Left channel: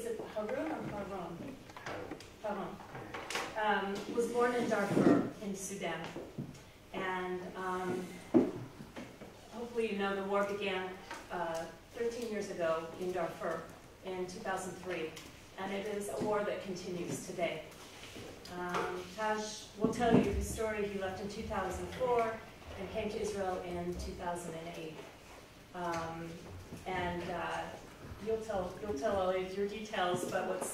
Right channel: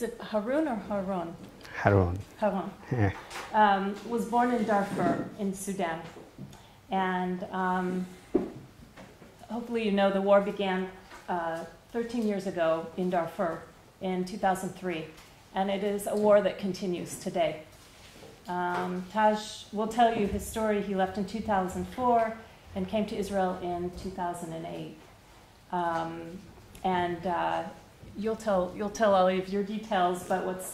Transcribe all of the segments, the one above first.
is it Haroun or Haron? Haroun. Haron. Yeah. Was born in Darfur in Sudan. And hopefully you know the war began 13 years ago in Darfur in 2003. And it is a war that continues today. Taj will tell you his story. He left in 2004 and came to Israel in 2008. You'll tell all of your details, but what's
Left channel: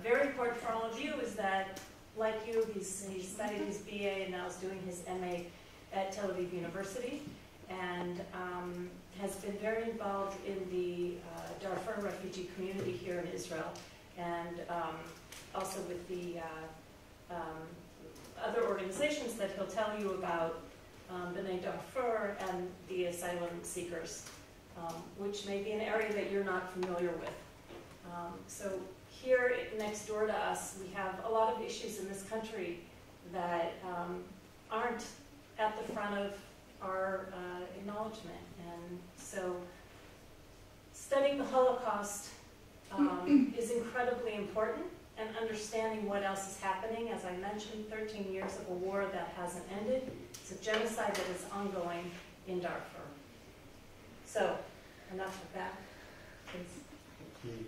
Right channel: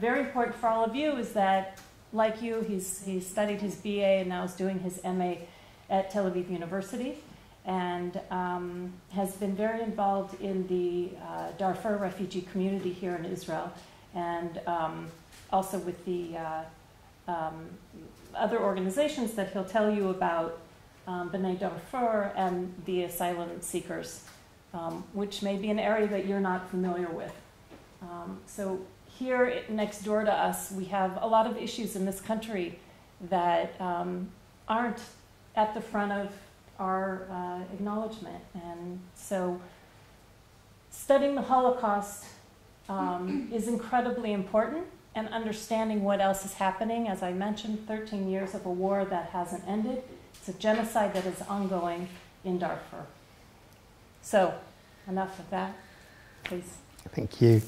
very important for all of you is that, like you, he's studied his BA and now is doing his MA at Tel Aviv University, and has been very involved in the Darfur refugee community here in Israel, and also with the other organizations that he'll tell you about, B'nai Darfur and the asylum seekers, which may be an area that you're not familiar with. So here next door to us, we have a lot of issues in this country that aren't at the front of our acknowledgement. And so studying the Holocaust is incredibly important, and understanding what else is happening. As I mentioned, 13 years of a war that hasn't ended. It's a genocide that is ongoing in Darfur. So, enough of that, please. Thank you.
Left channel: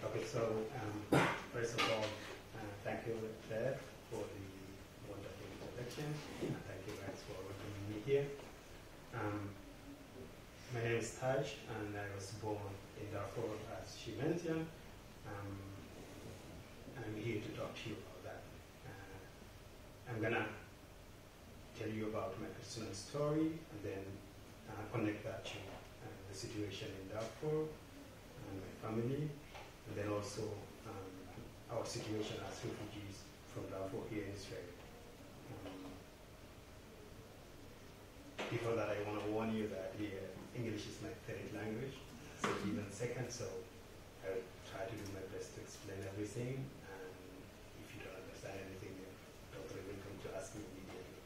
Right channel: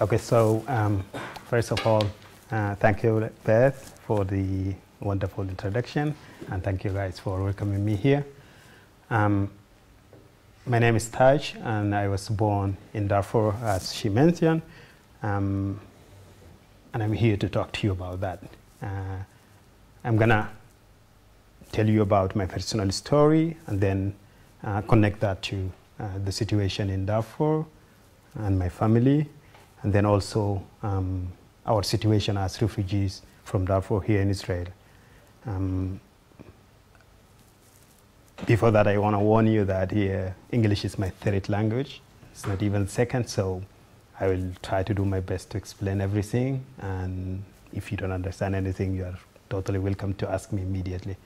Okay, so first of all, thank you, Beth, for the wonderful introduction, and thank you guys for welcoming me here. My name is Taj, and I was born in Darfur, as she mentioned, and I'm here to talk to you about that. I'm gonna tell you about my personal story, and then connect that to the situation in Darfur and my family, and then also our situation as refugees from Darfur here in Israel. Before that, I want to warn you that English is my third language. It's not even second, so I will try to do my best to explain everything. And if you don't understand anything, you are totally welcome to ask me immediately.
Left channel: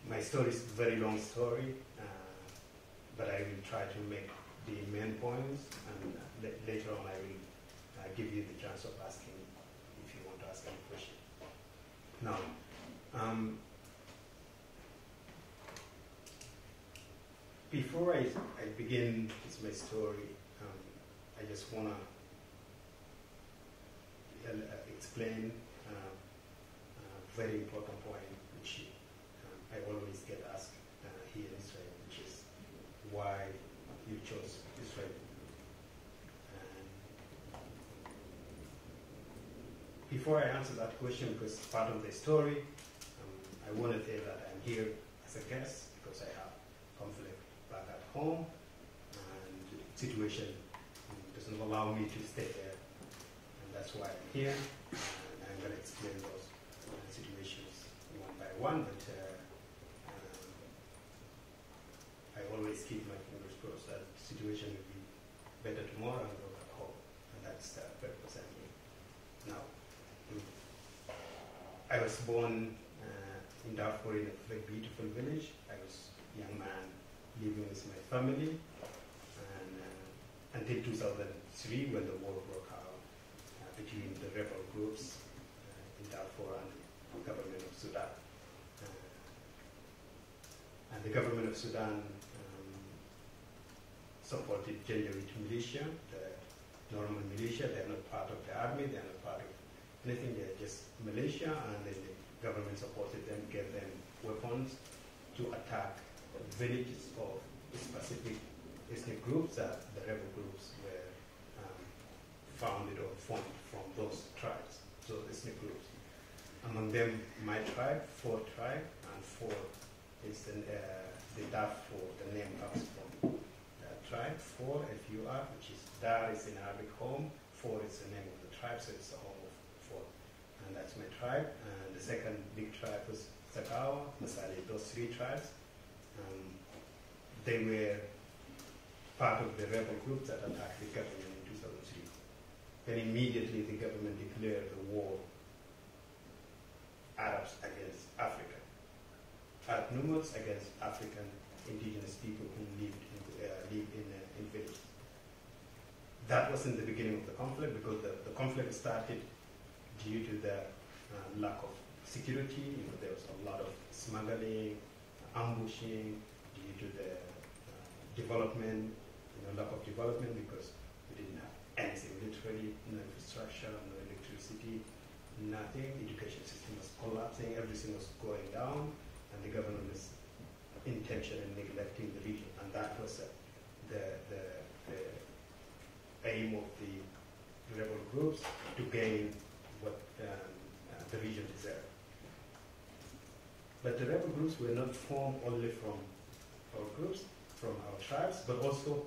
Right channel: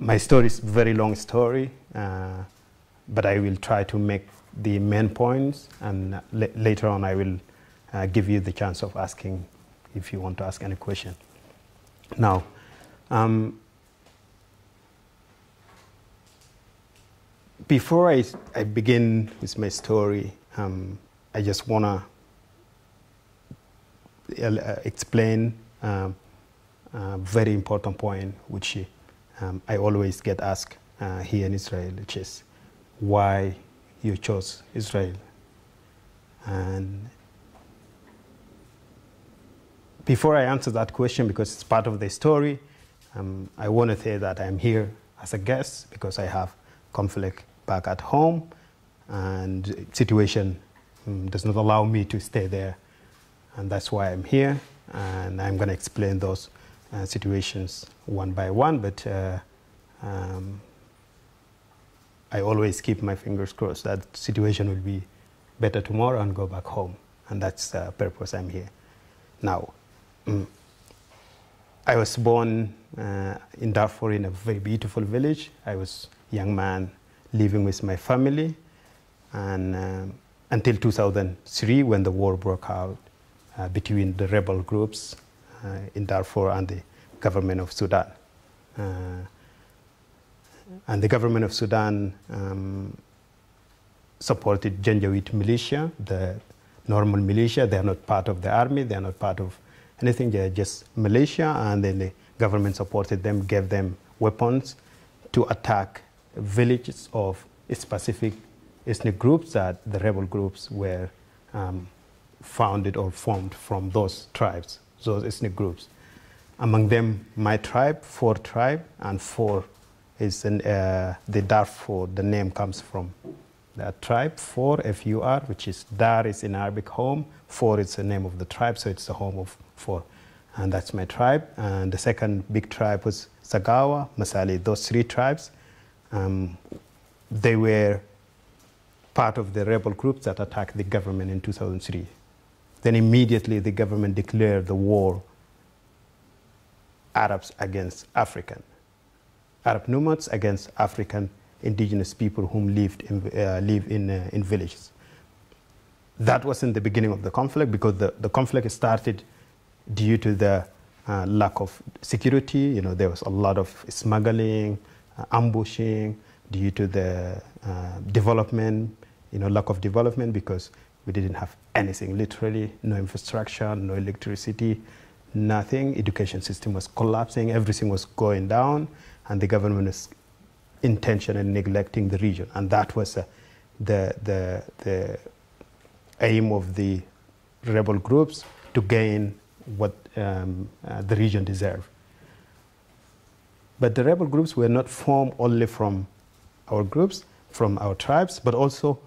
My story is a very long story, but I will try to make the main points, and later on I will give you the chance of asking if you want to ask any question. Now, before I begin with my story, I just want to explain a very important point, which I always get asked here in Israel, which is why you chose Israel. And before I answer that question, because it's part of the story, I want to say that I'm here as a guest because I have conflict back at home, and situation does not allow me to stay there, and that's why I'm here, and I'm going to explain those situations one by one, but I always keep my fingers crossed that the situation will be better tomorrow and go back home, and that's the purpose I'm here. Now, I was born in Darfur in a very beautiful village. I was a young man living with my family, and until 2003, when the war broke out between the rebel groups in Darfur and the government of Sudan. And the government of Sudan supported Janjaweed militia, the normal militia. They are not part of the army, they are not part of anything, they are just militia, and then the government supported them, gave them weapons to attack villages of specific ethnic groups that the rebel groups were founded or formed from those tribes, those ethnic groups. Among them, my tribe, 4 tribe, and 4 is the Darfur. The name comes from that tribe, 4, F-U-R, which is Dar is in Arabic home, 4 is the name of the tribe, so it's the home of 4. And that's my tribe. And the second big tribe was Sagawa, Masali, those 3 tribes. They were part of the rebel groups that attacked the government in 2003. Then immediately the government declared the war, Arabs against African, Arab nomads against African indigenous people who live in villages. That wasn't the beginning of the conflict, because the conflict started due to the lack of security. You know, there was a lot of smuggling, ambushing, due to the development, you know, lack of development, because we didn't have anything, literally, no infrastructure, no electricity, nothing. Education system was collapsing, everything was going down, and the government was intentionally neglecting the region. And that was the aim of the rebel groups, to gain what the region deserved. But the rebel groups were not formed only from our groups, from our tribes, but also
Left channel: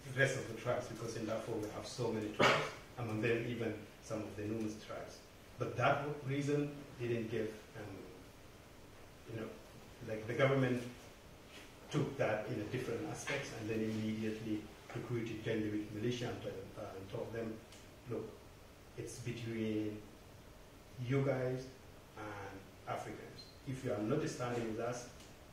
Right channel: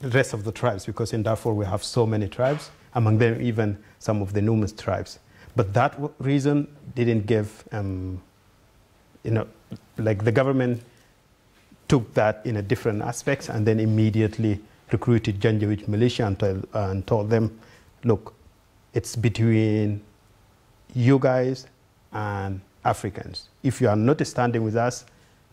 the rest of the tribes, because in Darfur we have so many tribes, among them even some of the Numus tribes. But that reason didn't give, you know, like the government took that in a different aspects, and then immediately recruited Janjaweed militia and told them, look, it's between you guys and Africans. If you are not standing with us,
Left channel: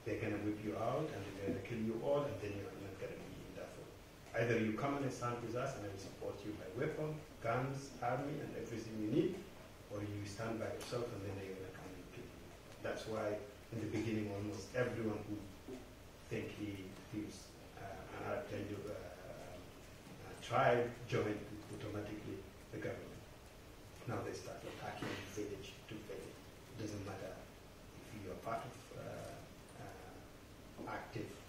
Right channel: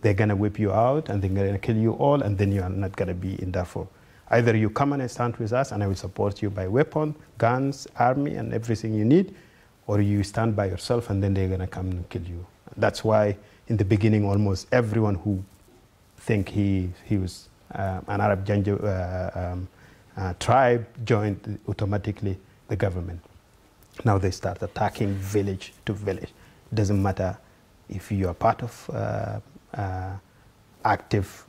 they're going to whip you out and they're going to kill you all, and then you are not going to be in Darfur. Either you come and stand with us and I will support you by weapon, guns, army, and everything you need, or you stand by yourself and then they're going to come and kill you. That's why in the beginning almost everyone who think he was an Arab tribe joined automatically the government. Now they start attacking village to village. It doesn't matter if you are part of active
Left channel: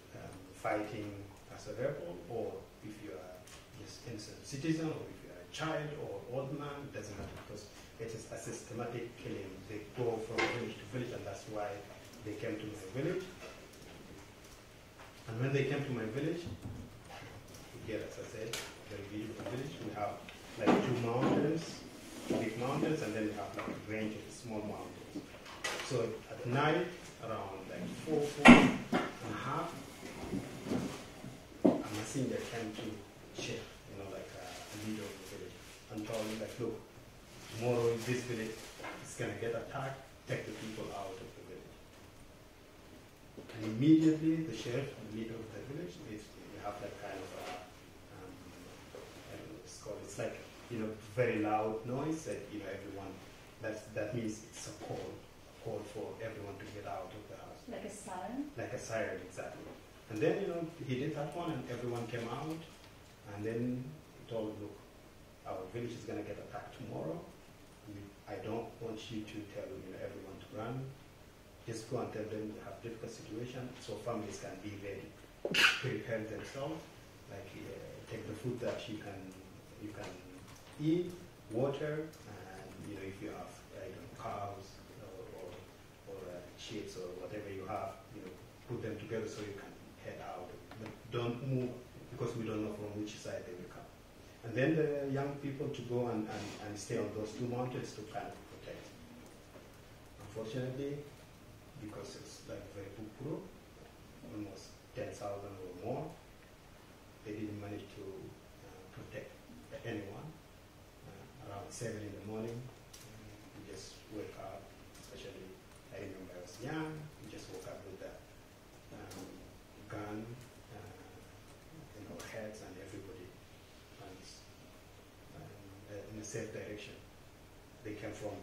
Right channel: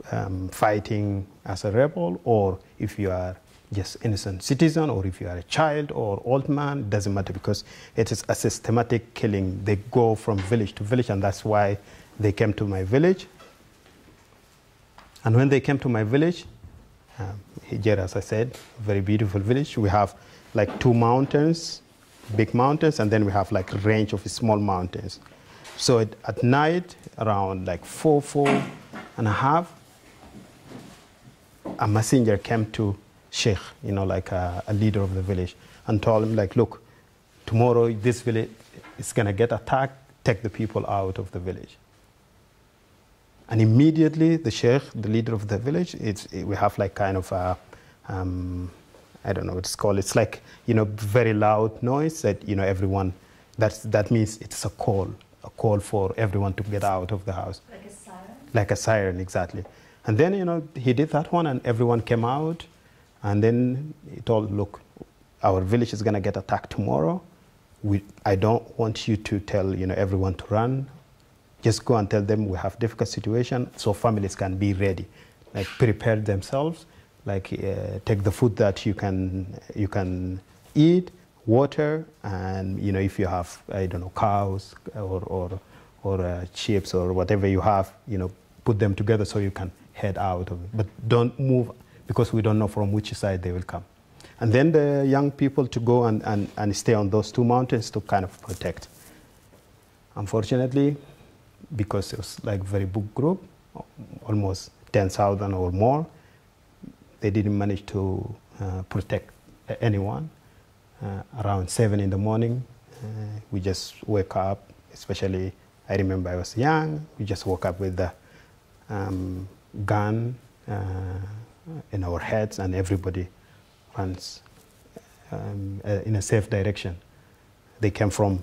fighting as a rebel, or if you are just innocent citizen, or if you are a child or old man, it doesn't matter, because it is a systematic killing. They go from village to village, and that's why they came to my village. And when they came to my village, here, as I said, very beautiful village. We have like 2 mountains, big mountains, and then we have like a range of small mountains. So at night, around like 4:30, a messenger came to Sheikh, you know, like a leader of the village, and told him, like, look, tomorrow this village is going to get attacked, take the people out of the village. And immediately the Sheikh, the leader of the village, we have like kind of a, I don't know what it's called. It's like, you know, very loud noise that, you know, everyone, that means it's a call for everyone to get out of the house. Like a siren? Like a siren, exactly. And then, you know, he did that one and everyone came out, and then he told, look, our village is going to get attacked tomorrow. I don't want you to tell, you know, everyone to run. Just go and tell them we have difficult situation, so families can be ready, like prepare themselves, like take the food that you can eat, water, and, you know, if you have, I don't know, cows or chips or whatever you have, you know, put them together so you can head out of it. But don't move, because we don't know from which side they will come. And then the young people to go and stay on those 2 mountains to kind of protect. Unfortunately, because it was like very big group, almost 10,000 or more, they didn't manage to protect anyone. Around 7 in the morning, we just wake up, especially, I remember I was young, we just woke up with the gun in our heads, and everybody runs in a safe direction. They came from,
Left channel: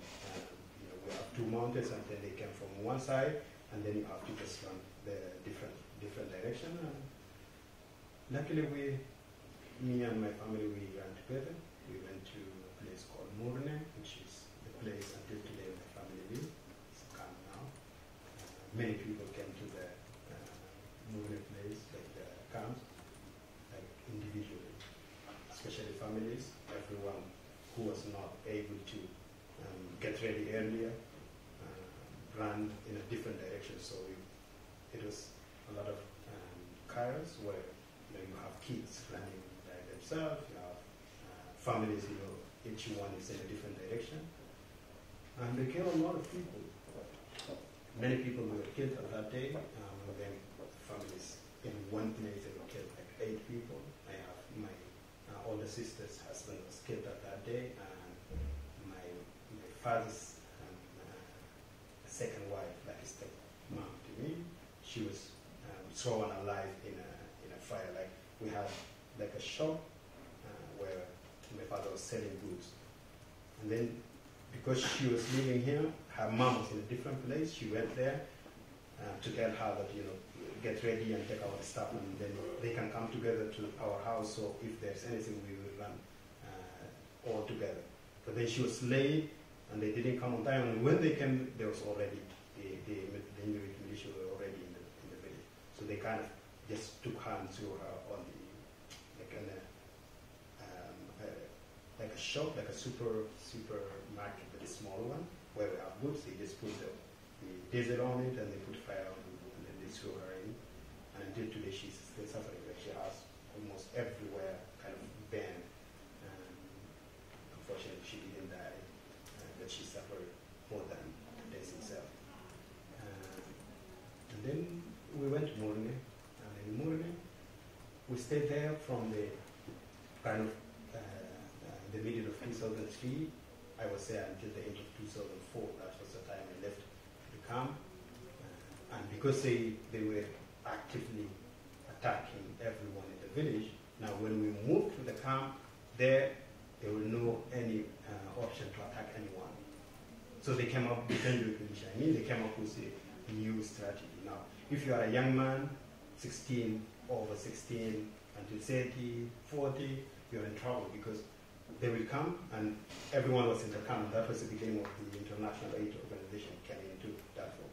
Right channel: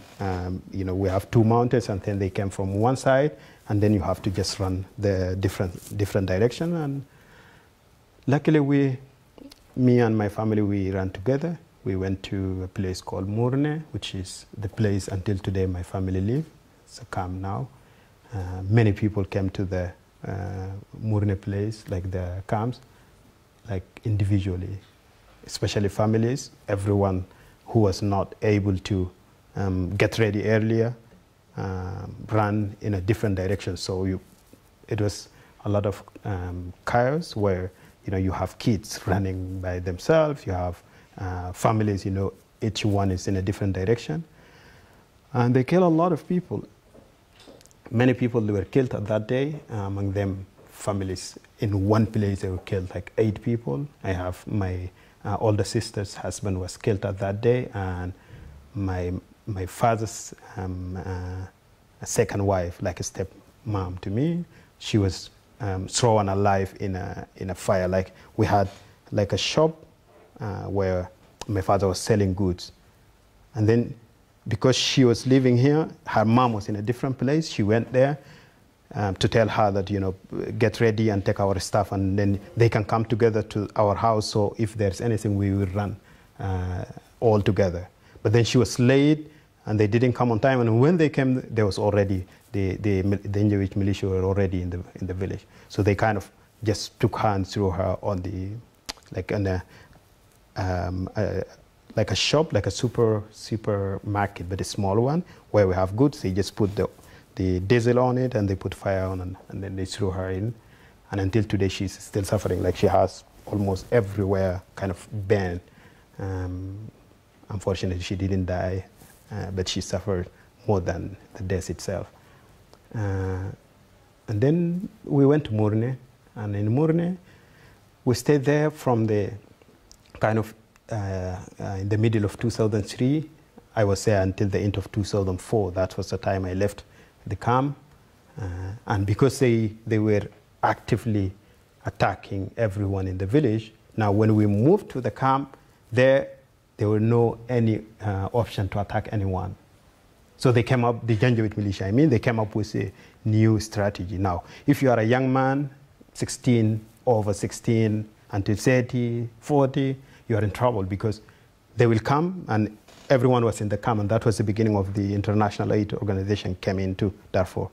you know, we have 2 mountains, and then they came from one side, and then you have to just run the different direction. And luckily, me and my family, we ran together. We went to a place called Murne, which is the place until today my family live. It's a camp now. Many people came to the Murne place, like the camps, like individually, especially families. Everyone who was not able to get ready earlier ran in a different direction. So it was a lot of chaos where, you know, you have kids running by themselves, you have families, you know, each one is in a different direction. And they killed a lot of people. Many people were killed on that day, among them families. In one place they were killed like 8 people. I have my older sister's husband was killed at that day, and my father's second wife, like a step mom to me, she was thrown alive in a fire. Like we had like a shop where my father was selling goods. And then because she was living here, her mom was in a different place. She went there to tell her that, you know, get ready and take our stuff, and then they can come together to our house. So if there's anything, we will run all together. But then she was late, and they didn't come on time. And when they came, there was already the Njawit militia were already in the village. So they kind of just took her and threw her on the like a shop, like a supermarket, but a small one where we have goods. They just put the diesel on it, and they put fire on, and then they threw her in. And until today, she's still suffering. Like she has almost everywhere kind of burned. Unfortunately, she didn't die, but she suffered more than the death itself. And then we went to Murne, and in Murne, we stayed there from the kind of in the middle of 2003. I was there until the end of 2004. That was the time I left the camp. And because they were actively attacking everyone in the village, now when we moved to the camp, there were no any option to attack anyone. So they came up, the Janjaweed militia, they came up with a new strategy. Now, if you are a young man, 16, over 16, until 30, 40, you are in trouble, because they will come, and everyone was in the camp, and that was the beginning of the international aid organization came into Darfur.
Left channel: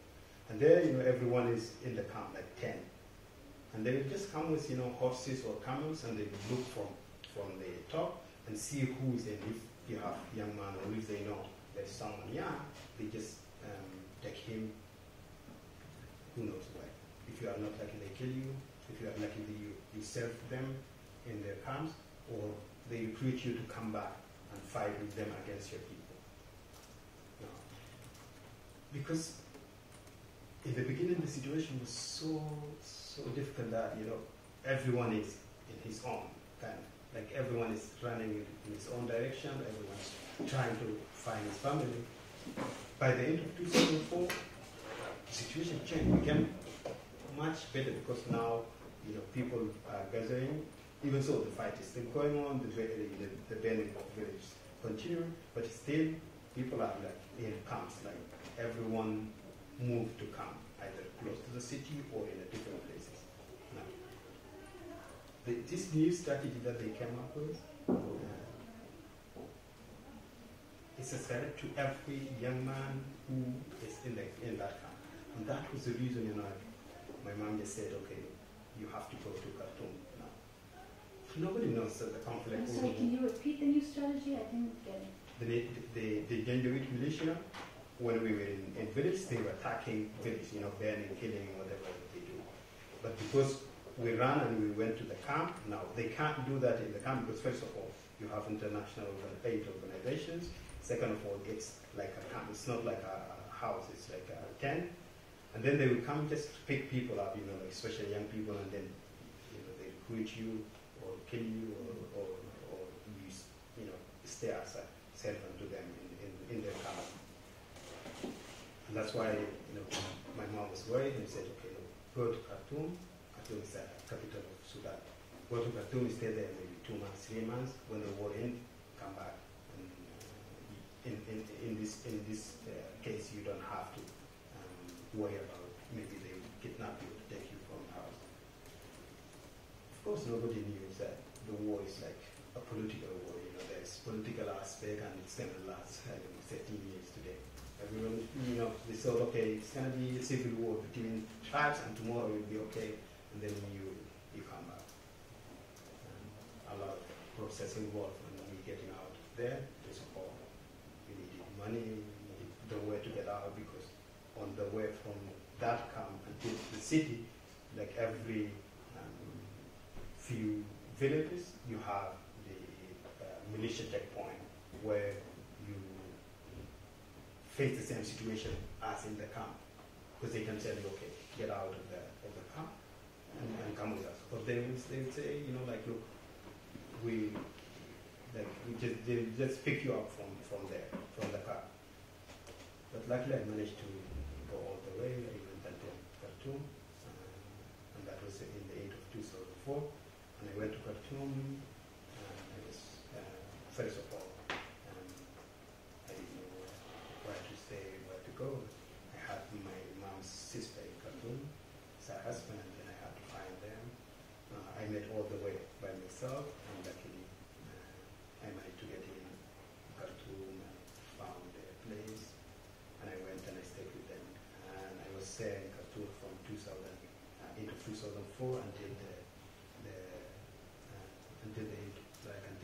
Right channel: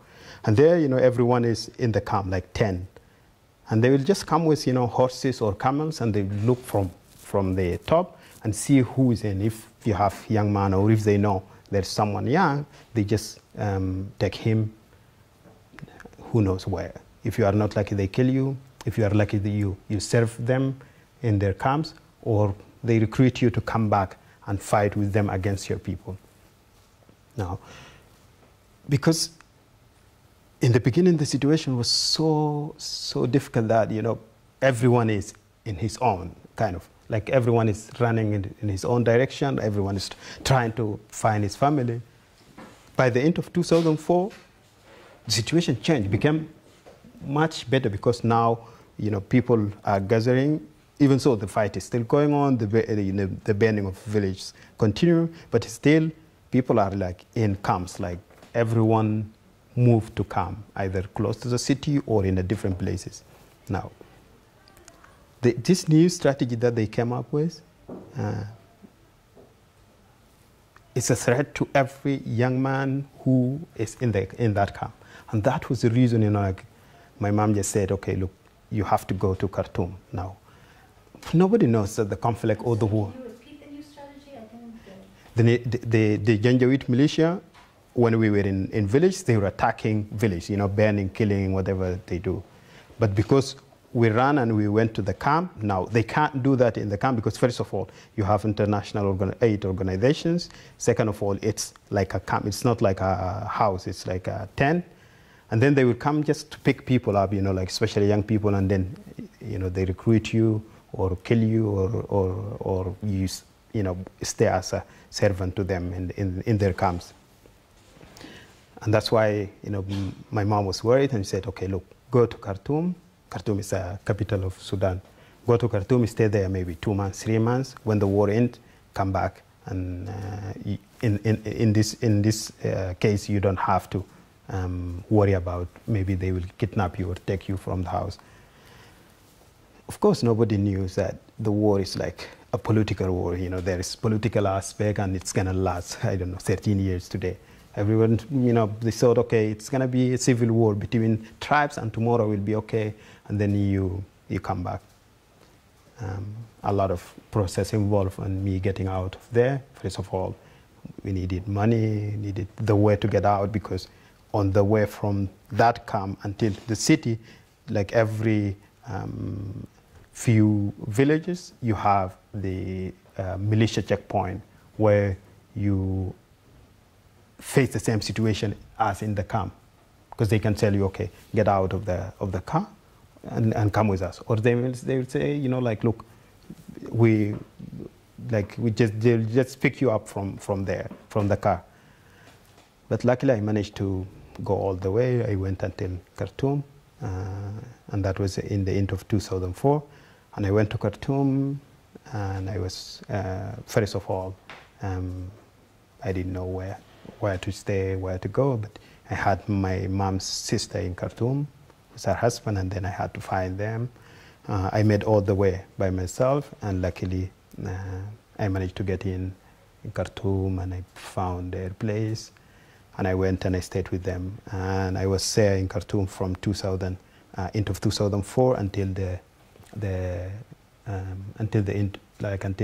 And there, you know, everyone is in the camp, like 10. And they will just come with, you know, horses or camels, and they look from the top and see who is in. If you have young man, or if they know there's someone young, they just take him who knows where. If you are not lucky, they kill you. If you are lucky, you serve them in their camps, or they recruit you to come back and fight with them against your people. Now, because in the beginning, the situation was so difficult that, you know, everyone is in his own kind of, like everyone is running in his own direction. Everyone is trying to find his family. By the end of 2004, the situation changed, became much better, because now, you know, people are gathering. Even so, the fight is still going on. The burning of villages continue, but still, people are like in camps. Like everyone moved to camp, either close to the city or in different places. Now, this new strategy that they came up with is a threat to every young man who is in that camp, and that was the reason, you know, like my mom just said, okay, look, you have to go to Khartoum now. Nobody knows that the conflict or the war. Can you repeat the new strategy? I think the Janjaweed militia, when we were in village, they were attacking village, you know, burning, killing, whatever they do. But because we ran and we went to the camp, now they can't do that in the camp, because first of all, you have international aid organizations. Second of all, it's like a camp. It's not like a house. It's like a tent. And then they will come just to pick people up, you know, like especially young people, and then, you know, they recruit you or kill you, or you know, stay as a servant to them in their camps. And that's why, you know, my mom was worried and said, okay, look, go to Khartoum. Khartoum is the capital of Sudan. Go to Khartoum, stay there maybe 2 months, 3 months. When the war ends, come back. And in this case, you don't have to worry about maybe they will kidnap you or take you from the house. Of course, nobody knew that the war is like a political war. You know, there is political aspect, and it's going to last, I don't know, 13 years today. Everyone, you know, they thought, okay, it's going to be a civil war between tribes, and tomorrow will be okay, and then you come back. A lot of process involved in me getting out of there. First of all, we needed money, needed the way to get out, because on the way from that camp until the city, like every few villages, you have the militia checkpoint where you face the same situation as in the camp, because they can tell you, okay, get out of the car and come with us, or they will say, you know, like, look, they'll just pick you up from there, from the car. But luckily, I managed to go all the way. I went until Khartoum, and that was in the end of 2004. And I went to Khartoum, and I was, first of all, I didn't know where to stay, where to go, but I had my mom's sister in Khartoum with her husband, and then I had to find them. I made all the way by myself, and luckily I managed to get in Khartoum, and I found their place, and I went and I stayed with them. And I was there in Khartoum from 2000 into 2004 until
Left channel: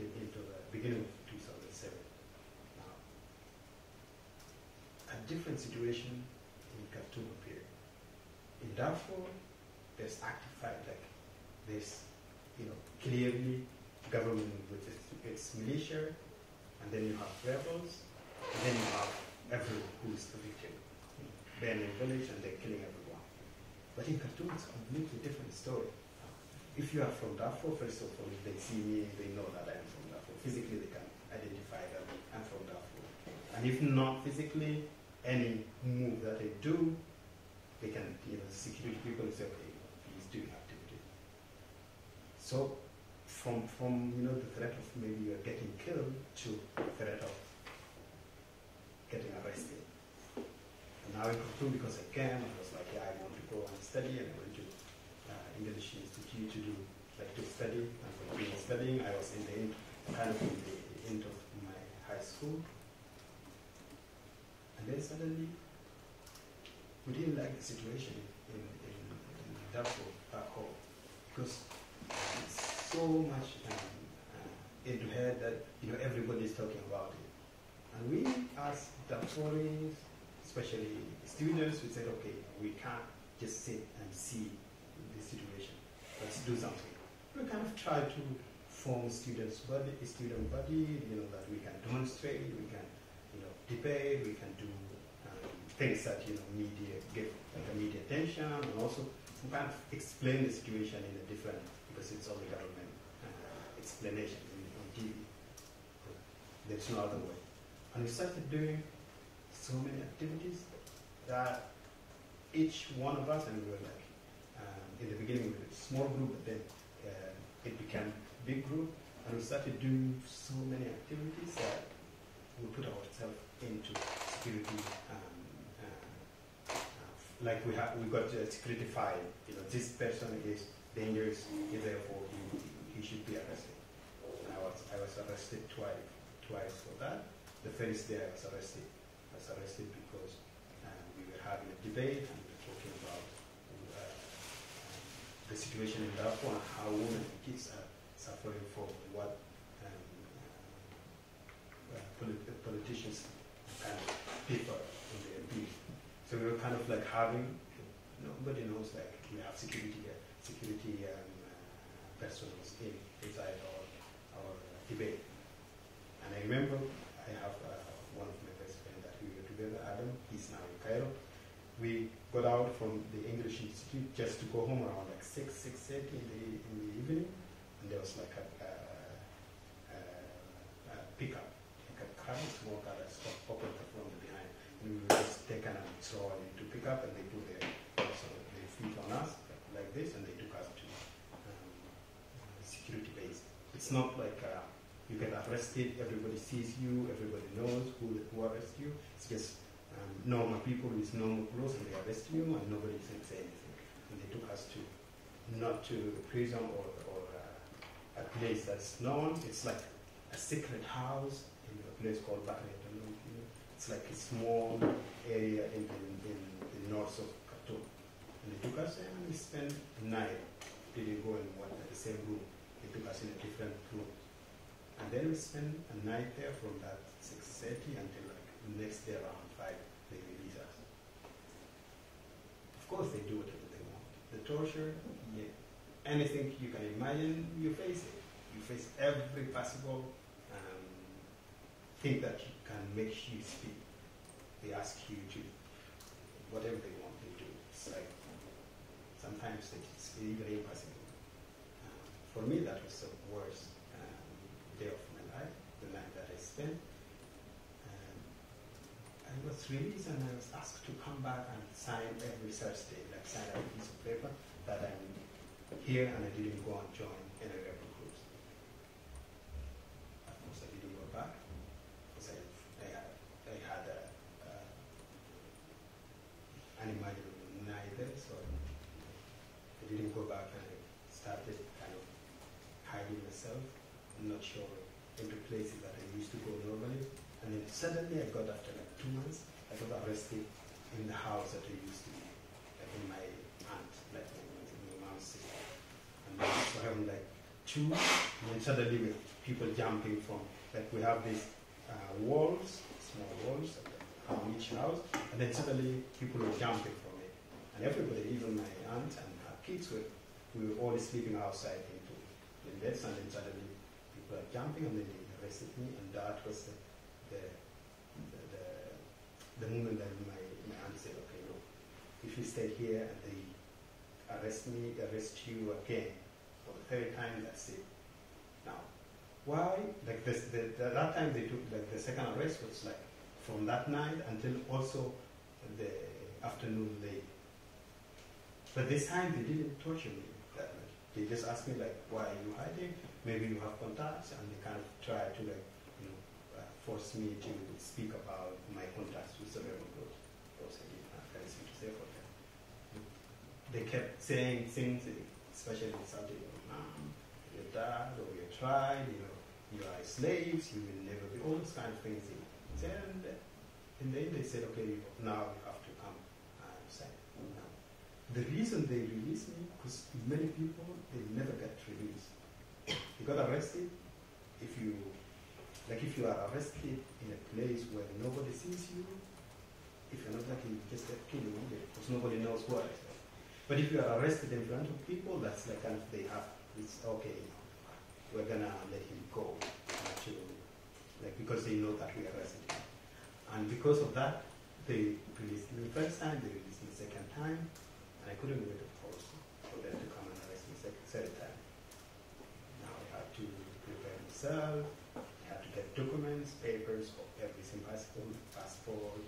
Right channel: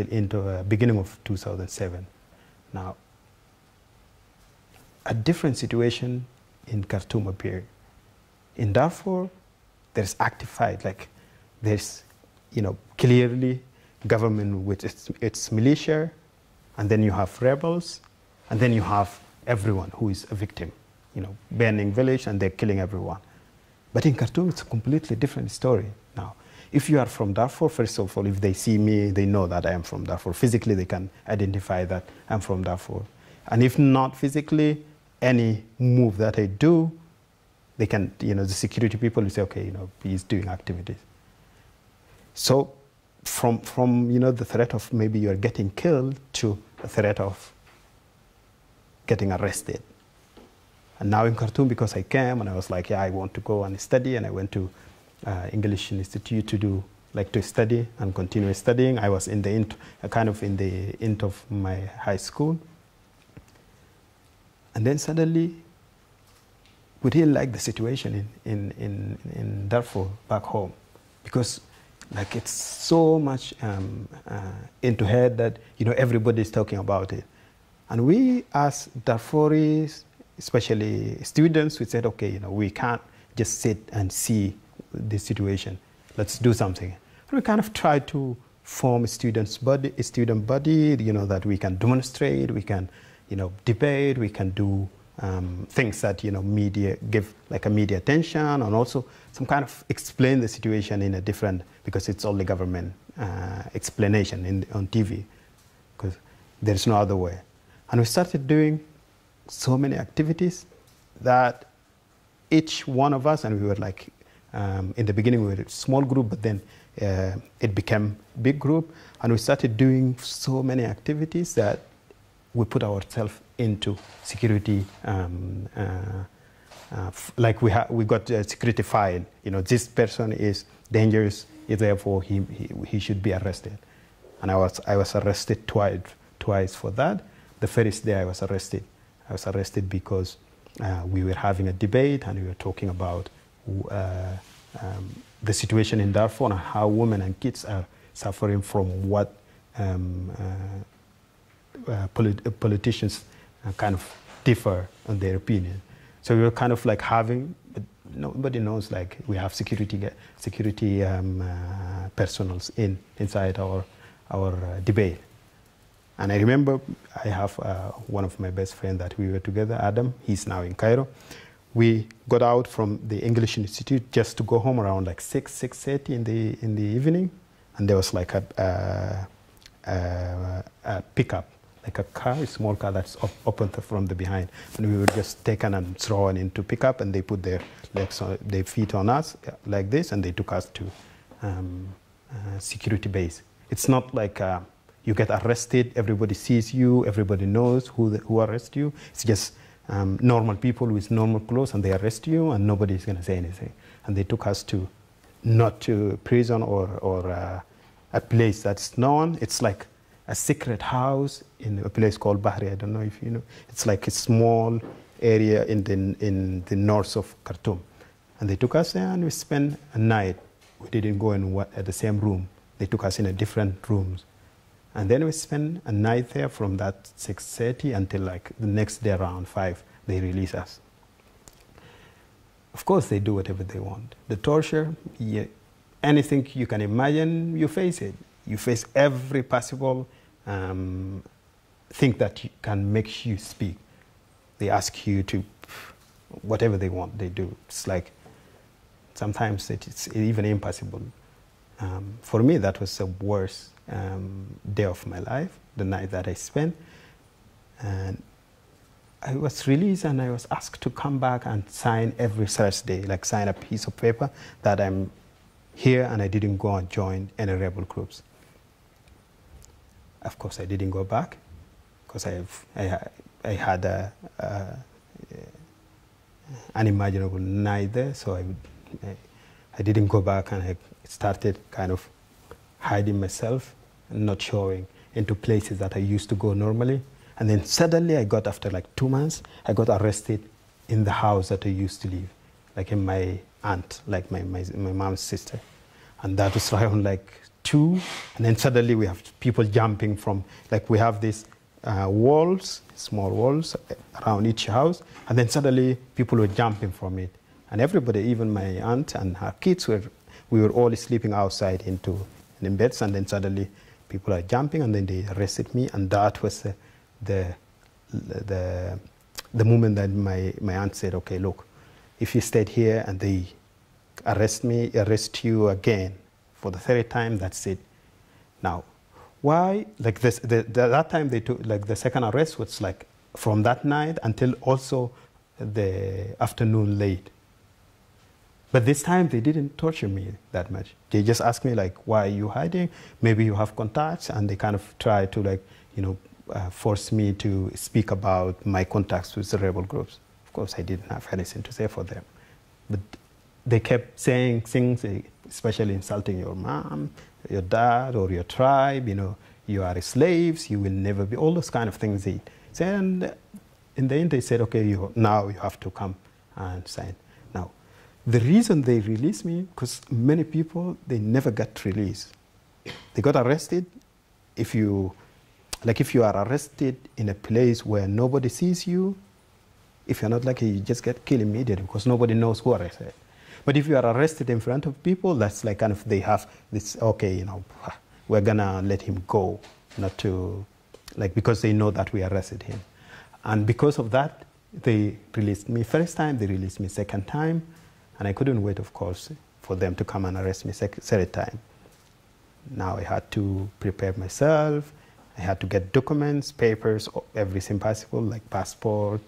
into beginning of 2007. Now, a different situation in Khartoum appeared. In Darfur, there's active fight. Like, there's, clearly government with its militia, and then you have rebels, and then you have everyone who is a victim, burning village, and they're killing everyone. But in Khartoum, it's a completely different story. Now, if you are from Darfur, first of all, if they see me, they know that I am from Darfur. Physically, they can identify that I'm from Darfur. And if not physically, any move that I do, they can, the security people will say, okay, he's doing activities. So from the threat of maybe you're getting killed to the threat of getting arrested. And now in Khartoum, because I came and I was like, yeah, I want to go and study, and I went to English Institute to study and continue studying. I was in the end of my high school. And then suddenly, we didn't like the situation in Darfur back home, because it's so much into head that everybody's talking about it. And we as Darfuris, especially students, we said, okay, we can't just sit and see the situation. Let's do something. And we kind of tried to form a student body, that we can demonstrate, we can, debate, we can do things that, media give a media attention, and also some kind of explain the situation in a different, because it's only government explanation on TV, because there's no other way. And we started doing so many activities that each one of us, and we were in the beginning we were a small group, but then it became big group, and we started doing so many activities that we put ourselves into security, we got a security file. This person is dangerous, therefore he should be arrested. And I was arrested twice for that. The first day I was arrested because we were having a debate, and we were talking about the situation in Darfur and how women and kids are suffering from what politicians kind of differ on their opinion. So we were kind of having, but nobody knows, we have security personals inside our debate. And I remember I have one of my best friends that we were together, Adam. He's now in Cairo. We got out from the English Institute just to go home around 6:30 in the evening, and there was a pickup, a car, a small car that's opened from the behind, and we were just taken and thrown into pickup, and they put their feet on us like this, and they took us to security base. It's not you get arrested, everybody sees you, everybody knows who arrests you. It's just normal people with normal clothes, and they arrest you, and nobody's going to say anything. And they took us not to prison or a place that's known. It's like a secret house in a place called Bahri. I don't know if you know. It's like a small area in the north of Khartoum. And they took us there, and we spent a night. We didn't go in the same room. They took us in different rooms. And then we spent a night there from that 6:30 until the next day around 5, they release us. Of course, they do whatever they want. The torture, anything you can imagine, you face it. You face every possible thing that can make you speak. They ask you to, whatever they want, they do. It's sometimes it's even impossible. For me, that was the worst day of my life, the night that I spent. And I was released and I was asked to come back and sign every Thursday, like sign a piece of paper that I'm here and I didn't go and join any rebel groups. Of course, I didn't go back because I had unimaginable night there, so I didn't go back, and I started kind of hiding myself and not showing into places that I used to go normally. And then suddenly I got, after like 2 months, I got arrested in the house that I used to live, like in my aunt, like my mom's sister. And that was around like 2, and then suddenly we have people jumping from, like we have these walls, small walls around each house, and then suddenly people were jumping from it. And everybody, even my aunt and her kids, we were all sleeping outside in beds, and then suddenly people are jumping, and then they arrested me, and that was the moment that my aunt said, okay, look, if you stayed here and they arrest you again for the 3rd time, that's it. Now, why, like this, that time they took, like the second arrest was like from that night until also the afternoon late. But this time they didn't torture me that much. They just asked me like, why are you hiding? Maybe you have contacts, and they kind of try to, like, you know, force me to speak about my contacts with the rebel groups. Of course, I didn't have anything to say for them. But they kept saying things, especially insulting your mom, your dad, or your tribe, you know, you are slaves, you will never be, all those kind of things they said. And in the end, they said, okay, now you have to come and sign. Now, the reason they released me, because many people, they never got released. They got arrested. If you are arrested in a place where nobody sees you, if you're not lucky, you just get killed immediately because nobody knows who arrested. But if you are arrested in front of people, that's like kind of, they have this, okay, you know, we're gonna let him go, not to, like, because they know that we arrested him. And because of that, they released me 1st time, they released me 2nd time, and I couldn't wait, of course, for them to come and arrest me 3rd time. Now I had to prepare myself, I had to get documents, papers, everything possible, like passport,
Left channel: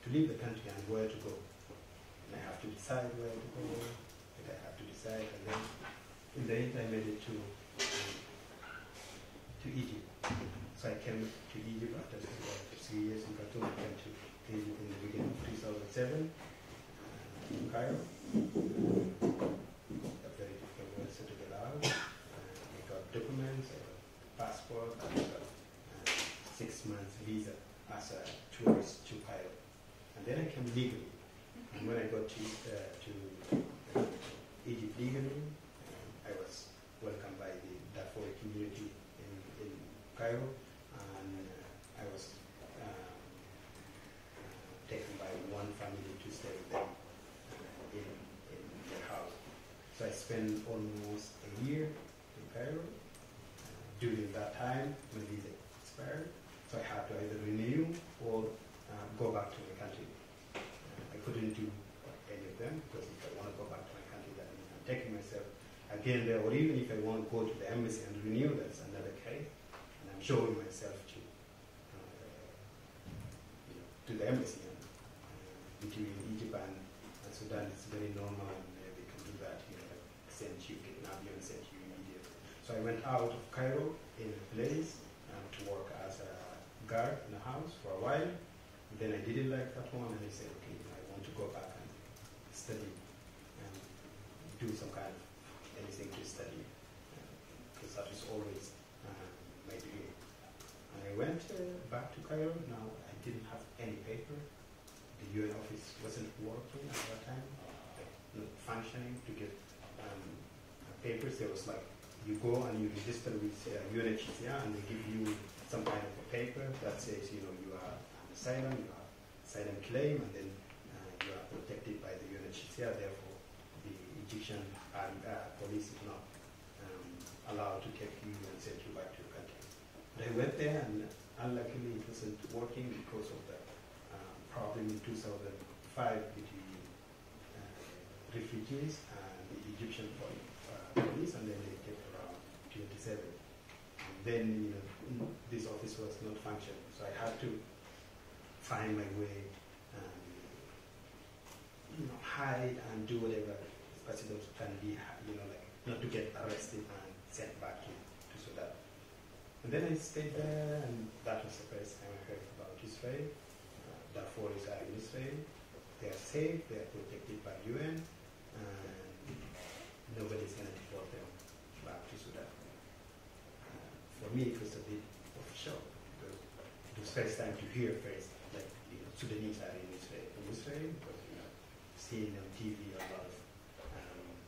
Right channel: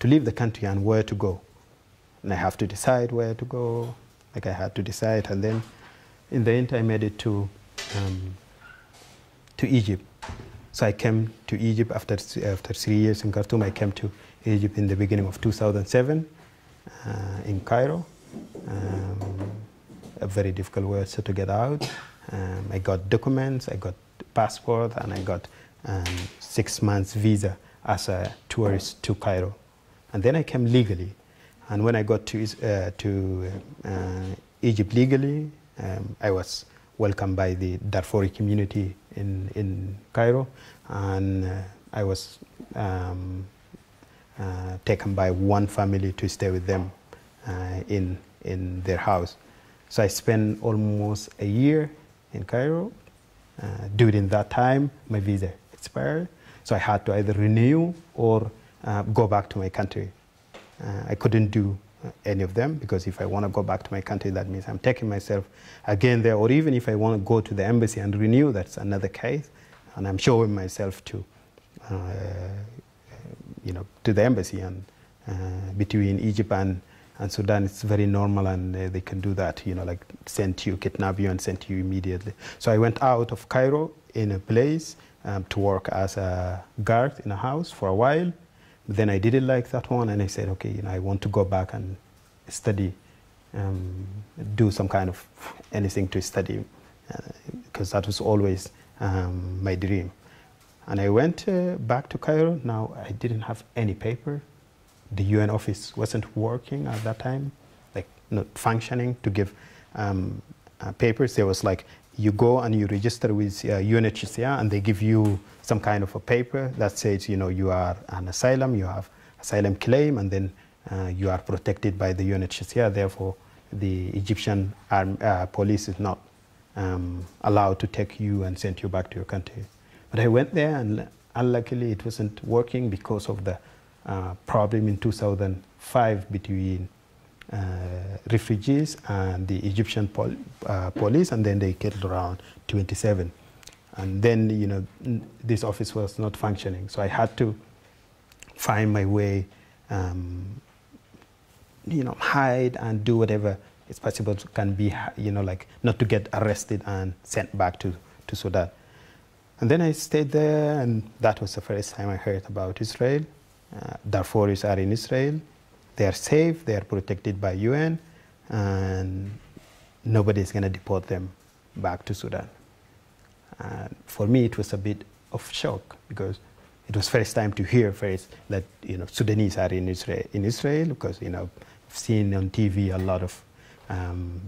to leave the country and where to go. And I have to decide where to go, like I had to decide, and then in the end I made it to Egypt. So I came to Egypt after 3 years in Khartoum. I came to Egypt in the beginning of 2007 in Cairo. A very difficult way to get out. I got documents, I got passport, and I got 6 months visa as a tourist to Cairo. And then I came legally. And when I got to Egypt legally, I was welcomed by the Darfur community in Cairo, and I was taken by one family to stay with them in their house. So I spent almost a year in Cairo. During that time, my visa expired, so I had to either renew or go back to my country. I couldn't do any of them, because if I want to go back to my country, that means I'm taking myself again there, or even if I want to go to the embassy and renew, that's another case, and I'm showing myself to, you know, to the embassy. And between Egypt and Sudan, it's very normal, and they can do that, you know, like send you, kidnap you, and send you immediately. So I went out of Cairo in a place to work as a guard in a house for a while. Then I didn't like that one, and I said, okay, you know, I want to go back and study, do some kind of anything to study, because that was always my dream. And I went back to Cairo. Now I didn't have any paper. The UN office wasn't working at that time, like not functioning to give papers. There was like, you go and you register with UNHCR, and they give you some kind of a paper that says, you know, you are an asylum, you have asylum claim, and then you are protected by the UNHCR. Therefore, the Egyptian police is not allowed to take you and send you back to your country. But I went there, and unluckily it wasn't working because of the problem in 2005 between refugees and the Egyptian police, and then they killed around 27. And then, you know, this office was not functioning. So I had to find my way, hide and do whatever is possible can be, like not to get arrested and sent back to Sudan. And then I stayed there, and that was the first time I heard about Israel. Darfuris are in Israel. They are safe. They are protected by UN, and nobody's going to deport them back to Sudan. And for me, it was a bit of shock because it was first time to hear first that Sudanese are in Israel because I've seen on TV a lot of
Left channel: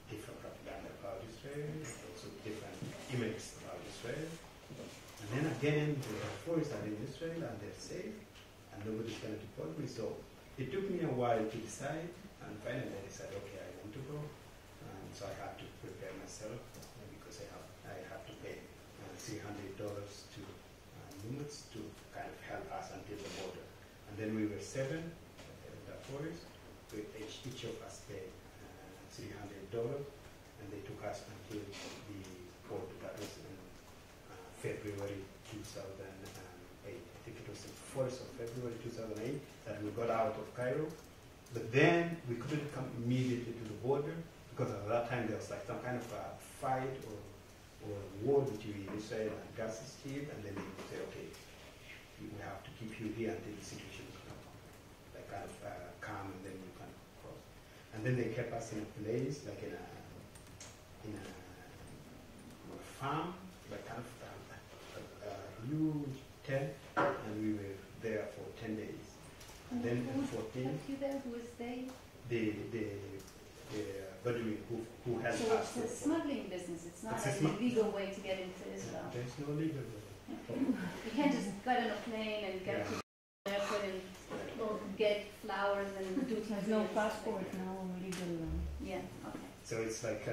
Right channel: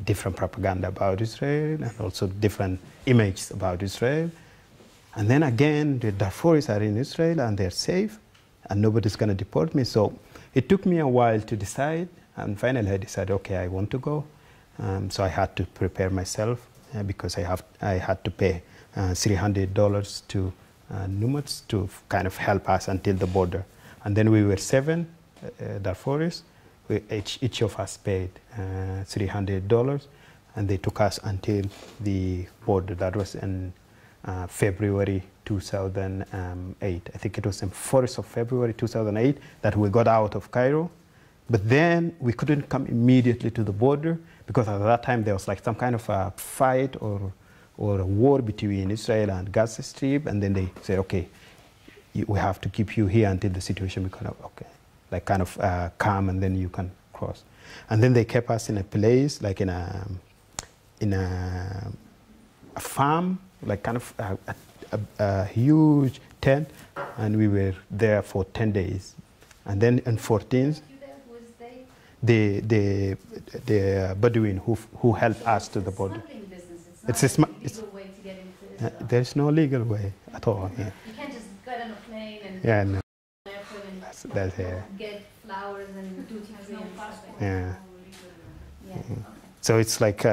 different propaganda about Israel and also different images about Israel. And then again, the Darfuris are in Israel and they're safe and nobody's going to deport me. So it took me a while to decide, and finally I decided, okay, I want to go. So I had to prepare myself because I had to pay $300 to Numatz to kind of help us until the border. And then we were 7 Darfuris. Each of us paid $300, and they took us until the border. That was in February 2008. I think it was in 4th of February 2008 that we got out of Cairo. But then we couldn't come immediately to the border because at that time there was like some kind of a fight or a war between Israel and Gaza Strip, and then they said, okay, we have to keep you here until the situation becomes kind of calm, and then you can cross. And then they kept us in a place, like in a farm, like kind of a huge tent, and we were there for 10 days. And then in 14th, the Bedouin who helped us to the border. It's a legal way to get into Israel. There's no legal way at all. Yeah. You can't just get on a plane and that's get flowers and do no passport. Yeah. Yeah. So it's like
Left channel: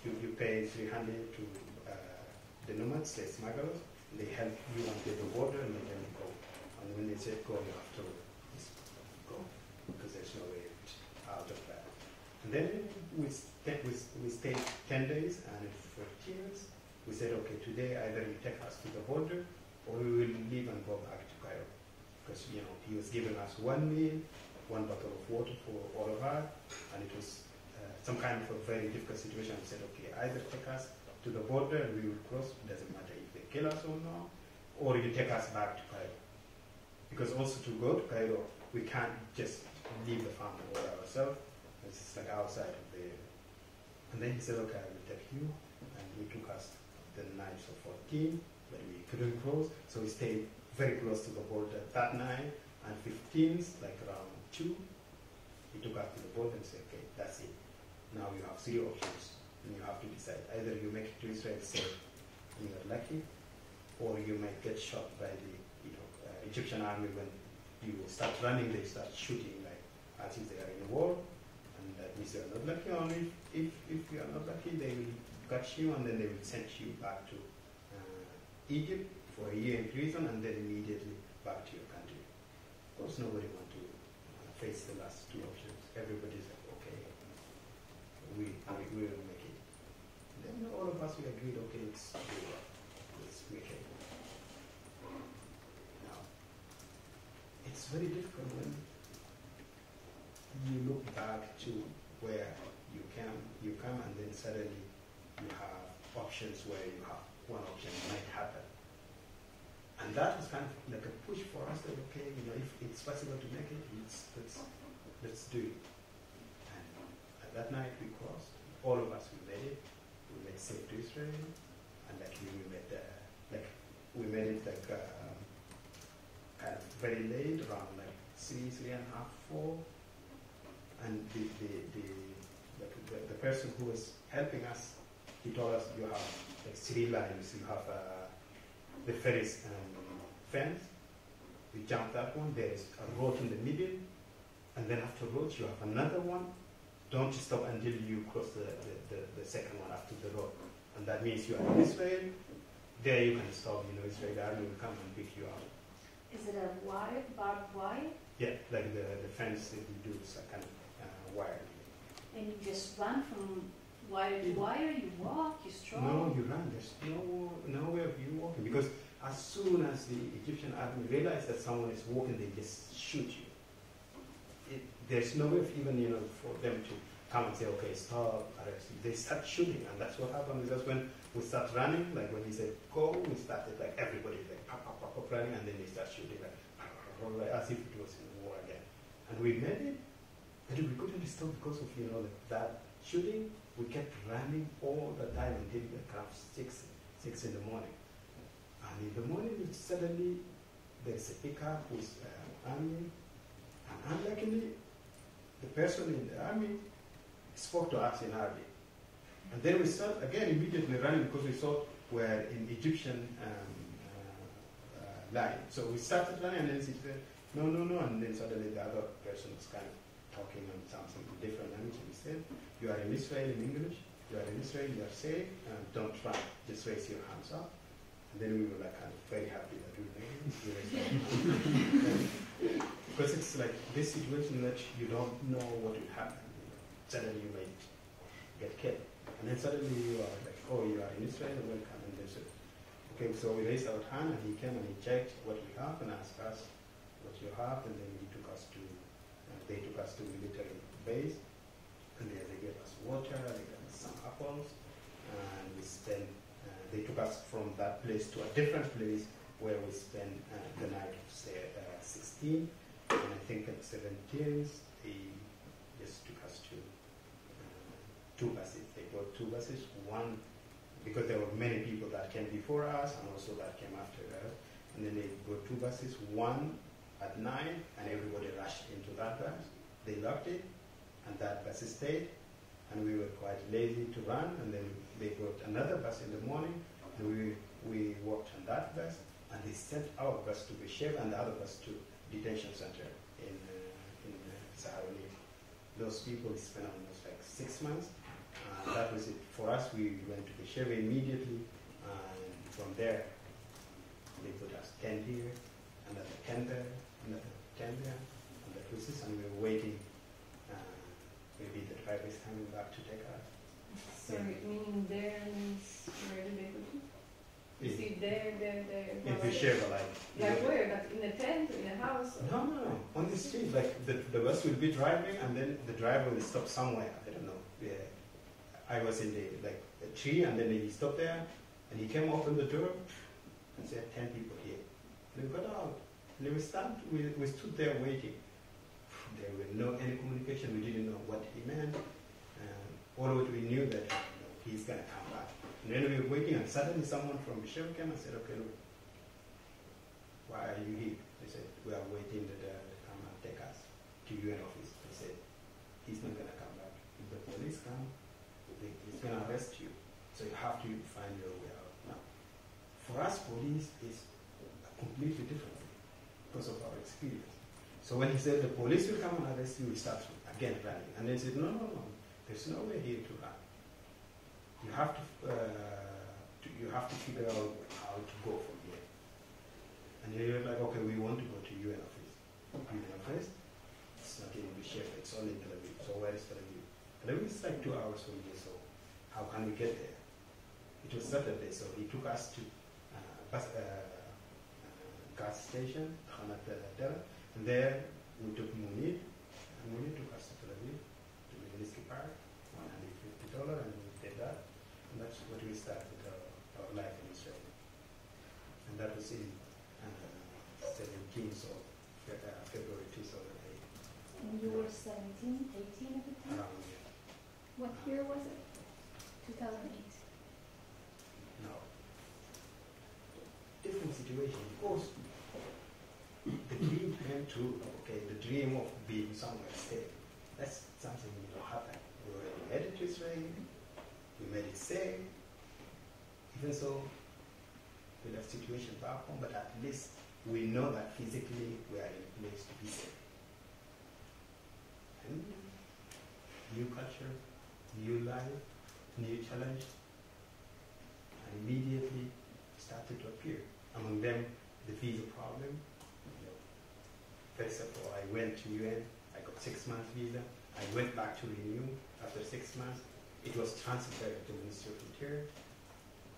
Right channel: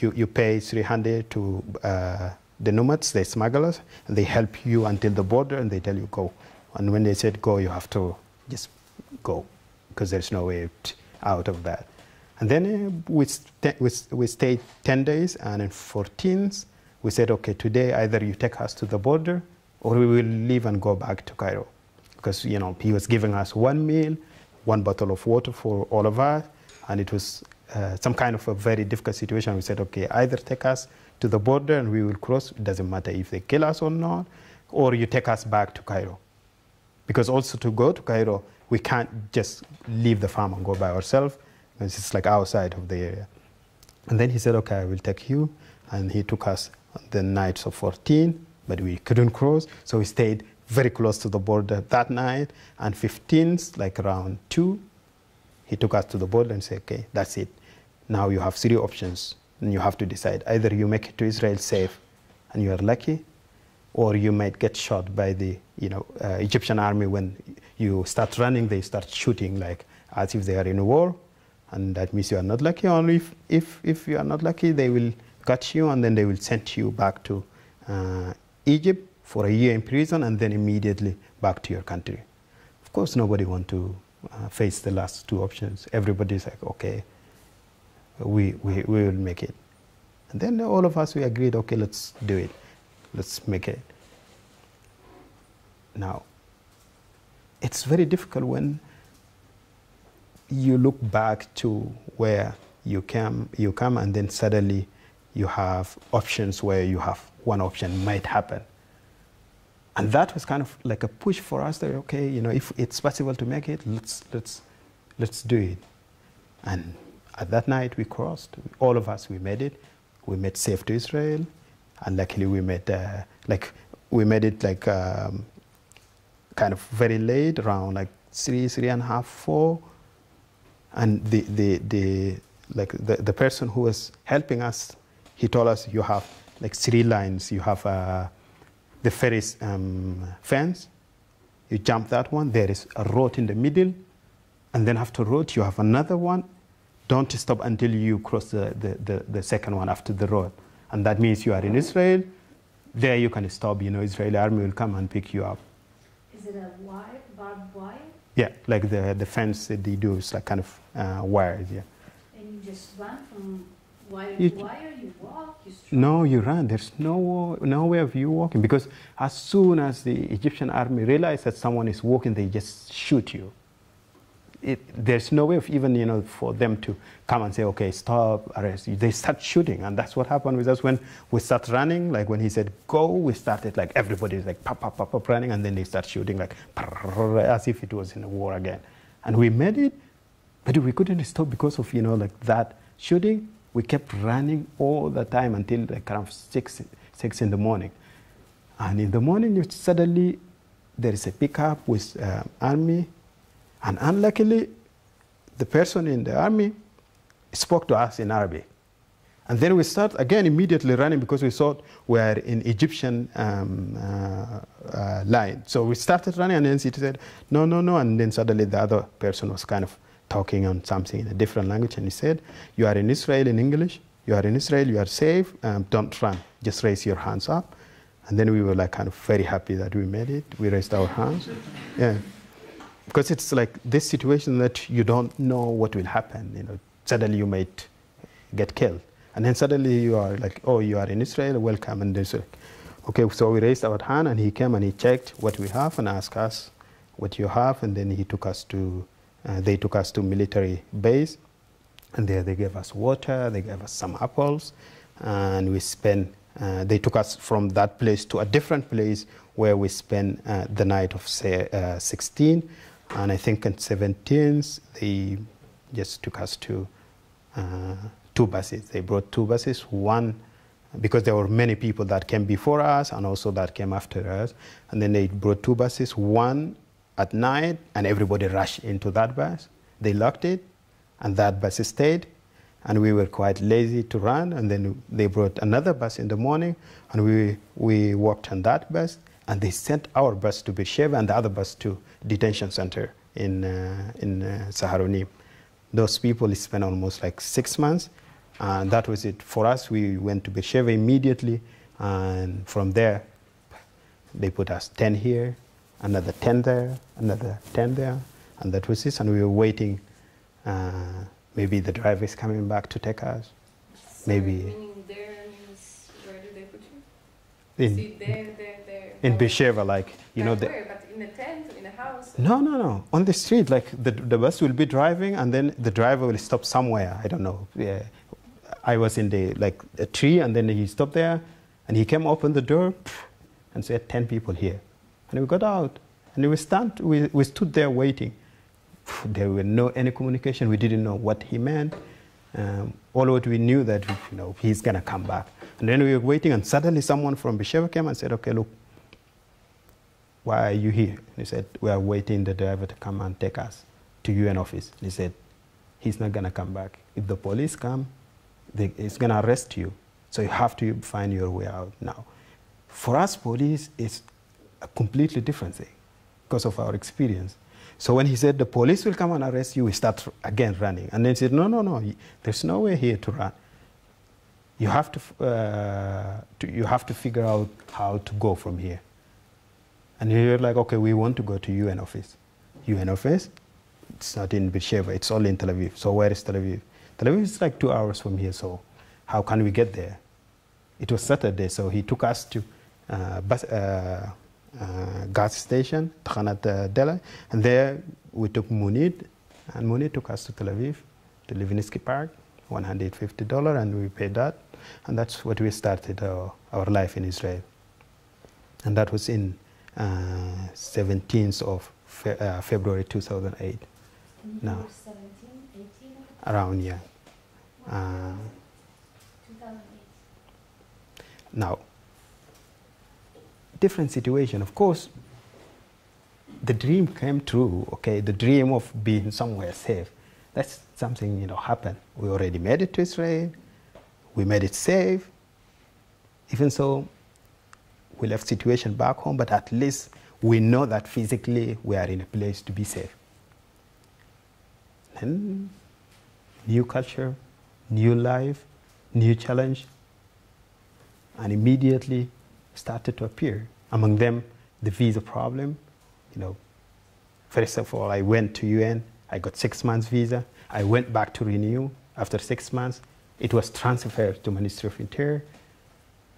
you pay $300 to the nomads, they smugglers, and they help you until the border, and they tell you go. And when they said go, you have to just go because there's no way out of that. And then we stayed 10 days, and in 14th, we said, okay, today either you take us to the border or we will leave and go back to Cairo. Because, he was giving us 1 meal, 1 bottle of water for all of us, and it was some kind of a very difficult situation. We said, okay, either take us to the border and we will cross, it doesn't matter if they kill us or not, or you take us back to Cairo. Because also to go to Cairo, we can't just leave the farm and go by ourselves. It's like outside of the area. And then he said, okay, I will take you. And he took us the nights of 14, but we couldn't cross. So we stayed very close to the border that night. And 15th, like around 2, he took us to the border and said, okay, that's it. Now you have 3 options. And you have to decide. Either you make it to Israel safe and you are lucky, or you might get shot by the Egyptian army. When you start running, they start shooting like as if they are in a war. And that means you are not lucky. Only if you are not lucky, they will catch you, and then they will send you back to Egypt for a year in prison, and then immediately back to your country. Of course, nobody wants to face the last 2 options. Everybody's like, okay, we will make it. And then all of us, we agreed, okay, let's do it. Let's make it. Now, it's very difficult when you look back to where you come, and then suddenly you have options where you have one option might happen. And that was kind of like a push for us that, okay, if it's possible to make it, let's do it. And at that night we crossed. All of us, we made it. We made safe to Israel, and luckily we made it kind of very late, around like 3:30, 4. And the person who was helping us, he told us you have like 3 lines. You have the ferry's fence. You jump that one. There is a road in the middle, and then after road you have another one. Don't stop until you cross the second one after the road, and that means you are in Israel. There you can stop. Israeli army will come and pick you up. Is it a wire, barbed wire? Yeah, like the fence that they do is like kind of wires. Yeah. And you just run from Why are you walking? No, you run. There's no way of you walking, because as soon as the Egyptian army realize that someone is walking, they just shoot you. There's no way of even, for them to come and say, okay, stop, arrest you. They start shooting, and that's what happened with us when we start running. Like when he said go, we started like everybody's like pop, pop, pop, pop running, and then they start shooting like as if it was in a war again. And we made it, but we couldn't stop because of like that shooting. We kept running all the time until like around 6 in the morning. And in the morning, suddenly there is a pickup with army, and unluckily, the person in the army spoke to us in Arabic. And then we start again immediately running because we thought we were in Egyptian line. So we started running, and then he said, no, no, no. And then suddenly the other person was kind of talking on something in a different language, and he said, you are in Israel in English, you are in Israel, you are safe, don't run, just raise your hands up. And then we were like kind of very happy that we made it. We raised our hands. Yeah. Because it's like this situation that you don't know what will happen. Suddenly you might get killed. And then suddenly you are like, oh, you are in Israel, welcome. And they said, okay, so we raised our hand, and he came and he checked what we have and asked us what you have. And then he took us to, they took us to military base. And there they gave us water, they gave us some apples. And we spent, they took us from that place to a different place where we spent the night of 16. And I think on 17th, they just took us to 2 buses. They brought 2 buses, one, because there were many people that came before us and also that came after us. And then they brought 2 buses, one at night, and everybody rushed into that bus. They locked it, and that bus stayed. And we were quite lazy to run. And then they brought another bus in the morning, and we walked on that bus. And they sent our bus to Beersheba and the other bus to detention center in Saharonim. Those people spent almost like 6 months, and that was it. For us, we went to Beersheba immediately, and from there, they put us 10 here, another 10 there, another 10 there, and that was it. And we were waiting. Maybe the driver is coming back to take us. So Maybe. Meaning there means where do they put you? See, there. In Beersheba, like, Where? But in a tent, in a house? No. On the street, like the bus will be driving, and then the driver will stop somewhere. I don't know. Yeah. I was in a tree, and then he stopped there, and he came open the door, and said 10 people here, and we got out, and we stood there waiting. There were no any communication. We didn't know what he meant. All what we knew that he's gonna come back, and then we were waiting, and suddenly someone from Beersheba came and said, okay, look. Why are you here? He said, we are waiting the driver to come and take us to UN office. He said, he's not going to come back. If the police come, it's going to arrest you. So you have to find your way out now. For us, police is a completely different thing because of our experience. So when he said the police will come and arrest you, we start again running. And then he said, no, there's no way here to run. You have to figure out how to go from here. And we were like, okay, we want to go to UN office. UN office? It's not in Beersheba, it's only in Tel Aviv. So where is Tel Aviv? Tel Aviv is like 2 hours from here, so how can we get there? It was Saturday, so he took us to gas station, Tchanat Dela, and there we took Munid, and Munid took us to Tel Aviv, to Levinsky Park, $150, and we paid that. And that's what we started our life in Israel. And that was in 17th of February 2008. Now, 17, 18? around, yeah. What year was it? 2008. Now, different situation. Of course, the dream came true, okay? The dream of being somewhere safe. That's something, happened. We already made it to Israel. We made it safe. Even so, we left situation back home, but at least we know that physically we are in a place to be safe. Then, new culture, new life, new challenge, and immediately started to appear. Among them, the visa problem. First of all, I went to UN. I got 6 months visa. I went back to renew after 6 months. it was transferred to Ministry of Interior,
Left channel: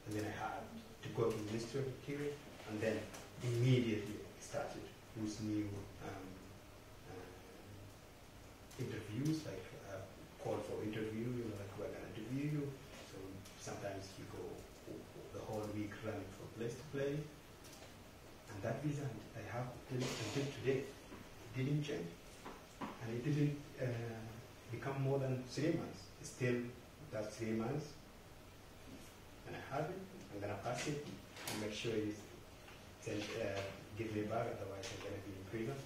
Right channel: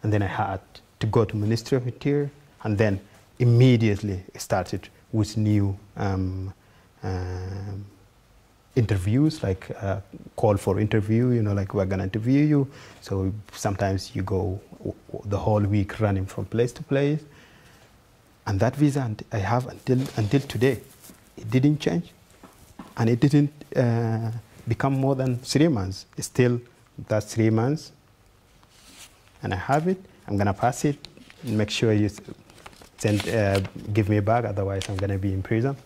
and then I had to go to Ministry of Interior, and then immediately started with new interviews, like call for interview, you know, like we're gonna interview you. So sometimes you go the whole week running from place to place. And that visa I have until today, it didn't change. And it didn't become more than 3 months. It's still, that's 3 months. And I have it. I'm gonna pass it. Make sure you send, give me back, otherwise I'm gonna be in prison.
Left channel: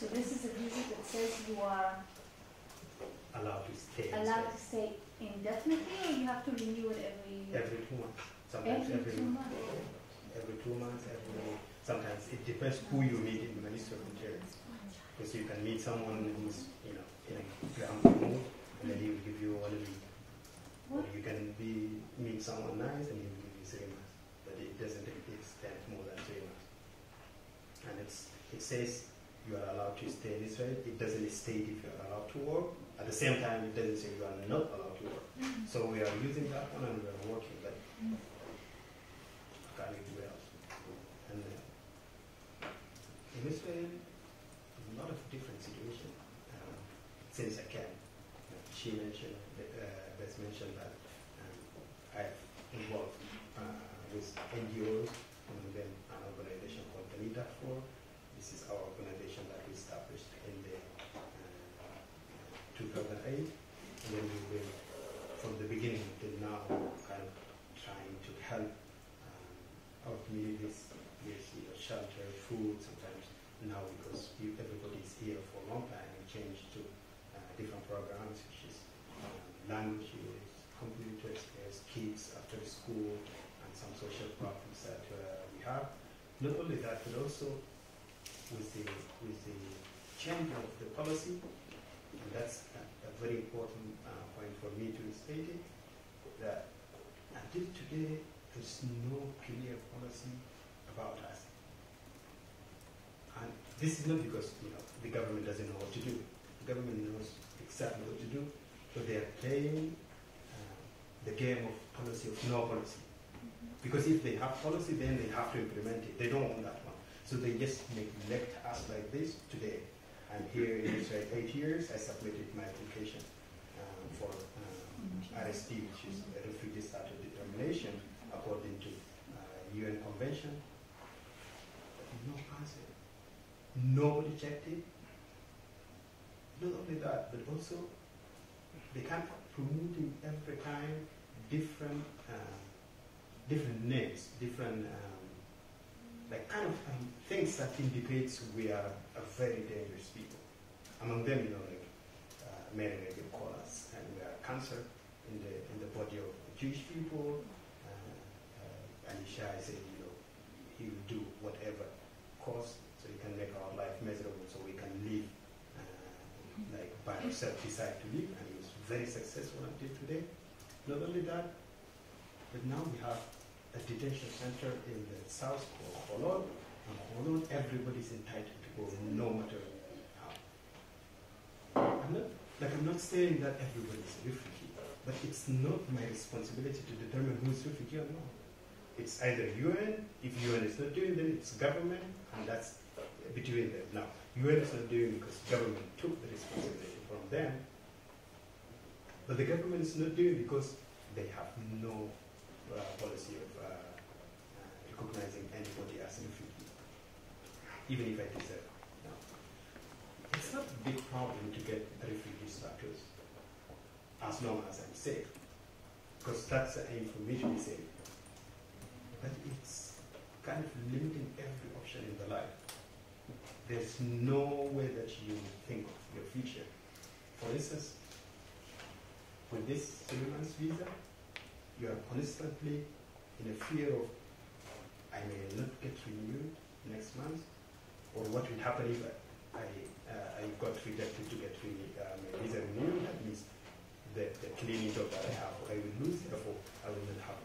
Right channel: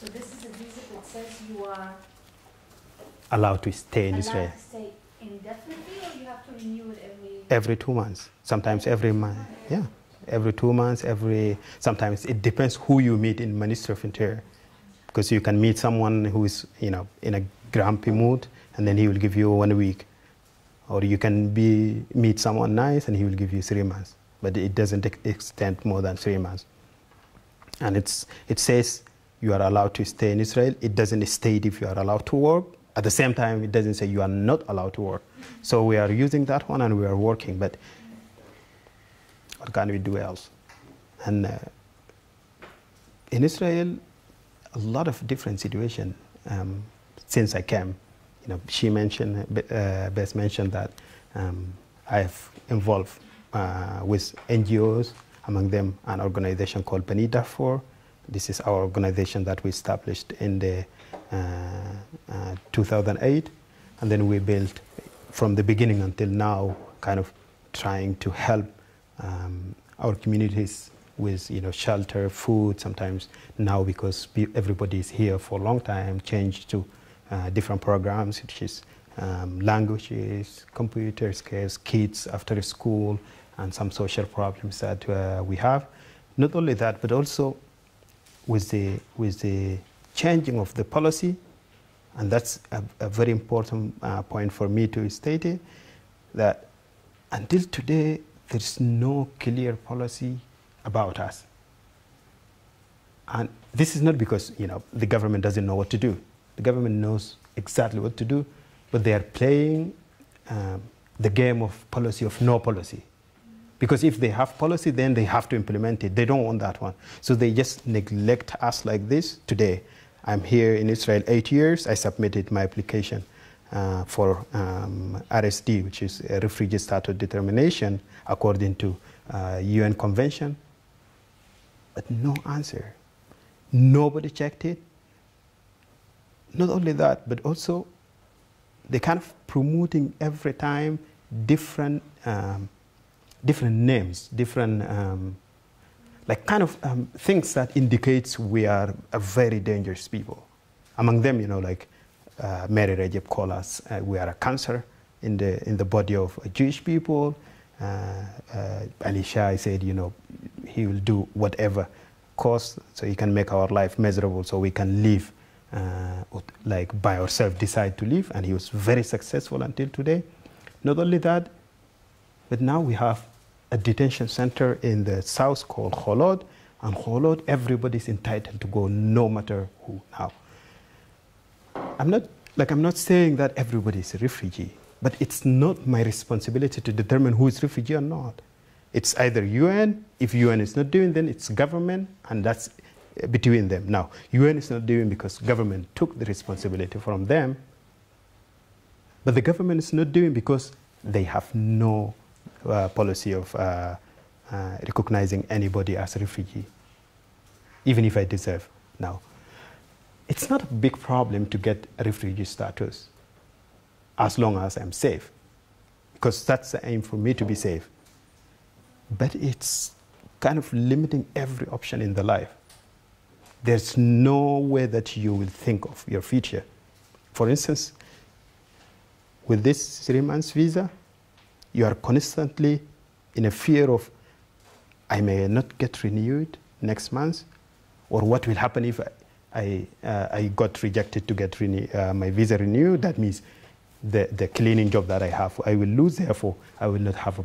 So this is a visa that says you are Allowed to stay in Israel. allowed to stay indefinitely, or you have to renew it Every 2 months, sometimes every month. Yeah, every 2 months, sometimes it depends who you meet in Ministry of Interior. Because you can meet someone who is, you know, in a grumpy mood, and then he will give you 1 week. Or you can meet someone nice, and he will give you 3 months. But it doesn't extend more than 3 months. And it says you are allowed to stay in Israel. It doesn't state if you are allowed to work. At the same time, it doesn't say you are not allowed to work. So we are using that one, and we are working. But what can we do else? And in Israel, a lot of different situations since I came. You know, she mentioned, Bess mentioned that I have involved with NGOs, among them an organization called Darfur. This is our organization that we established in the 2008, and then we built from the beginning until now, kind of trying to help our communities with, you know, shelter, food. Sometimes now, because everybody is here for a long time, changed to different programs, which is languages, computer skills, kids after school, and some social problems that we have. Not only that, but also with the changing of the policy, and that's a very important point for me to state it, that until today there's no clear policy about us. And this is not because, you know, the government doesn't know what to do. The government knows exactly what to do, but they are playing the game of policy of no policy. Because if they have policy, then they have to implement it. They don't want that one. So they just neglect us like this. Today, I'm here in Israel 8 years. I submitted my application for RSD, which is a refugee status determination according to UN convention. But no answer. Nobody checked it. Not only that, but also they kind of promoting every time different names, different like kind of things that indicates we are a very dangerous people. Among them, you know, like Mary Rajab called us, we are a cancer in the body of Jewish people. Ali Shai said, you know, he will do whatever cost so he can make our life miserable so we can live like by ourselves, decide to live. And he was very successful until today. Not only that, but now we have a detention center in the south called Kholod, and Kholod, everybody's entitled to go, no matter who. Now, I'm not saying that everybody is a refugee, but it's not my responsibility to determine who is refugee or not. It's either UN. If UN is not doing, then it's government, and that's between them. Now, UN is not doing because government took the responsibility from them, but the government is not doing because they have no policy of recognizing anybody as a refugee, even if I deserve. Now, it's not a big problem to get a refugee status as long as I'm safe, because that's the aim for me, to be safe. But it's kind of limiting every option in the life. There's no way that you will think of your future. For instance, with this 3 months visa, you are constantly in a fear of, I may not get renewed next month, or what will happen if I got rejected to get my visa renewed. That means the cleaning job that I have, I will lose. Therefore, I will not have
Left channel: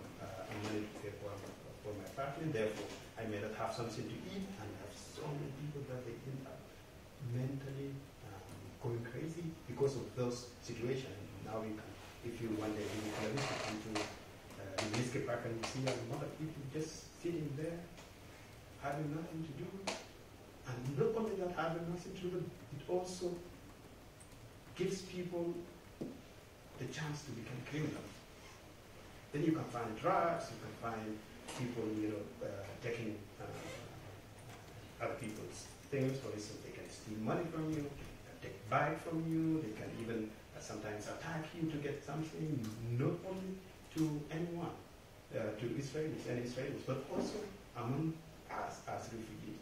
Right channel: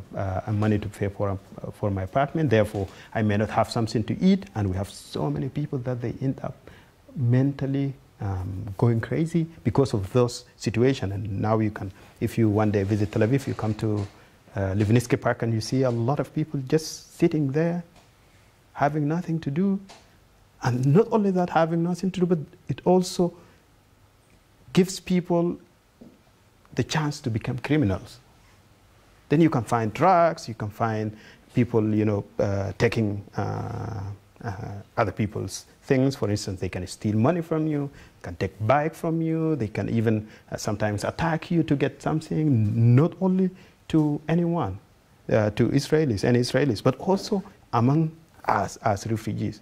money to pay for my apartment. Therefore, I may not have something to eat. And we have so many people that they end up mentally going crazy because of those situations. And now you can, if you one day visit Tel Aviv, you come to Livninsky Park and you see a lot of people just sitting there, having nothing to do. And not only that, having nothing to do, but it also gives people the chance to become criminals. Then you can find drugs, you can find people, you know, taking other people's things. For instance, they can steal money from you, can take bike from you, they can even sometimes attack you to get something, not only to anyone, to Israelis, any Israelis, but also among us as refugees.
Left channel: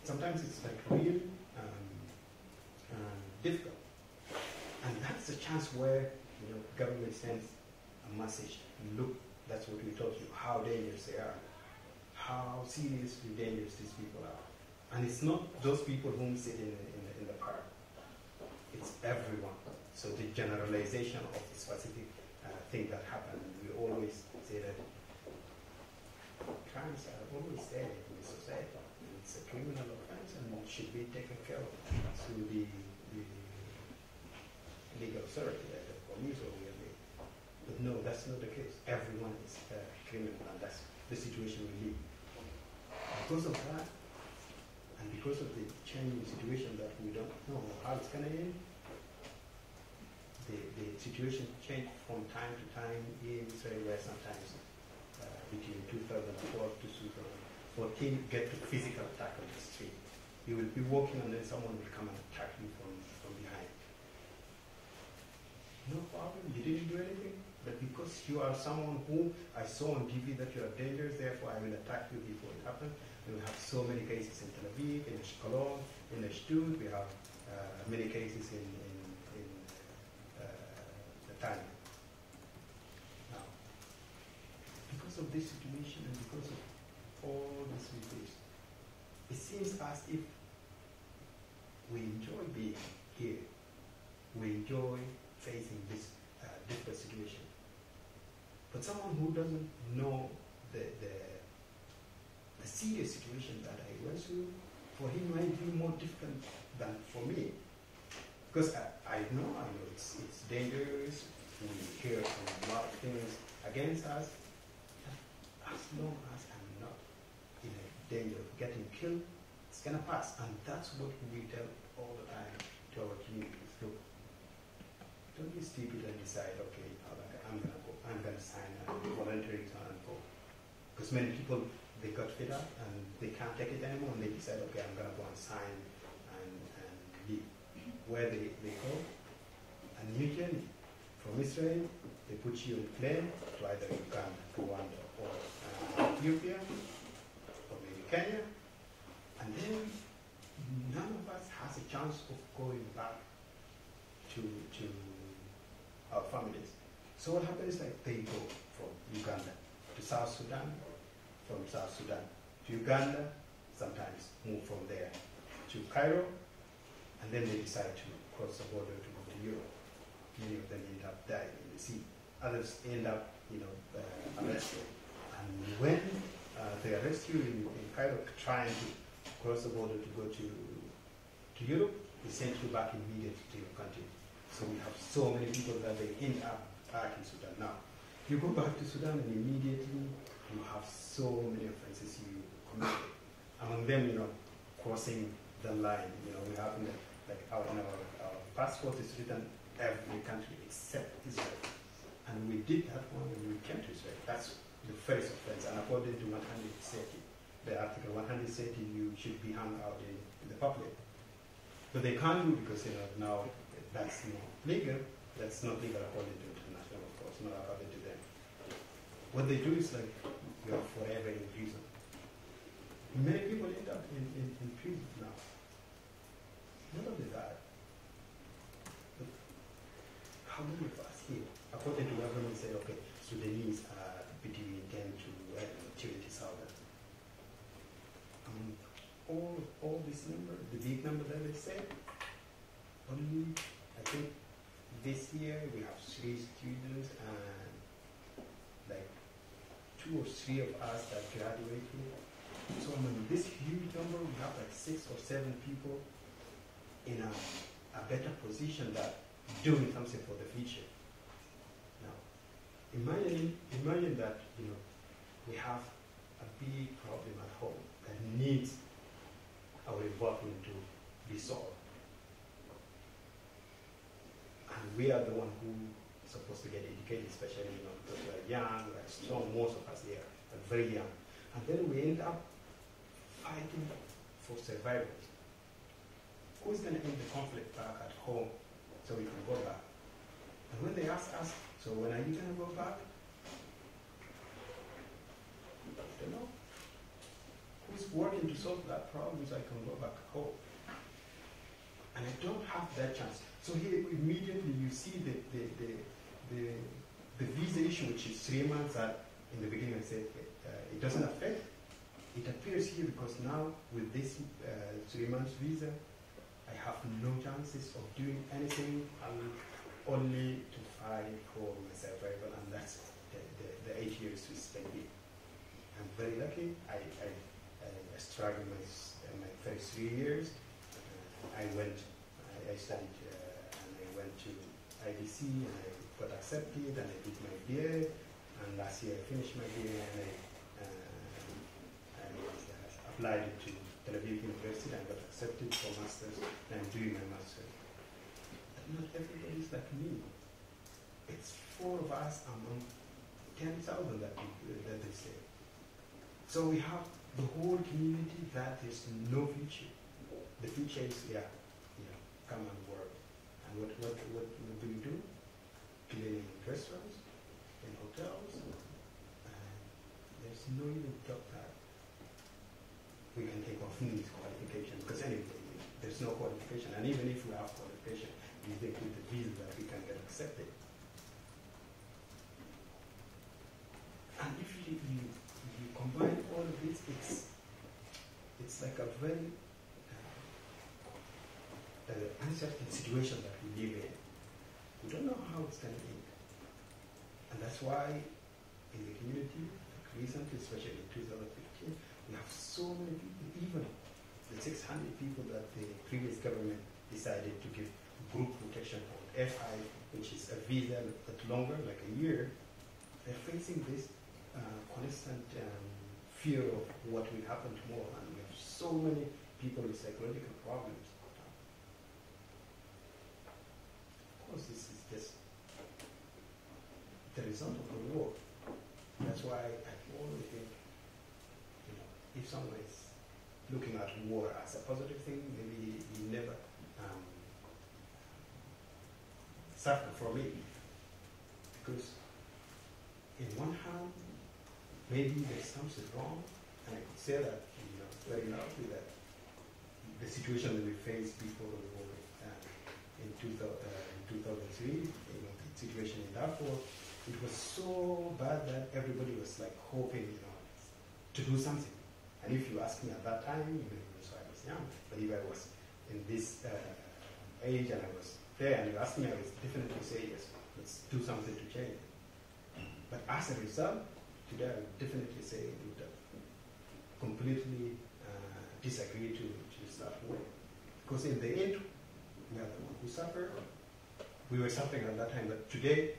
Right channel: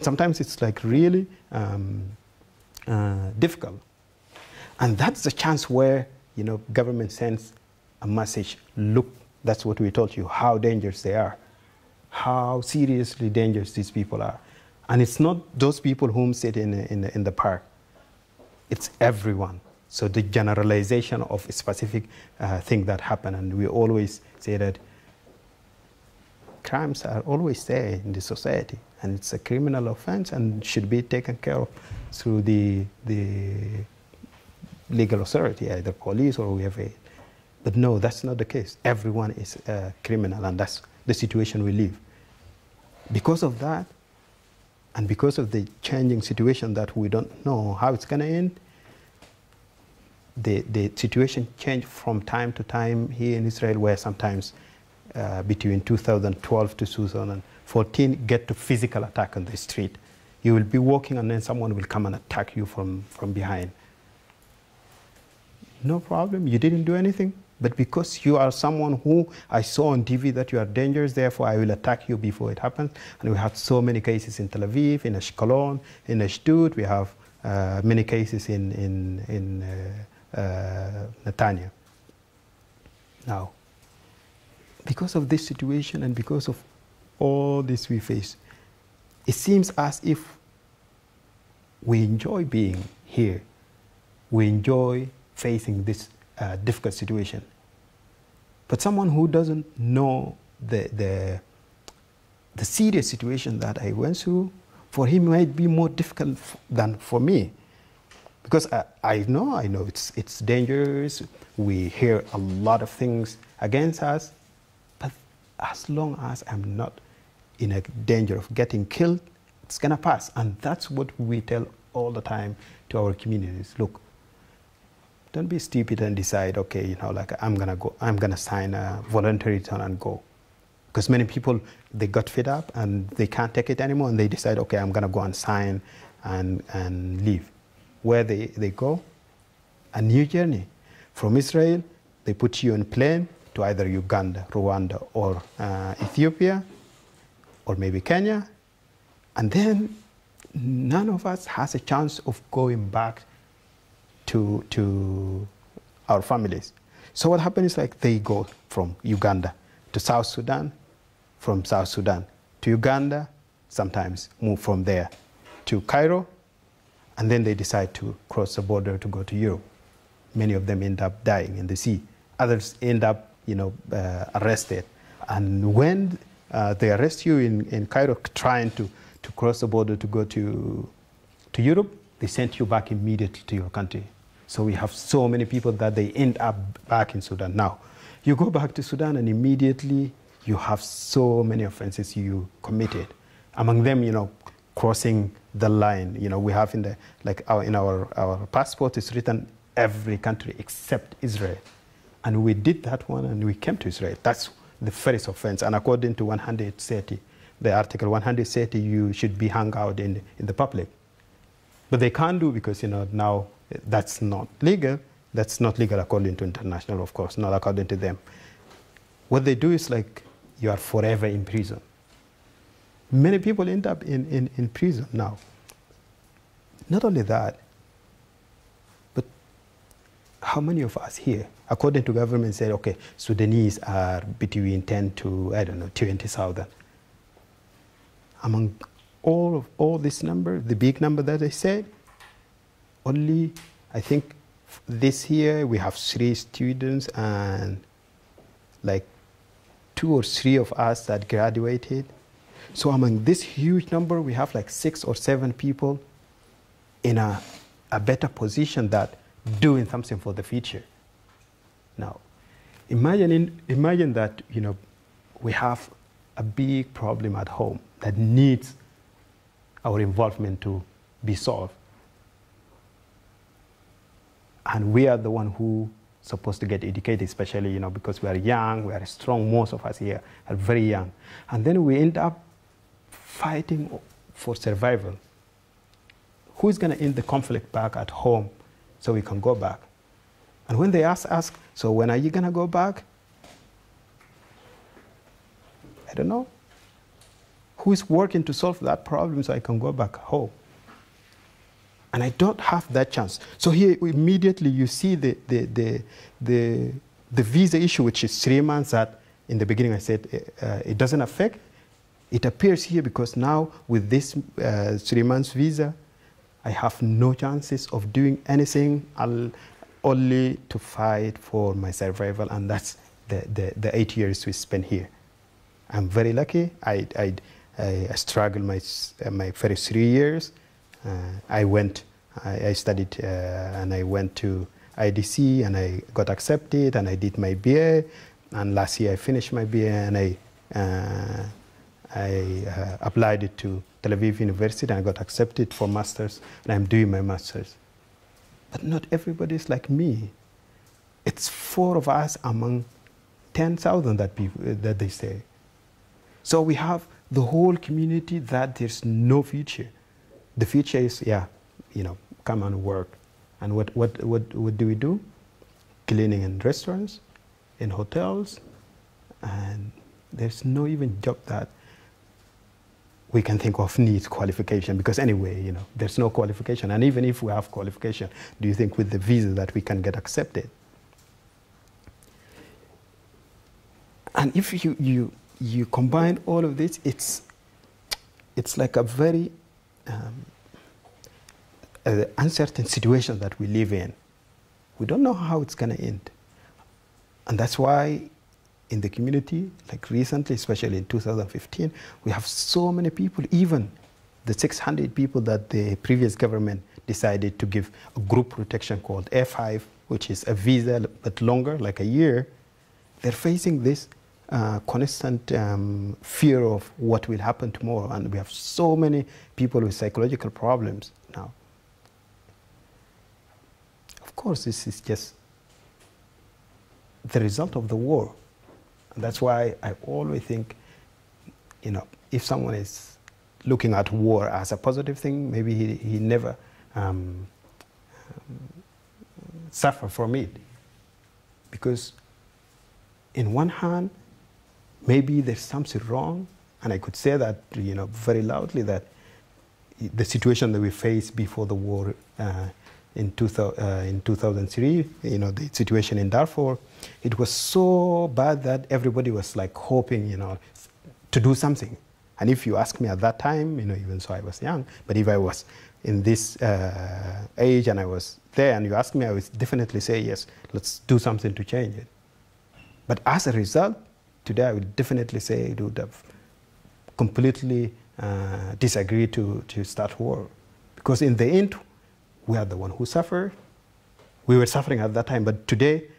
Sometimes it's like really difficult. And that's the chance where, you know, government sends a message, look, that's what we told you, how dangerous they are, how seriously dangerous these people are. And it's not those people whom sit in the park, it's everyone. So the generalization of a specific thing that happened, and we always say that crimes are always there in the society, and it's a criminal offense and should be taken care of through the legal authority, either police or whoever. But no, that's not the case. Everyone is a criminal, and that's the situation we live. Because of that, and because of the changing situation that we don't know how it's going to end, the situation changed from time to time here in Israel, where sometimes between 2012 to 2014 get to physical attack on the street. You will be walking and then someone will come and attack you from behind. No problem, you didn't do anything. But because you are someone who I saw on TV that you are dangerous, therefore I will attack you before it happens. And we have so many cases in Tel Aviv, in Ashkelon, in Ashdod. We have many cases in Netanya. Now, because of this situation and because of all this we face, it seems as if we enjoy being here. We enjoy facing this difficult situation. But someone who doesn't know the serious situation that I went through, for him it might be more difficult than for me. Because I know it's dangerous. We hear a lot of things against us. But as long as I'm not in a danger of getting killed, it's gonna pass. And that's what we tell all the time to our communities. Look, don't be stupid and decide, okay, you know, like I'm gonna sign a voluntary return and go. Because many people, they got fed up and they can't take it anymore, and they decide, okay, I'm gonna go and sign and leave. Where they go? A new journey. From Israel, they put you on a plane to either Uganda, Rwanda, or Ethiopia, or maybe Kenya. And then none of us has a chance of going back to our families. So what happens is, like, they go from Uganda to South Sudan, from South Sudan to Uganda, sometimes move from there to Cairo, and then they decide to cross the border to go to Europe. Many of them end up dying in the sea. Others end up, you know, arrested. And when they arrest you in Cairo trying to cross the border to go to Europe, they send you back immediately to your country. So we have so many people that they end up back in Sudan. Now, you go back to Sudan and immediately you have so many offenses you committed. Among them, you know, crossing the line. You know, we have in our passport, it's written every country except Israel. And we did that one and we came to Israel. That's the first offense. And according to 130, the article 130, you should be hung out in the public. But they can't do, because, you know, now that's not legal. That's not legal according to international, of course, not according to them. What they do is, like, you are forever in prison. Many people end up in prison now. Not only that, but how many of us here, according to government, say, okay, Sudanese are between 10 to, I don't know, 20,000. Among all this number, the big number that I said, only, I think this year we have 3 students and like 2 or 3 of us that graduated. So among this huge number, we have like 6 or 7 people in a better position than doing something for the future. Now, imagine that, you know, we have a big problem at home that needs our involvement to be solved. And we are the one who supposed to get educated, especially, you know, because we are young, we are strong, most of us here are very young. And then we end up fighting for survival. Who's going to end the conflict back at home so we can go back? And when they ask us, so when are you going to go back? I don't know. Who is working to solve that problem so I can go back home? And I don't have that chance. So here immediately you see the visa issue, which is 3 months, that in the beginning I said it doesn't affect. It appears here because now with this 3 months visa, I have no chances of doing anything. I'll only to fight for my survival, and that's the 8 years we spent here. I'm very lucky. I struggled my first 3 years. I studied and I went to IDC and I got accepted and I did my BA, and last year I finished my BA and I applied it to Tel Aviv University and I got accepted for masters, and I'm doing my masters. But not everybody is like me. It's 4 of us among 10,000 that they say. So we have the whole community that there's no future. The future is, yeah, you know, come and work. And what do we do? Cleaning in restaurants, in hotels, and there's no even job that we can think of needs qualification, because anyway, you know, there's no qualification. And even if we have qualification, do you think with the visa that we can get accepted? And if you combine all of this, it's like a very uncertain situation that we live in. We don't know how it's going to end. And that's why in the community, like recently, especially in 2015, we have so many people, even the 600 people that the previous government decided to give a group protection called A5, which is a visa but longer, like a year. They're facing this constant fear of what will happen tomorrow. And we have so many people with psychological problems now. Of course, this is just the result of the war. And that's why I always think, you know, if someone is looking at war as a positive thing, maybe he never suffer from it. Because in one hand, maybe there's something wrong, and I could say that, you know, very loudly, that the situation that we faced before the war in 2003, you know, the situation in Darfur, it was so bad that everybody was like hoping, you know, to do something. And if you ask me at that time, you know, even so I was young, but if I was in this age and I was there and you ask me, I would definitely say, yes, let's do something to change it. But as a result, today I would definitely say it would have completely disagreed to start war. Because in the end, we are the one who suffer. We were suffering at that time, but today,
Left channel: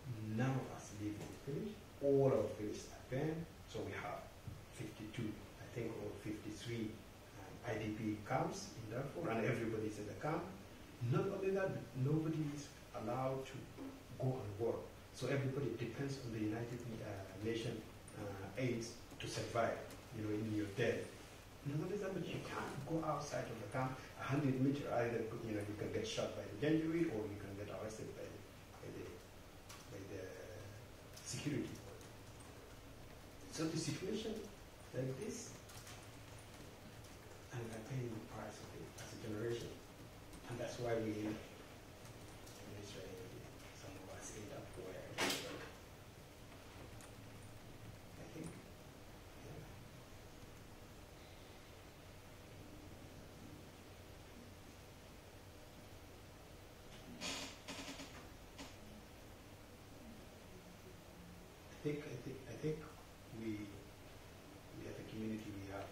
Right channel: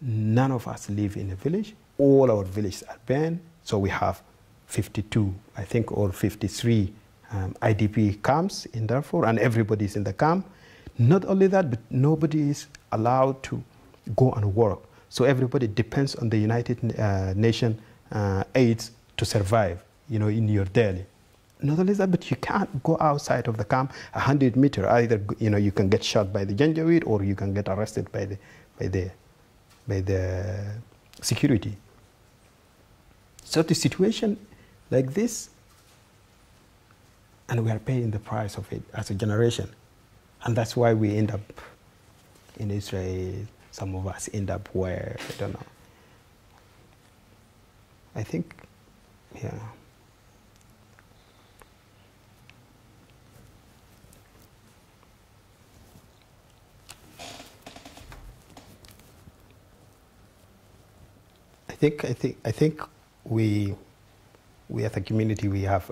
none of us live in a village. All our villages are banned. So we have 52, I think, or 53 IDP camps in Darfur, and everybody is in the camp. Not only that, but nobody is allowed to go and work. So everybody depends on the United Nations aids to survive, you know, in your daily. Not only that, but you can't go outside of the camp 100 meters. Either, you know, you can get shot by the Janjaweed or you can get arrested by the security. So the situation like this, and we are paying the price of it as a generation. And that's why we end up in Israel. Some of us end up where, I don't know. I think, yeah. I think we as a community, we have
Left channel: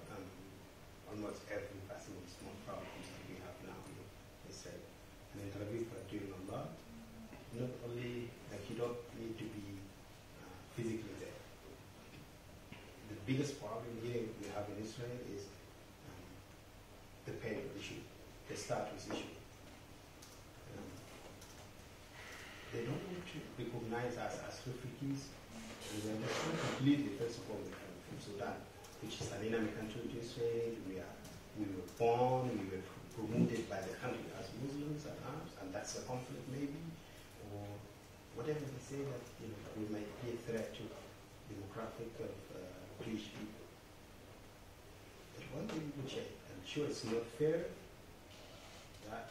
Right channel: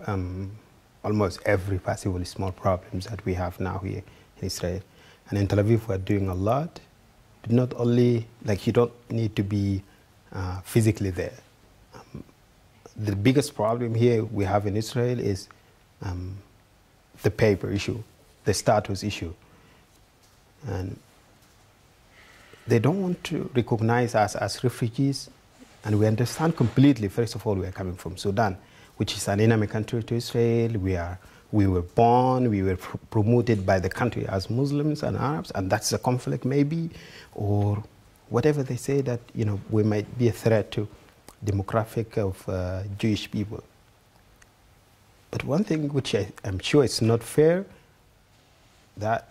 almost every possible small problems that we have now here in Israel. And in Tel Aviv, we're doing a lot. Not only, like, you don't need to be physically there. The biggest problem here we have in Israel is the paper issue, the status issue. And they don't want to recognize us as refugees, and we understand completely. First of all, we are coming from Sudan, which is an enemy country to Israel. We were born, we were promoted by the country as Muslims and Arabs, and that's a conflict maybe, or whatever they say, that, you know, we might be a threat to demographic of Jewish people. But one thing which I'm sure it's not fair, that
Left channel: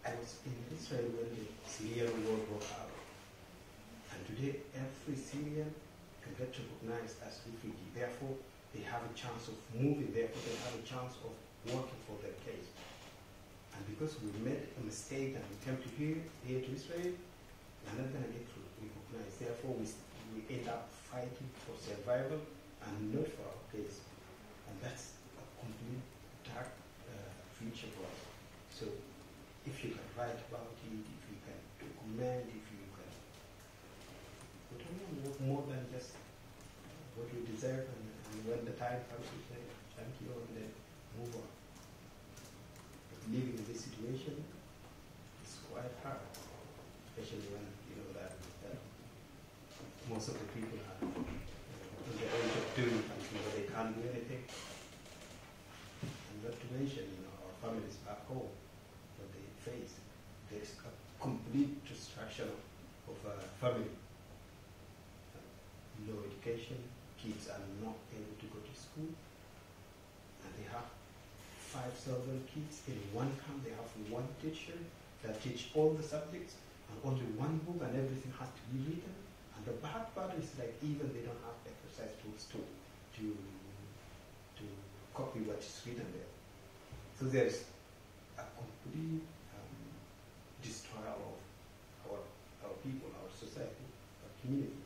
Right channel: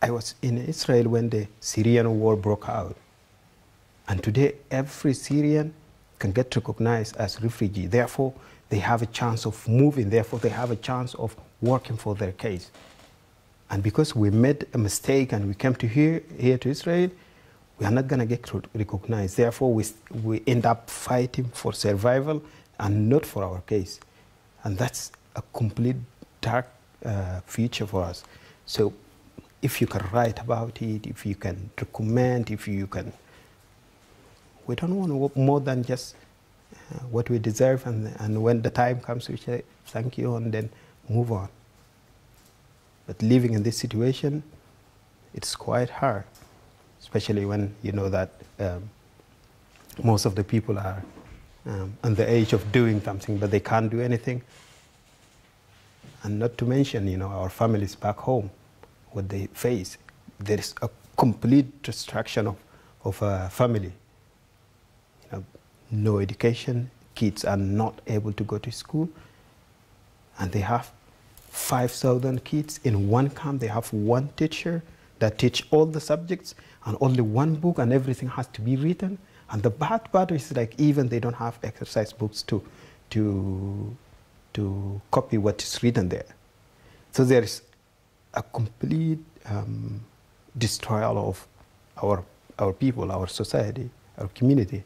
I was in Israel when the Syrian war broke out. And today, every Syrian can get recognized as refugee. Therefore, they have a chance of moving. Therefore, they have a chance of working for their case. And because we made a mistake and we came to here to Israel, we are not going to get recognized. Therefore, we end up fighting for survival and not for our case. And that's a complete dark future for us. So if you can write about it, if you can document, if you can, we don't want more than just what we deserve, and when the time comes, we say thank you and then move on. But living in this situation, it's quite hard, especially when you know that most of the people are on the age of doing something, but they can't do anything. And not to mention, you know, our families back home, what they face. There is a complete destruction of a family. You know, no education, kids are not able to go to school, and they have 5,000 kids in one camp. They have one teacher that teach all the subjects and only one book, and everything has to be written. And the bad part is, like, even they don't have exercise books to copy what is written there. So there is a complete destroyal of our people, our society, our community.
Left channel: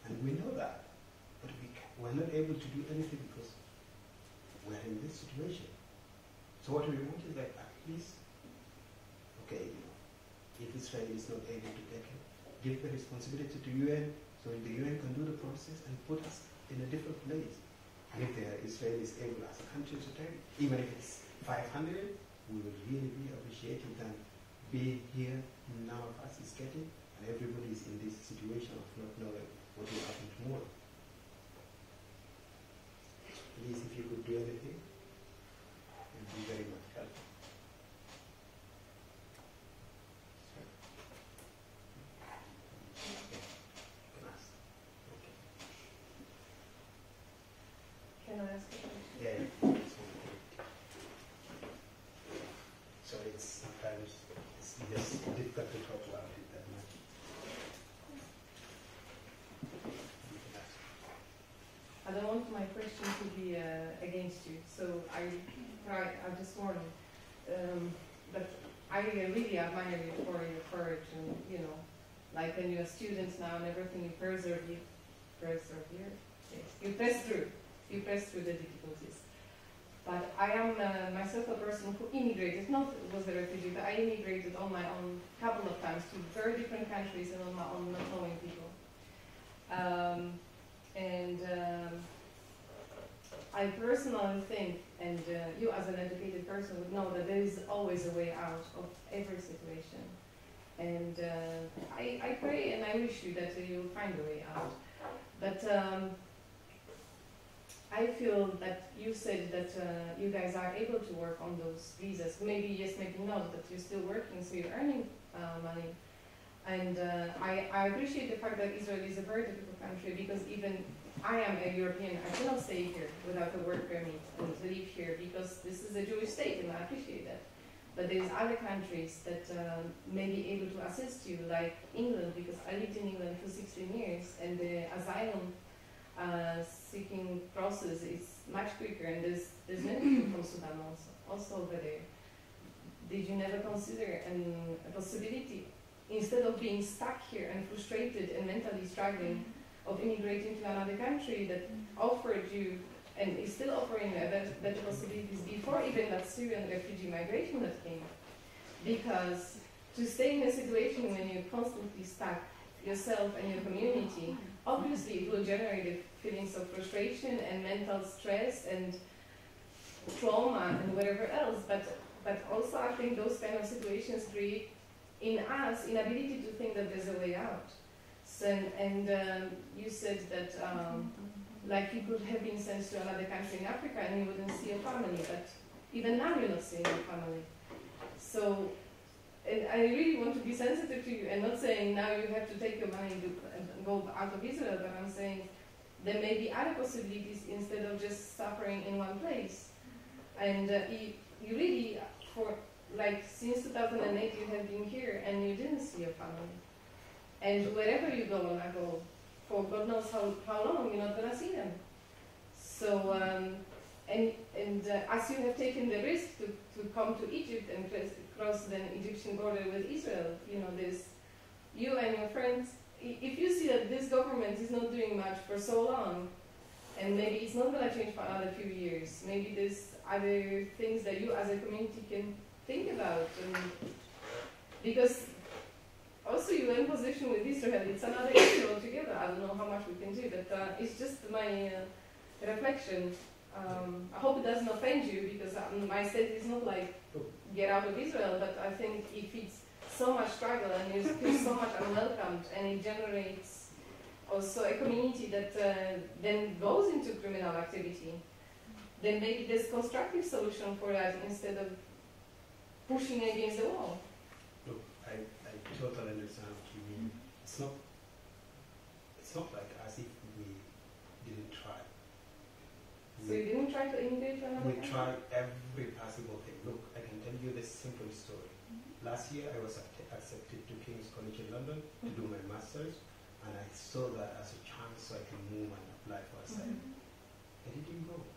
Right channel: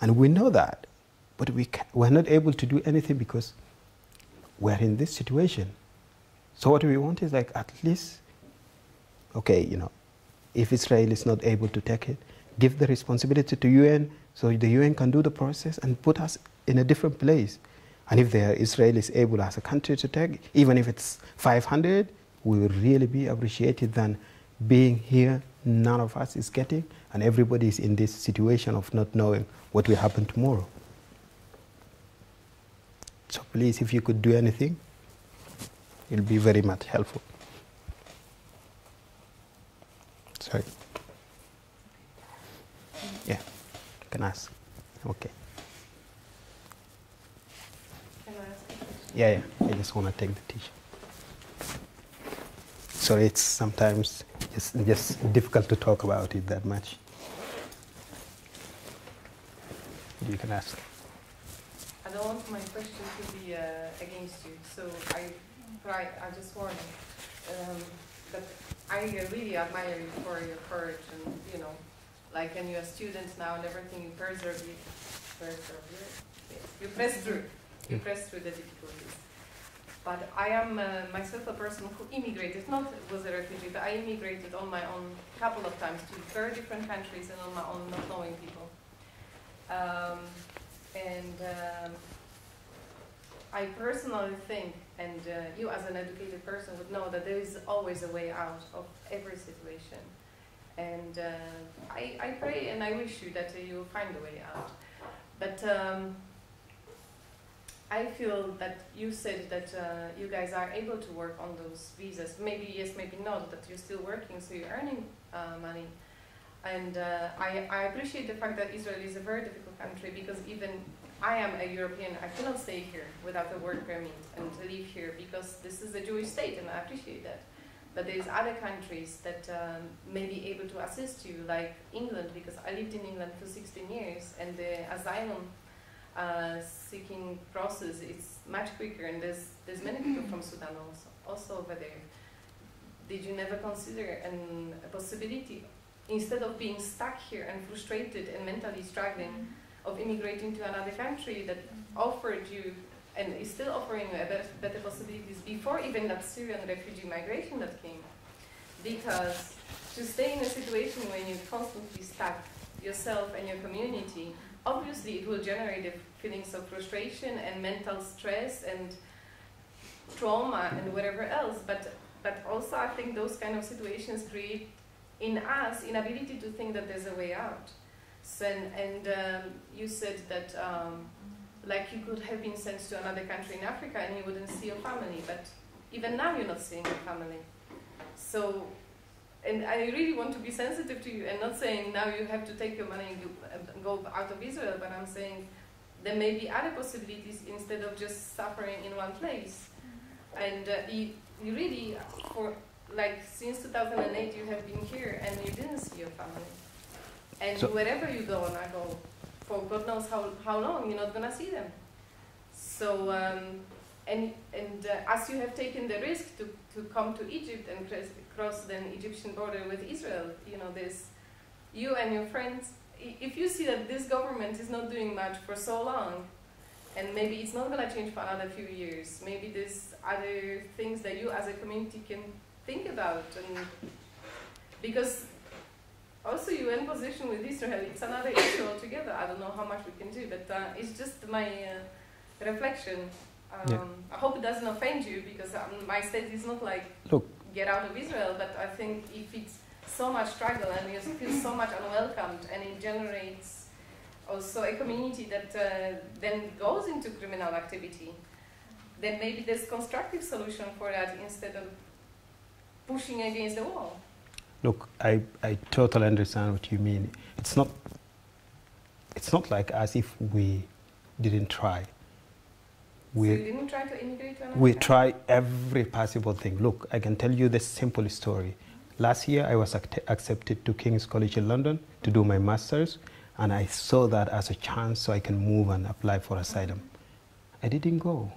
And we know that, but we're not able to do anything because we're in this situation. So what we want is, like, at least, okay, you know, if Israel is not able to take it, give the responsibility to UN so the UN can do the process and put us in a different place. And if Israel is able as a country to take, even if it's 500, we will really be appreciated than being here, none of us is getting, and everybody is in this situation of not knowing what will happen tomorrow. So please, if you could do anything, it will be very much helpful. Sorry. Yeah, you can ask. Okay. Can I ask a question? Yeah, I just want to take the t-shirt. Sorry, it's sometimes it's just difficult to talk about it that much. You can ask. I don't want my question to be against you, so I just want that I really admire you for your courage, and, you know, like, and you're a student now and everything, you press through the difficulties. But I am myself a person who immigrated, not was a refugee, but I immigrated on my own a couple of times to very different countries and on my own, not knowing people. I personally think, and you as an educated person would know, that there is always a way out of every situation. And I pray and I wish you that you will find a way out. But I feel that you said that you guys are able to work on those visas. Maybe yes, maybe not, but you're still working, so you're earning money. And I appreciate the fact that Israel is a very difficult country, because even I am a European, I cannot stay here without a work permit and live here, because this is a Jewish state, and I appreciate that. But there's other countries that may be able to assist you, like England, because I lived in England for 16 years, and the asylum seeking process is much quicker, and there's many people from Sudan also over there. Did you never consider a possibility, instead of being stuck here and frustrated and mentally struggling, of immigrating to another country that offered you and is still offering you better possibilities before even that Syrian refugee migration that came. Because to stay in a situation when you constantly stuck yourself and your community, obviously it will generate feelings of frustration and mental stress and trauma and whatever else. But also I think those kind of situations create in us inability to think that there's a way out. So, and you said that like you could have been sent to another country in Africa and you wouldn't see your family, but even now you're not seeing your family. So, and I really want to be sensitive to you and not saying now you have to take your money and go out of Israel, but I'm saying there may be other possibilities instead of just suffering in one place. And you really, for like since 2008 you have been here and you didn't see your family. And so wherever you go, and I go, for God knows how long, you're not going to see them. So, as you have taken the risk to come to Egypt and cross the Egyptian border with Israel, you know, there's you and your friends. If you see that this government is not doing much for so long, and maybe it's not going to change for another few years, maybe there's other things that you as a community can think about. And because also UN position with Israel, it's another issue altogether. I don't know how much we can do, but it's just my reflection. I hope it doesn't offend you, because my state is not like, look, get out of Israel, but I think if it's so much struggle and you feel so much unwelcomed, and it generates also a community that then goes into criminal activity, then maybe there's constructive solution for that instead of pushing against the wall. Look, I totally understand what you mean. It's not like as if we didn't try. So you didn't try to immigrate to America? We try every possible thing. Look, I can tell you the simple story. Last year, I was accepted to King's College in London to do my master's, and I saw that as a chance so I can move and apply for asylum. I didn't go.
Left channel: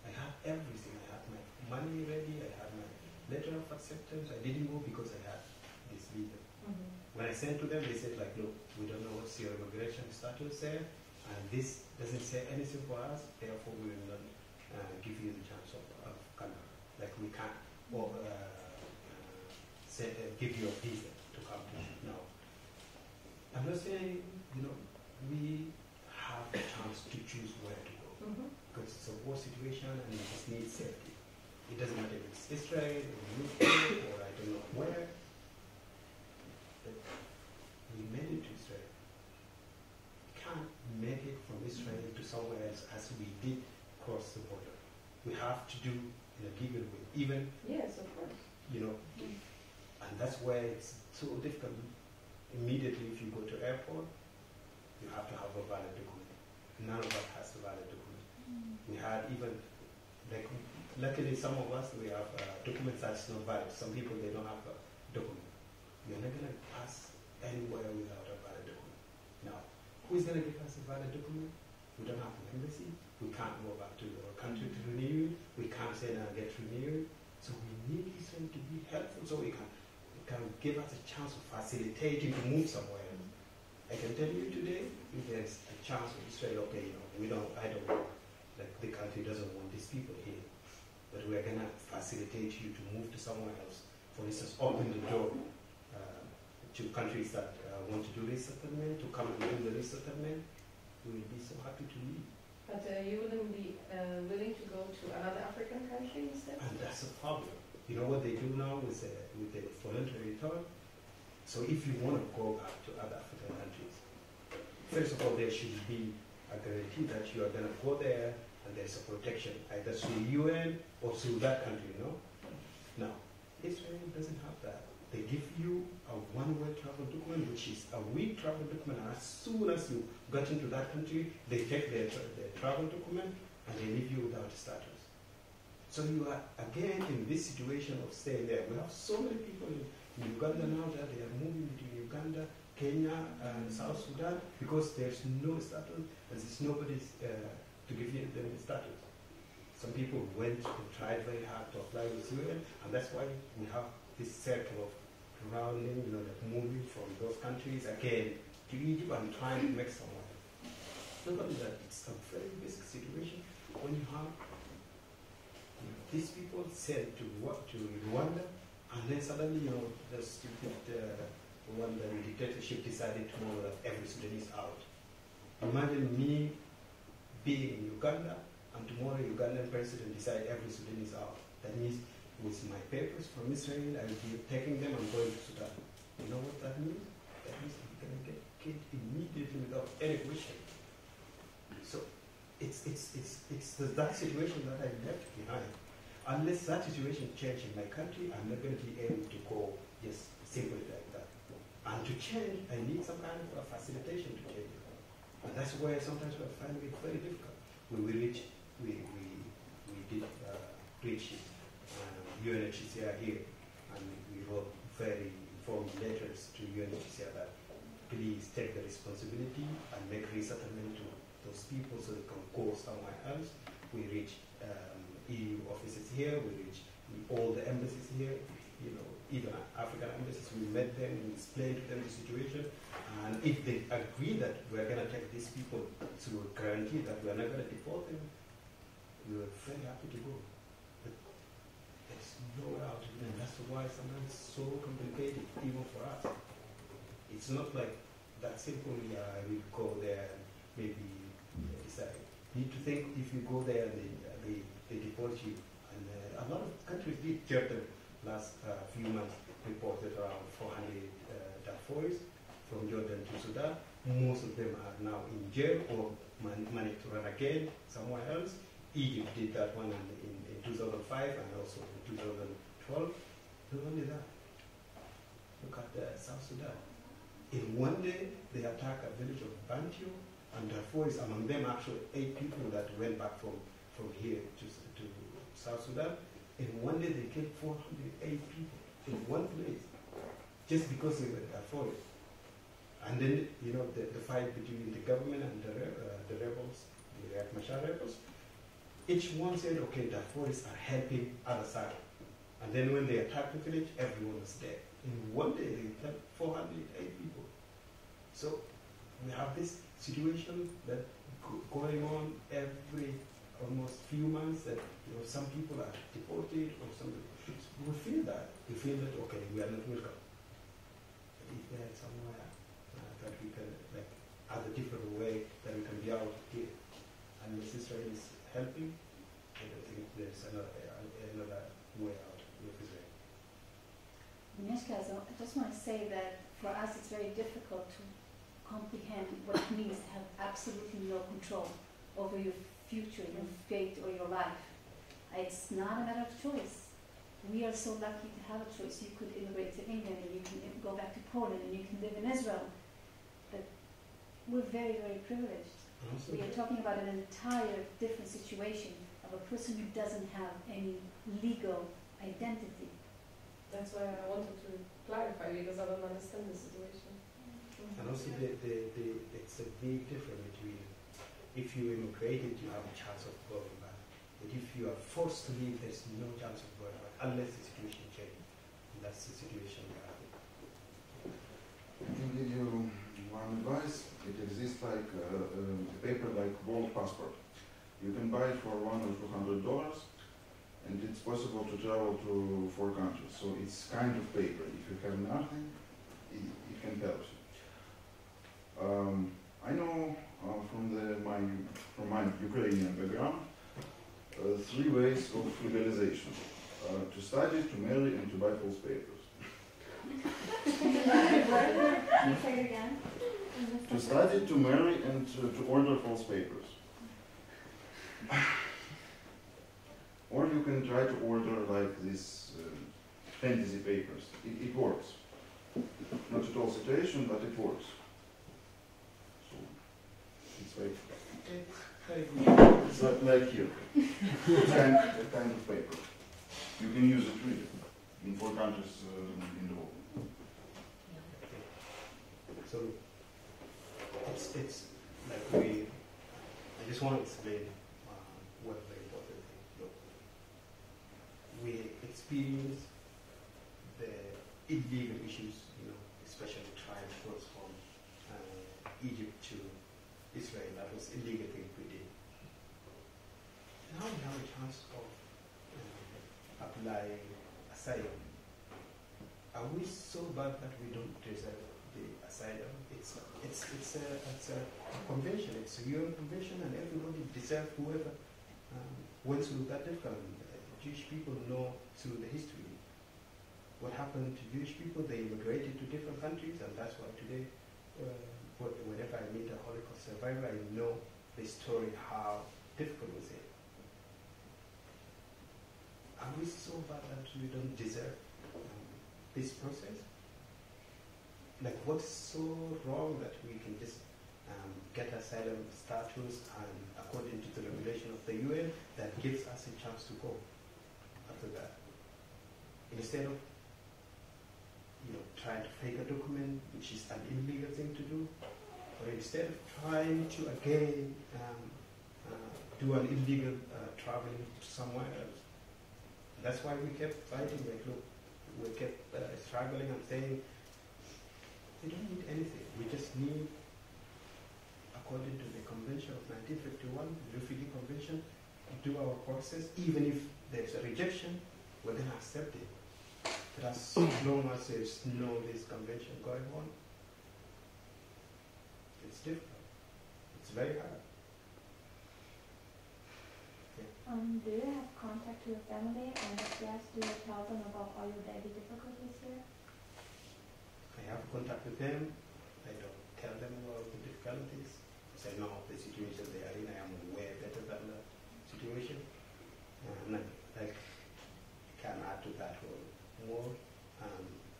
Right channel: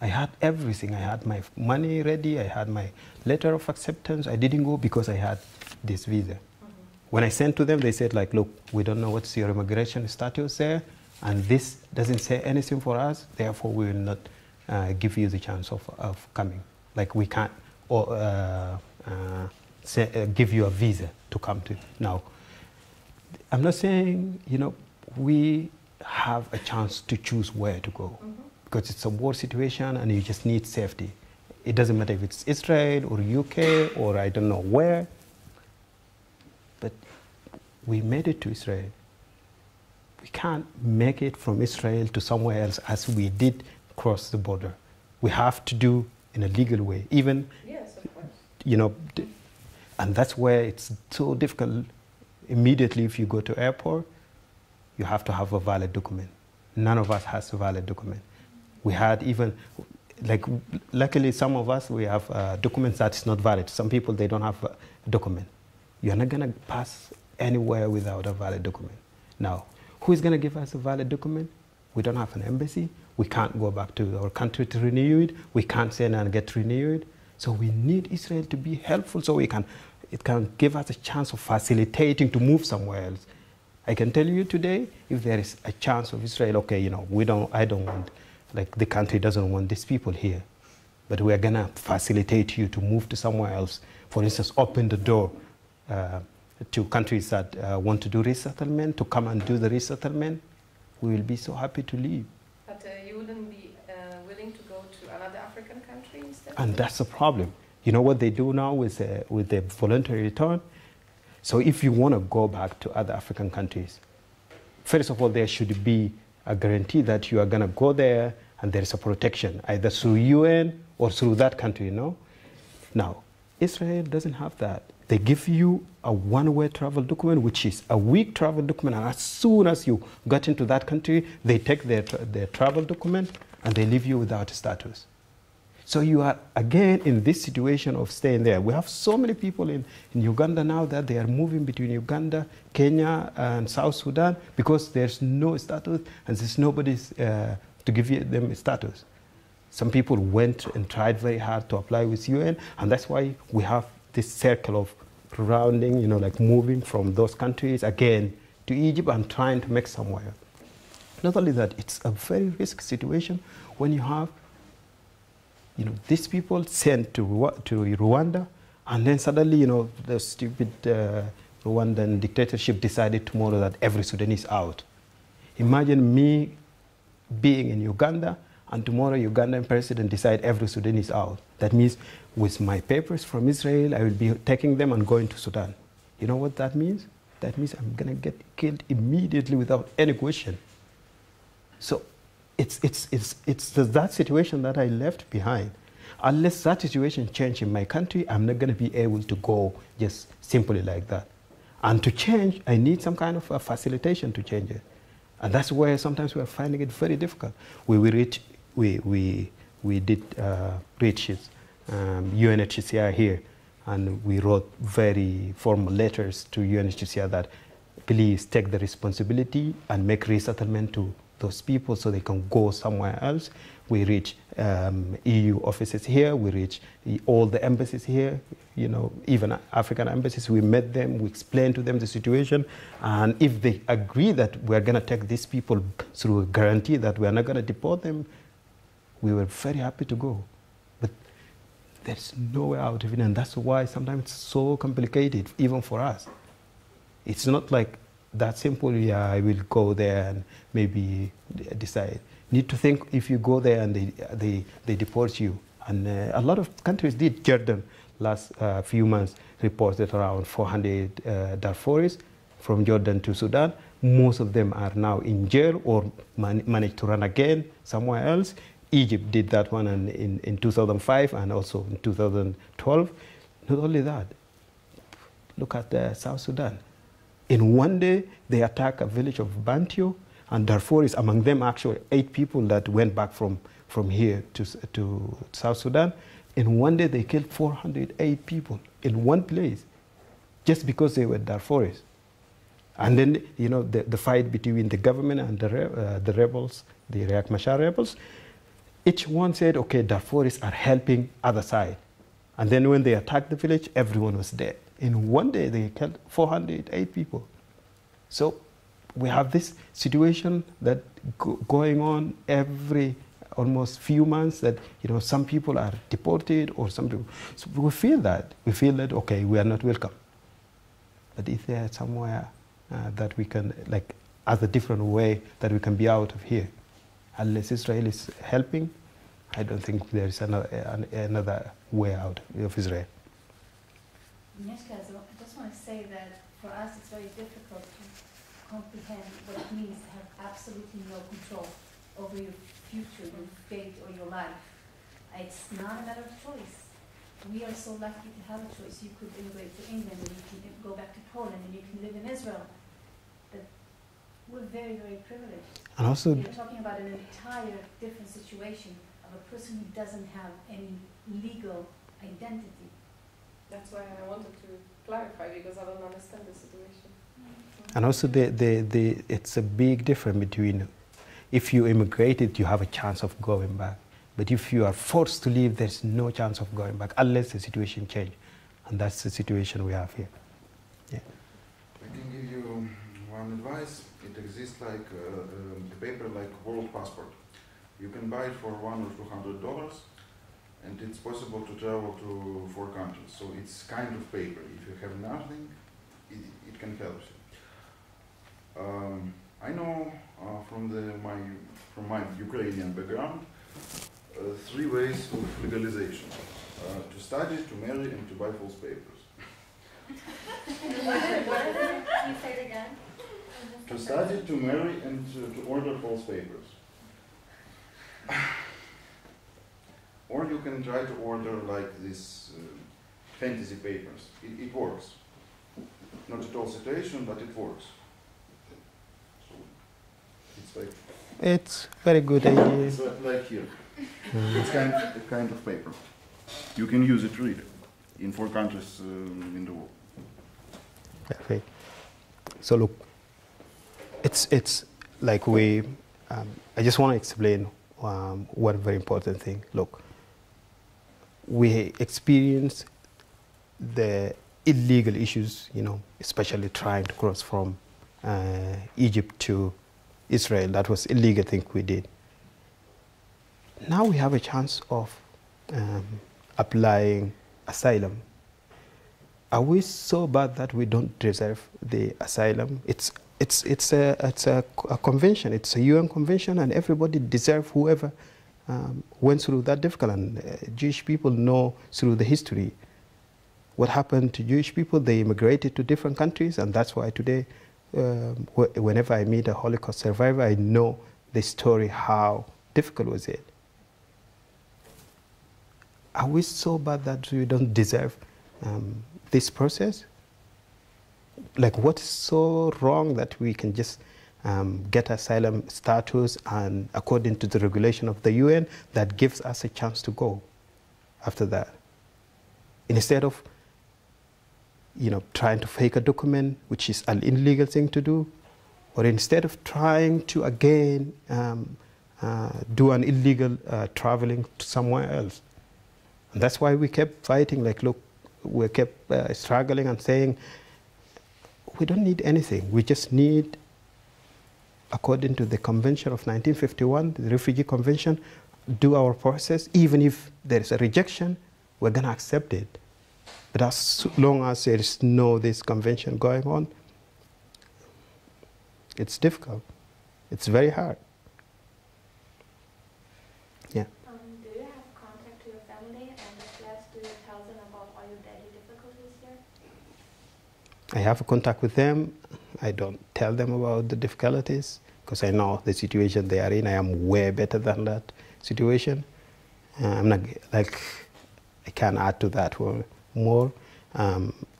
I had everything. I had my money ready. I had my letter of acceptance. I didn't go because I had this visa. When I sent to them, they said, like, look, we don't know what's your immigration status there, and this doesn't say anything for us, therefore we will not give you the chance of coming. Like, we can't give you a visa to come to. Now, I'm not saying, you know, we have a chance to choose where to go, because it's a war situation and you just need safety. It doesn't matter if it's Israel or UK or I don't know where, but we made it to Israel. We can't make it from Israel to somewhere else as we did cross the border. We have to do in a legal way, even, yes, of course. You know, and that's where it's so difficult. Immediately, if you go to airport, you have to have a valid document. None of us has a valid document. We had even, like, luckily some of us, we have documents that is not valid. Some people, they don't have a document. You're not gonna pass anywhere without a valid document. Now, who is gonna give us a valid document? We don't have an embassy. We can't go back to our country to renew it. We can't send and get renewed. So we need Israel to be helpful so it can give us a chance of facilitating to move somewhere else. I can tell you today, if there is a chance of Israel, okay, you know, I don't want, like, the country doesn't want these people here, but we are gonna facilitate you to move to somewhere else. For instance, open the door to countries that want to do resettlement, to come and do the resettlement. We will be so happy to leave. But you wouldn't be willing to go to another African country instead? And that's the problem. You know what they do now with the voluntary return? So if you want to go back to other African countries, first of all, there should be a guarantee that you are going to go there and there is a protection, either through UN or through that country, you know? Now, Israel doesn't have that. They give you a one-way travel document, which is a week travel document, and as soon as you got into that country, they take their travel document and they leave you without status. So you are, again, in this situation of staying there. We have so many people in Uganda now that they are moving between Uganda, Kenya, and South Sudan because there's no status and there's nobody to give them a status. Some people went and tried very hard to apply with UN, and that's why we have this circle of rounding, you know, like moving from those countries again to Egypt and trying to make somewhere. Not only that, it's a very risky situation. when you have, these people sent to Rwanda, and then suddenly, the stupid Rwandan dictatorship decided tomorrow that every Sudanese out. Imagine me being in Uganda, and tomorrow Ugandan president decide every Sudanese out. That means with my papers from Israel, I will be taking them and going to Sudan. You know what that means? That means I'm going to get killed immediately without any question. So it's that situation that I left behind. Unless that situation change in my country, I'm not going to be able to go just simply like that. And to change, I need some kind of a facilitation to change it. And that's where sometimes we are finding it very difficult. We did reach UNHCR here, and we wrote very formal letters to UNHCR that please take the responsibility and make resettlement to those people so they can go somewhere else. We reach EU offices here, we reach all the embassies here, even African embassies. We met them, we explained to them the situation, and if they agree that we're going to take these people through a guarantee that we're not going to deport them, we were very happy to go. But there's no way out of it, and that's why sometimes it's so complicated, even for us. It's not like that simple, yeah, I will go there and maybe decide. Need to think if you go there and they deport you. And a lot of countries did. Jordan, last few months, reported around 400 Darfuris from Jordan to Sudan. Most of them are now in jail or managed to run again somewhere else. Egypt did that one in 2005 and also in 2012. Not only that, look at South Sudan. In one day, they attacked a village of Bantio, and Darfur is among them actually 8 people that went back from here to South Sudan. In one day, they killed 408 people in one place just because they were Darfuris. And then, the fight between the government and the rebels, the Riek Machar rebels, each one said, okay, Darfuris are helping other side. And then when they attacked the village, everyone was dead. In one day, they killed 408 people. So we have this situation that going on every almost few months that, some people are deported or some people. So we feel that. We feel that, okay, we are not welcome. But if there is somewhere that we can, as a different way that we can be out of here, unless Israel is helping, I don't think there is another way out of Israel. Yes, guys, I just want to say that for us it's very difficult to comprehend what it means to have absolutely no control over your future, your fate, or your life. It's not a matter of choice. We are so lucky to have a choice. You could immigrate to England, and you can go back to Poland, and you can live in Israel. But we're very, very privileged. And also, you're talking about an entire different situation of a person who doesn't have any legal identity. That's why I wanted to clarify, because I don't understand the situation. And also, it's a big difference between if you immigrated, you have a chance of going back. But if you are forced to leave, there's no chance of going back unless the situation changes. And that's the situation we have here. Yeah. I can give you one advice. It exists like a paper like World Passport. You can buy it for $100 or $200, and it's possible to travel to 4 countries. So it's kind of paper. If you have nothing, it can help you. I know from my Ukrainian background 3 ways of legalization: to study, to marry, and to buy false papers. Say it again. To study, to marry, and to order false papers. Or you can try to order like these fantasy papers. It works. Not at all situation, but it works. So it's very good idea. It's like here. It's kind of paper. You can use it really in 4 countries in the world. Perfect. So look, it's like we. I just want to explain one very important thing. Look, we experience the illegal issues, especially trying to cross from Egypt to Israel. That was illegal thing we did. now we have a chance of applying asylum. Are we so bad that we don't deserve the asylum? It's a convention. It's a UN convention, and everybody deserves whoever went through that difficult. And Jewish people know through the history what happened to Jewish people. They immigrated to different countries, and that's why today, whenever I meet a Holocaust survivor, I know the story, how difficult was it. Are we so bad that we don't deserve this process? Like, what's so wrong that we can just get asylum status, and according to the regulation of the UN, that gives us a chance to go after that, instead of trying to fake a document, which is an illegal thing to do, or instead of trying to again do an illegal traveling to somewhere else. And that's why we kept fighting. Like, look, we kept struggling and saying, we don't need anything. We just need, according to the Convention of 1951, the Refugee Convention, do our process. Even if there is a rejection, we're going to accept it. But as long as there is this convention going on, it's difficult. It's very hard. Yeah. Do you have contact with your family? And if yes, do you tell them about all your daily difficulties here? I have a contact with them. I don't tell them about the difficulties because I know the situation they are in. I am way better than that situation. I'm not like, I can't add to that more.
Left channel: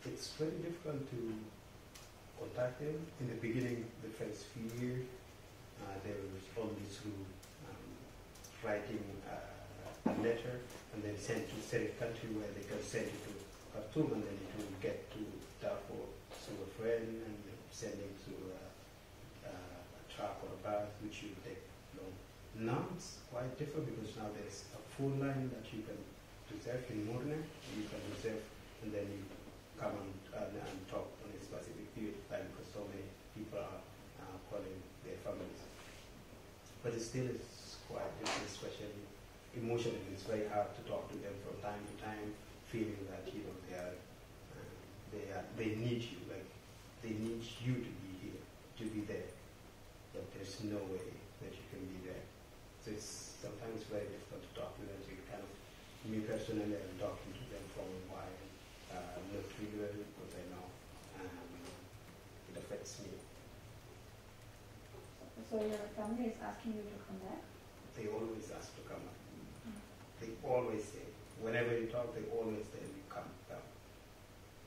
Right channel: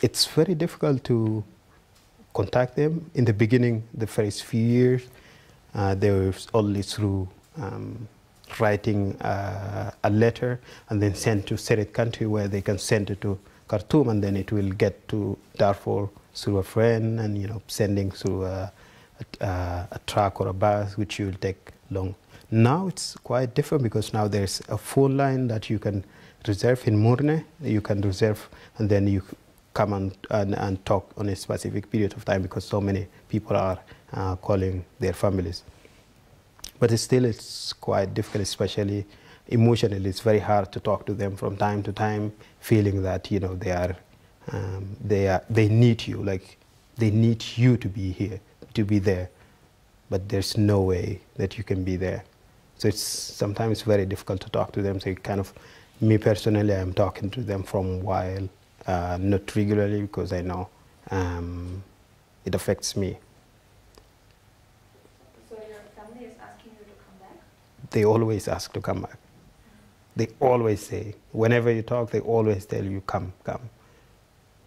It's very difficult to contact them. In the beginning, the first few years, they were only through writing a letter and then send to Syrian country, where they can send it to Khartoum, and then it will get to Darfur through a friend, and sending through a truck or a bus, which will take long. Now it's quite different because now there's a phone line that you can reserve in Murne. You can reserve, and then you come and talk on a specific period of time, because so many people are calling their families. But still, it's quite difficult, especially emotionally. It's very hard to talk to them from time to time, feeling that they need you, like they need you to be here, to be there, but there's no way that you can be there. So it's sometimes very difficult to talk to them. So me personally, I'm talking to them from a while, not regularly, because I know it affects me. So your family is asking you to come back? They always ask to come back. They always say, whenever you talk, they always tell you, come, come.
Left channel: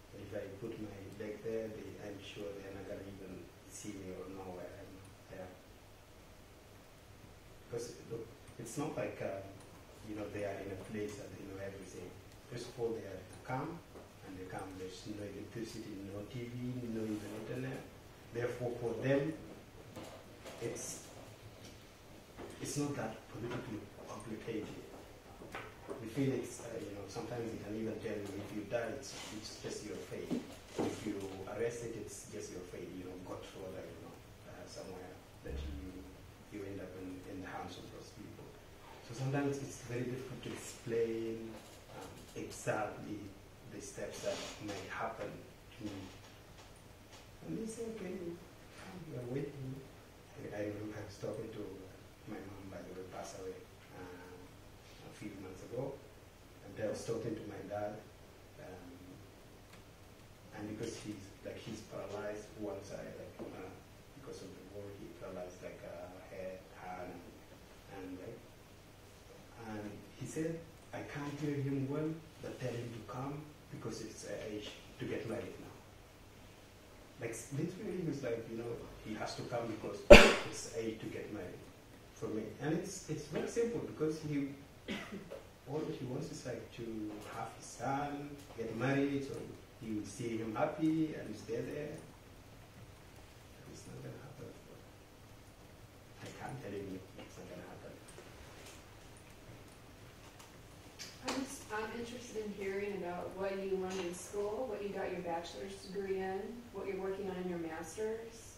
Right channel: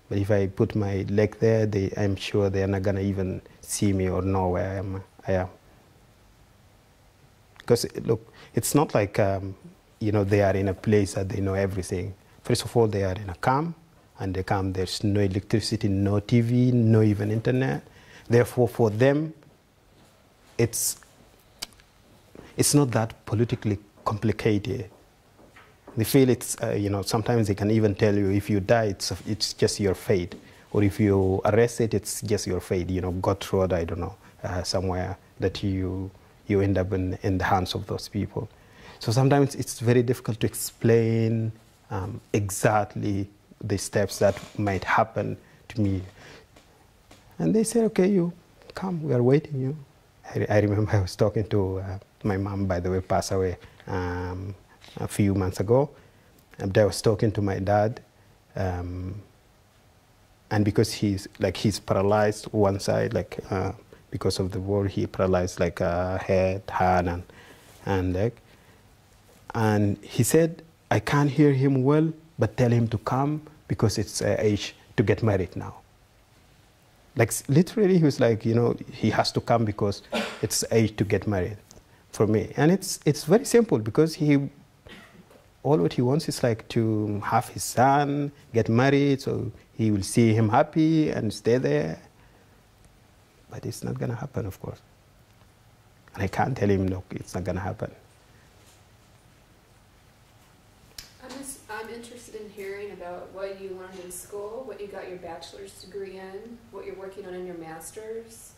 But if I put my leg there, I'm sure they're not going to even see me or know where I am. Because, look, it's not like, they are in a place that they know everything. First of all, they are in a camp, and they come, there's no electricity, no TV, no even internet. Therefore, for them, it's not that politically complicated. They feel it's, sometimes they can even tell you, if you die, it's just your fate. Or if you arrested, it's just your fate. God thrown, I don't know, somewhere that you end up in the hands of those people. So sometimes it's very difficult to explain exactly the steps that might happen to me. And they say, okay, you come, we are waiting you. I remember I was talking to my mom, by the way, passed away a few months ago. And I was talking to my dad, and because he's paralyzed one side, because of the war, he paralyzed head, hand, and leg. And he said, I can't hear him well, but tell him to come because it's age to get married now. Literally, he was like, he has to come because it's age to get married for me. And it's very simple, because all what he wants is to have his son get married, so he will see him happy and stay there. But it's not going to happen, of course. And I can't tell him, look, it's not going to happen. I'm interested in hearing about what you learned in school, what you got your bachelor's degree in, what you're working on in your master's.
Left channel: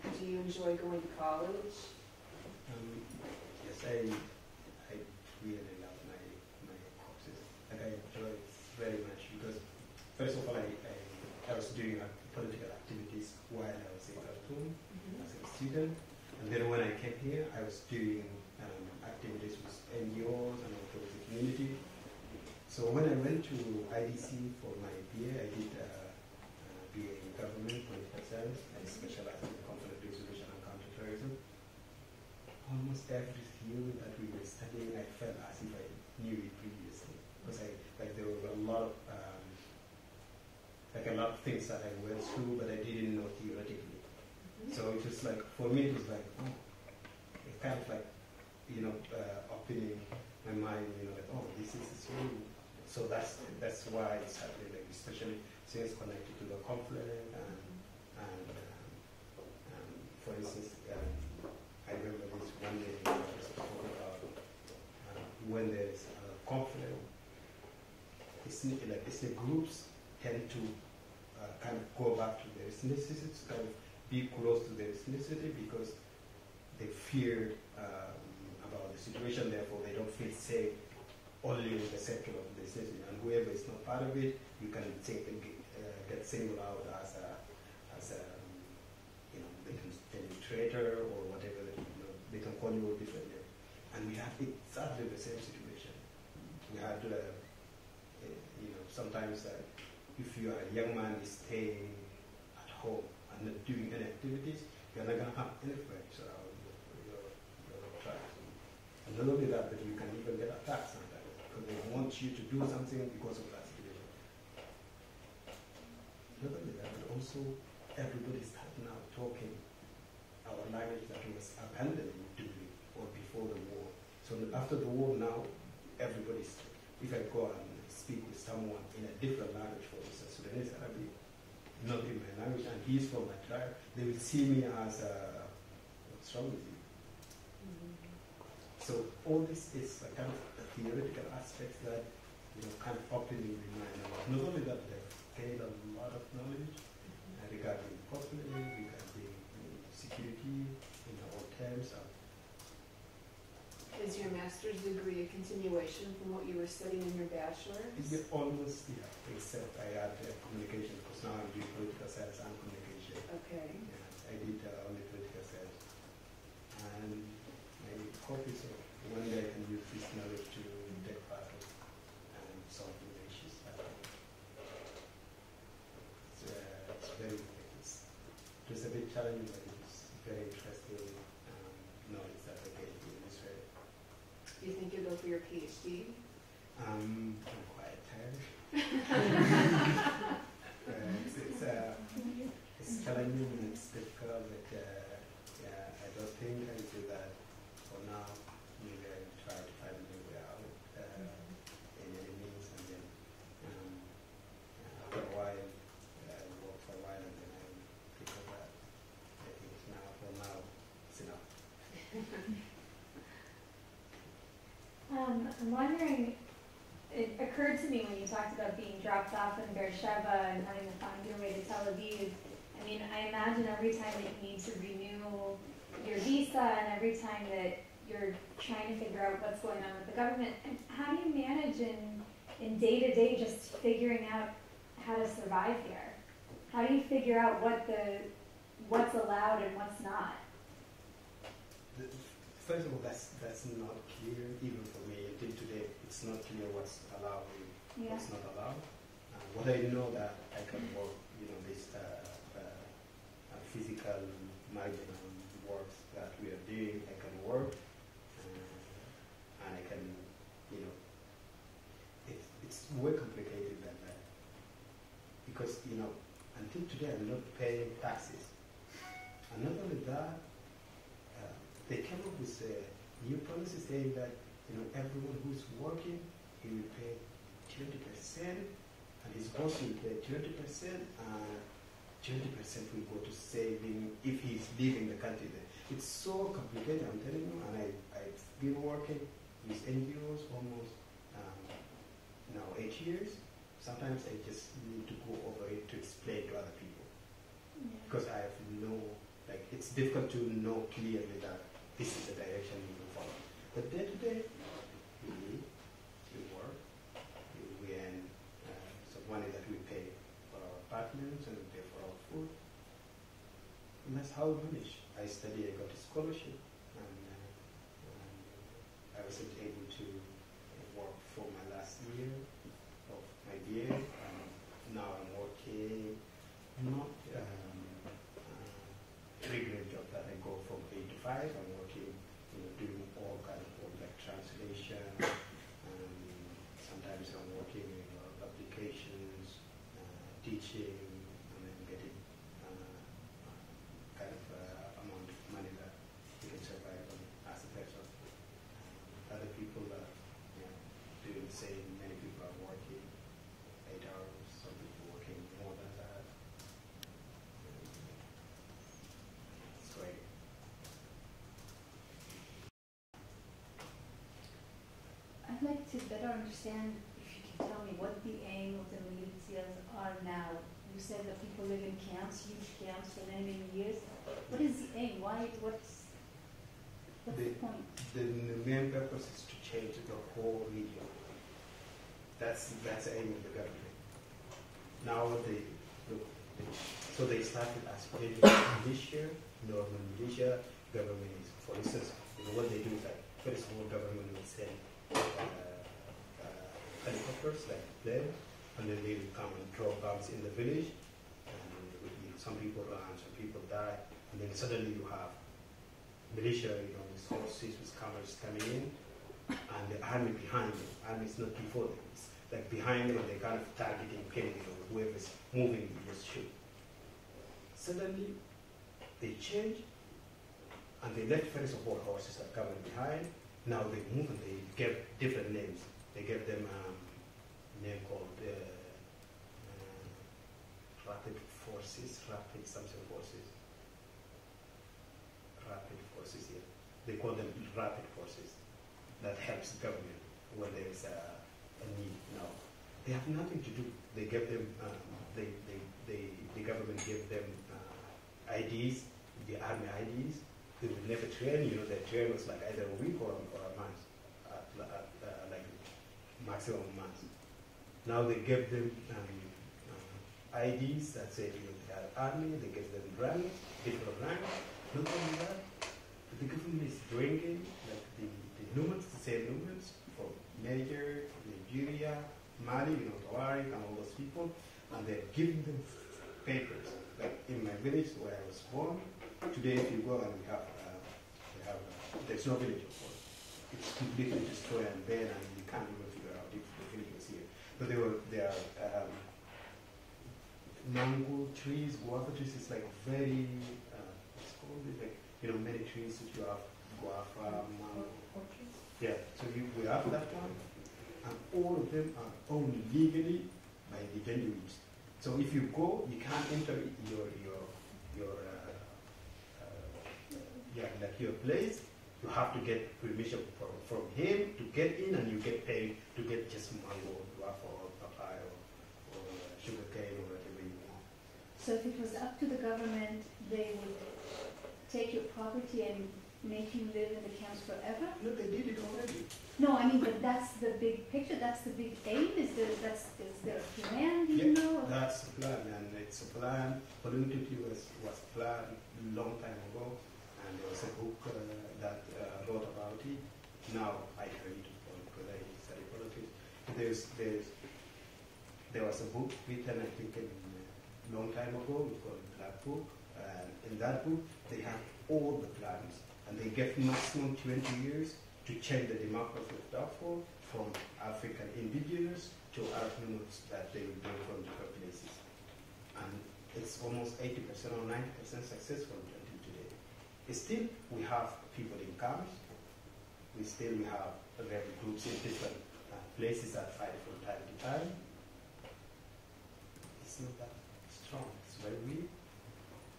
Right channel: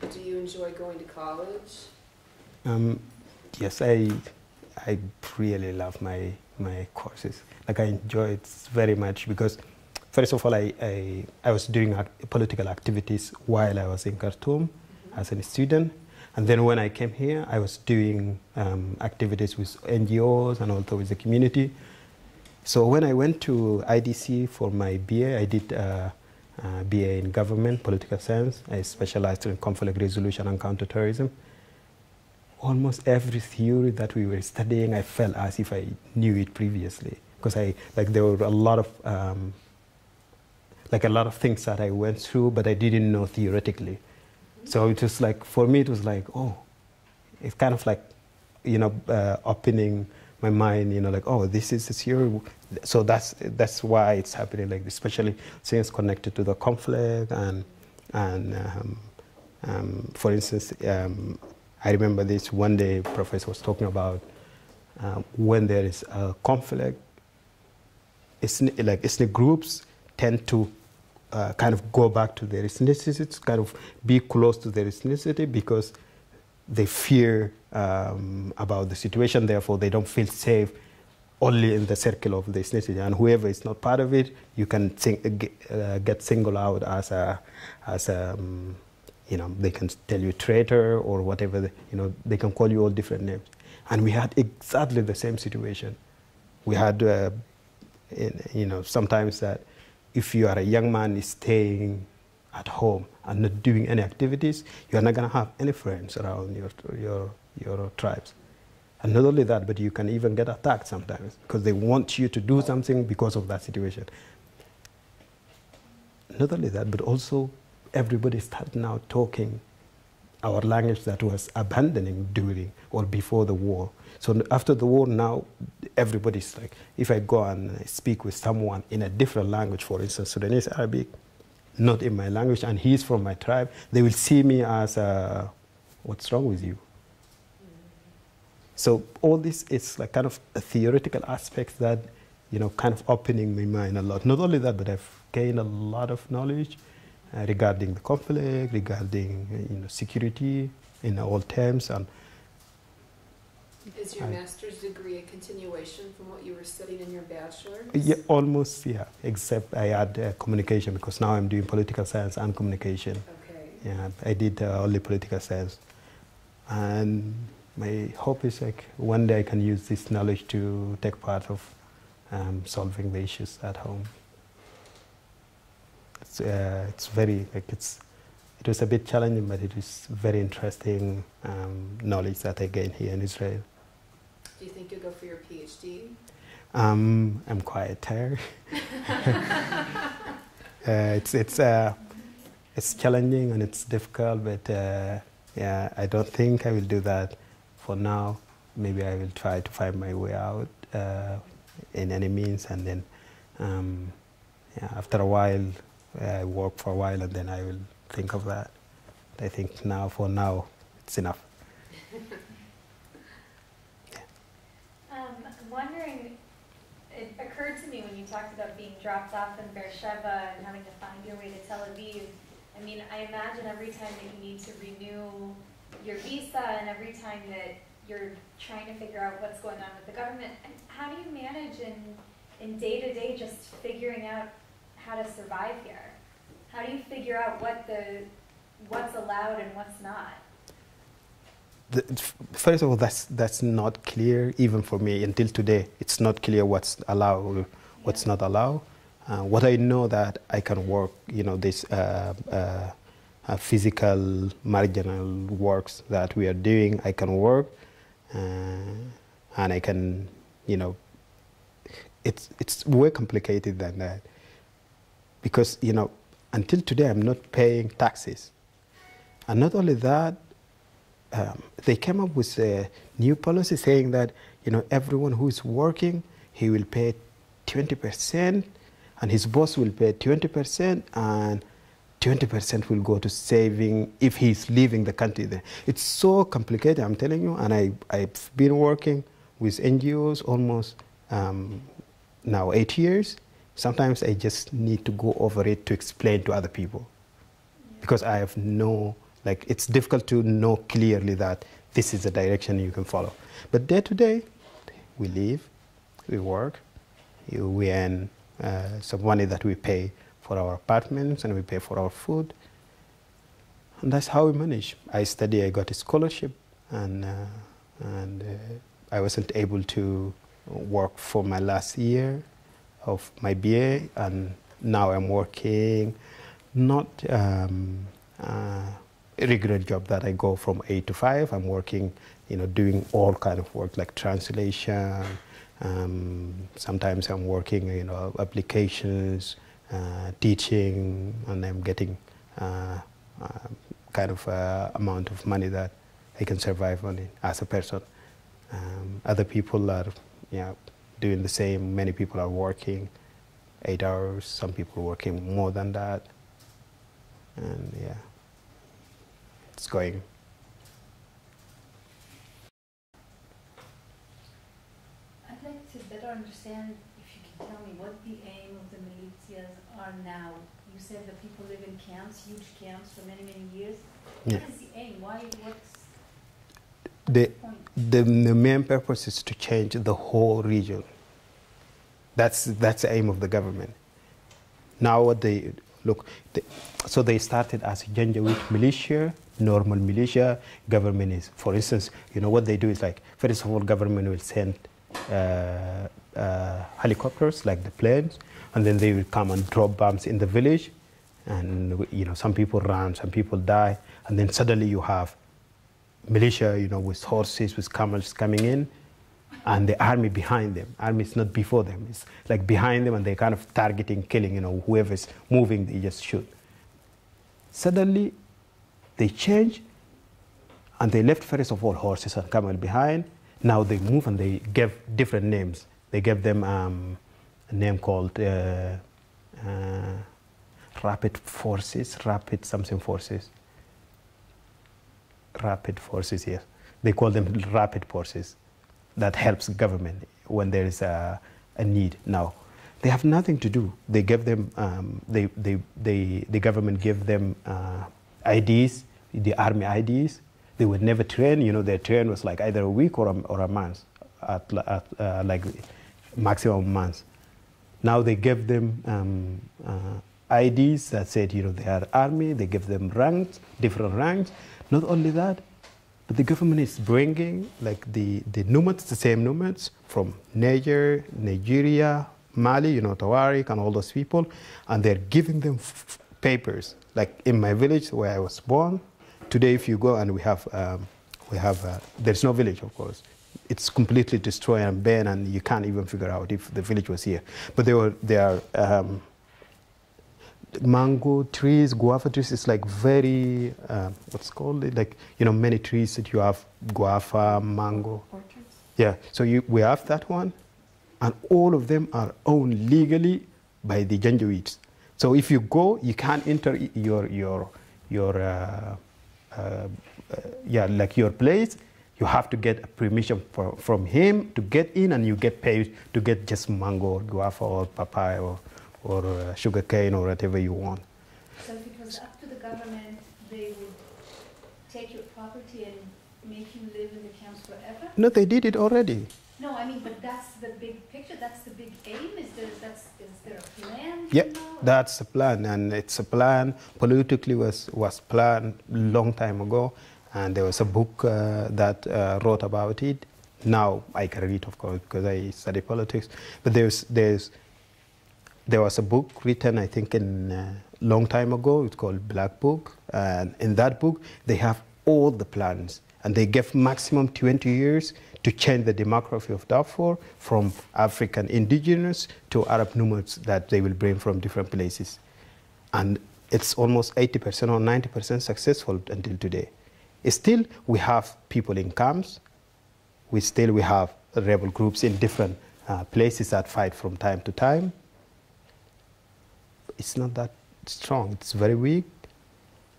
Do you enjoy going to college? Yes, I I really love my courses. Like I enjoy it very much because, first of all, I was doing political activities while I was in Khartoum as a student. And then when I came here, I was doing activities with NGOs and also with the community. So when I went to IDC for my BA, I did BA in government, political science. I specialized in conflict resolution and counterterrorism. Almost every theory that we were studying, I felt as if I knew it previously, because there were a lot of things that I went through, but I didn't know theoretically. So it was like, for me, it was like, oh, it's kind of like, opening my mind, like, oh, this is this theory. So that's why it's happening, like, especially things connected to the conflict and for instance, I remember this one day, professor was talking about when there is a conflict, ethnic groups tend to kind of go back to their ethnicity, kind of be close to their ethnicity because they fear about the situation, therefore they don't feel safe only in the circle of the ethnicity. And whoever is not part of it, you can get singled out as a they can tell you traitor or whatever, they can call you all different names. And we had exactly the same situation. We had, sometimes that if you are a young man staying at home and not doing any activities, you are not going to have any friends around your tribes. And not only that, but you can even get attacked sometimes because they want you to do something because of that situation. Not only that, but also everybody started now talking our language that was abandoning during or before the war. So after the war now, everybody's like, if I go and speak with someone in a different language, for instance, Sudanese Arabic, not in my language, and he's from my tribe, they will see me as, what's wrong with you? So all this is like kind of a theoretical aspect that, kind of opening my mind a lot. Not only that, but I've gained a lot of knowledge regarding the conflict, regarding security in all terms. And is your master's degree a continuation from what you were studying in your bachelor's? Yeah, almost, yeah, except I add communication because now I'm doing political science and communication. Okay. Yeah, I did only political science. And my hope is like one day I can use this knowledge to take part of solving the issues at home. It's very, it was a bit challenging, but it is very interesting knowledge that I gained here in Israel. Do you think you'll go for your PhD? I'm quite tired. It's challenging and it's difficult, but yeah, I don't think I will do that for now. Maybe I will try to find my way out in any means, and then after a while, I work for a while, and then I will think of that. I think for now, it's enough. I'm wondering, it occurred to me when you talked about being dropped off in Beersheba and having to find your way to Tel Aviv. I mean, I imagine every time that you need to renew your visa and every time that you're trying to figure out what's going on with the government, how do you manage in day-to-day just figuring out how to survive here? How do you figure out what's allowed and what's not? First of all, that's not clear even for me until today. It's not clear what's allowed, what's not allowed. What I know that I can work, this physical marginal works that we are doing, I can work, and I can, it's way complicated than that. Because, until today, I'm not paying taxes. And not only that, they came up with a new policy saying that, everyone who is working, he will pay 20%, and his boss will pay 20%, and 20% will go to saving if he's leaving the country there. It's so complicated, I'm telling you, and I've been working with NGOs almost now 8 years. Sometimes I just need to go over it to explain to other people because I have it's difficult to know clearly that this is the direction you can follow. But day to day, we live, we work, we earn some money that we pay for our apartments and we pay for our food. And that's how we manage. I study, I got a scholarship, and I wasn't able to work for my last year of my BA, and now I'm working, not a regular job that I go from 8 to 5. I'm working, doing all kind of work like translation. Sometimes I'm working, applications, teaching, and I'm getting kind of amount of money that I can survive on it as a person. Other people are doing the same. Many people are working 8 hours, some people working more than that. And yeah, it's going. I'd like to better understand, if you can tell me what the aim of the militias are now. You said that people live in camps, huge camps for many, many years. Yeah. What is the aim? What's The point? the main purpose is to change the whole region. That's the aim of the government. Now what so they started as a Janjaweed militia, normal militia. Government is, for instance, what they do is like, first of all, government will send helicopters, like the planes, and then they will come and drop bombs in the village, and some people run, some people die, and then suddenly you have militia, with horses, with camels coming in, and the army behind them. Army is not before them, it's like behind them, and they're kind of targeting, killing, whoever's moving, they just shoot. Suddenly, they change, and they left first of all horses and camel behind. Now they move and they give different names. They gave them a name called rapid forces, rapid something forces. Rapid forces, yes. They call them rapid forces. That helps government when there is a need. Now, they have nothing to do. They give them, the government give them IDs, the army IDs. They would never train. Their train was like either a week or a month, at like maximum months. Now they give them IDs that said, they are army. They give them ranks, different ranks. Not only that, but the government is bringing like the nomads, the same nomads from Niger, Nigeria, Mali, Tawarik, and all those people, and they're giving them papers. Like in my village where I was born, today if you go and we have there's no village, of course. It's completely destroyed and burned, and you can't even figure out if the village was here. But there are mango trees, guava trees. It's like very what's called it, like many trees that you have guava, mango. Orchards? Yeah. So we have that one, and all of them are owned legally by the Janjaweeds. So if you go, you can't enter your place. You have to get permission from him to get in, and you get paid to get just mango or guava or papaya or sugar cane or whatever you want. So if it was up to the government, they would take your property and make you live in the camps forever? No, they did it already. No, I mean, but that's the big picture, that's the big aim. Is there a plan? Yeah, that's the plan, and it's a plan. Politically was planned long time ago, and there was a book that wrote about it. Now I can read, of course, because I study politics. But there was a book written, I think, in long time ago. It's called Black Book, and in that book they have all the plans, and they give maximum 20 years to change the demography of Darfur from African indigenous to Arab nomads that they will bring from different places. And it's almost 80% or 90% successful until today. Still, we have people in camps. We have rebel groups in different places that fight from time to time. It's not that strong. It's very weak,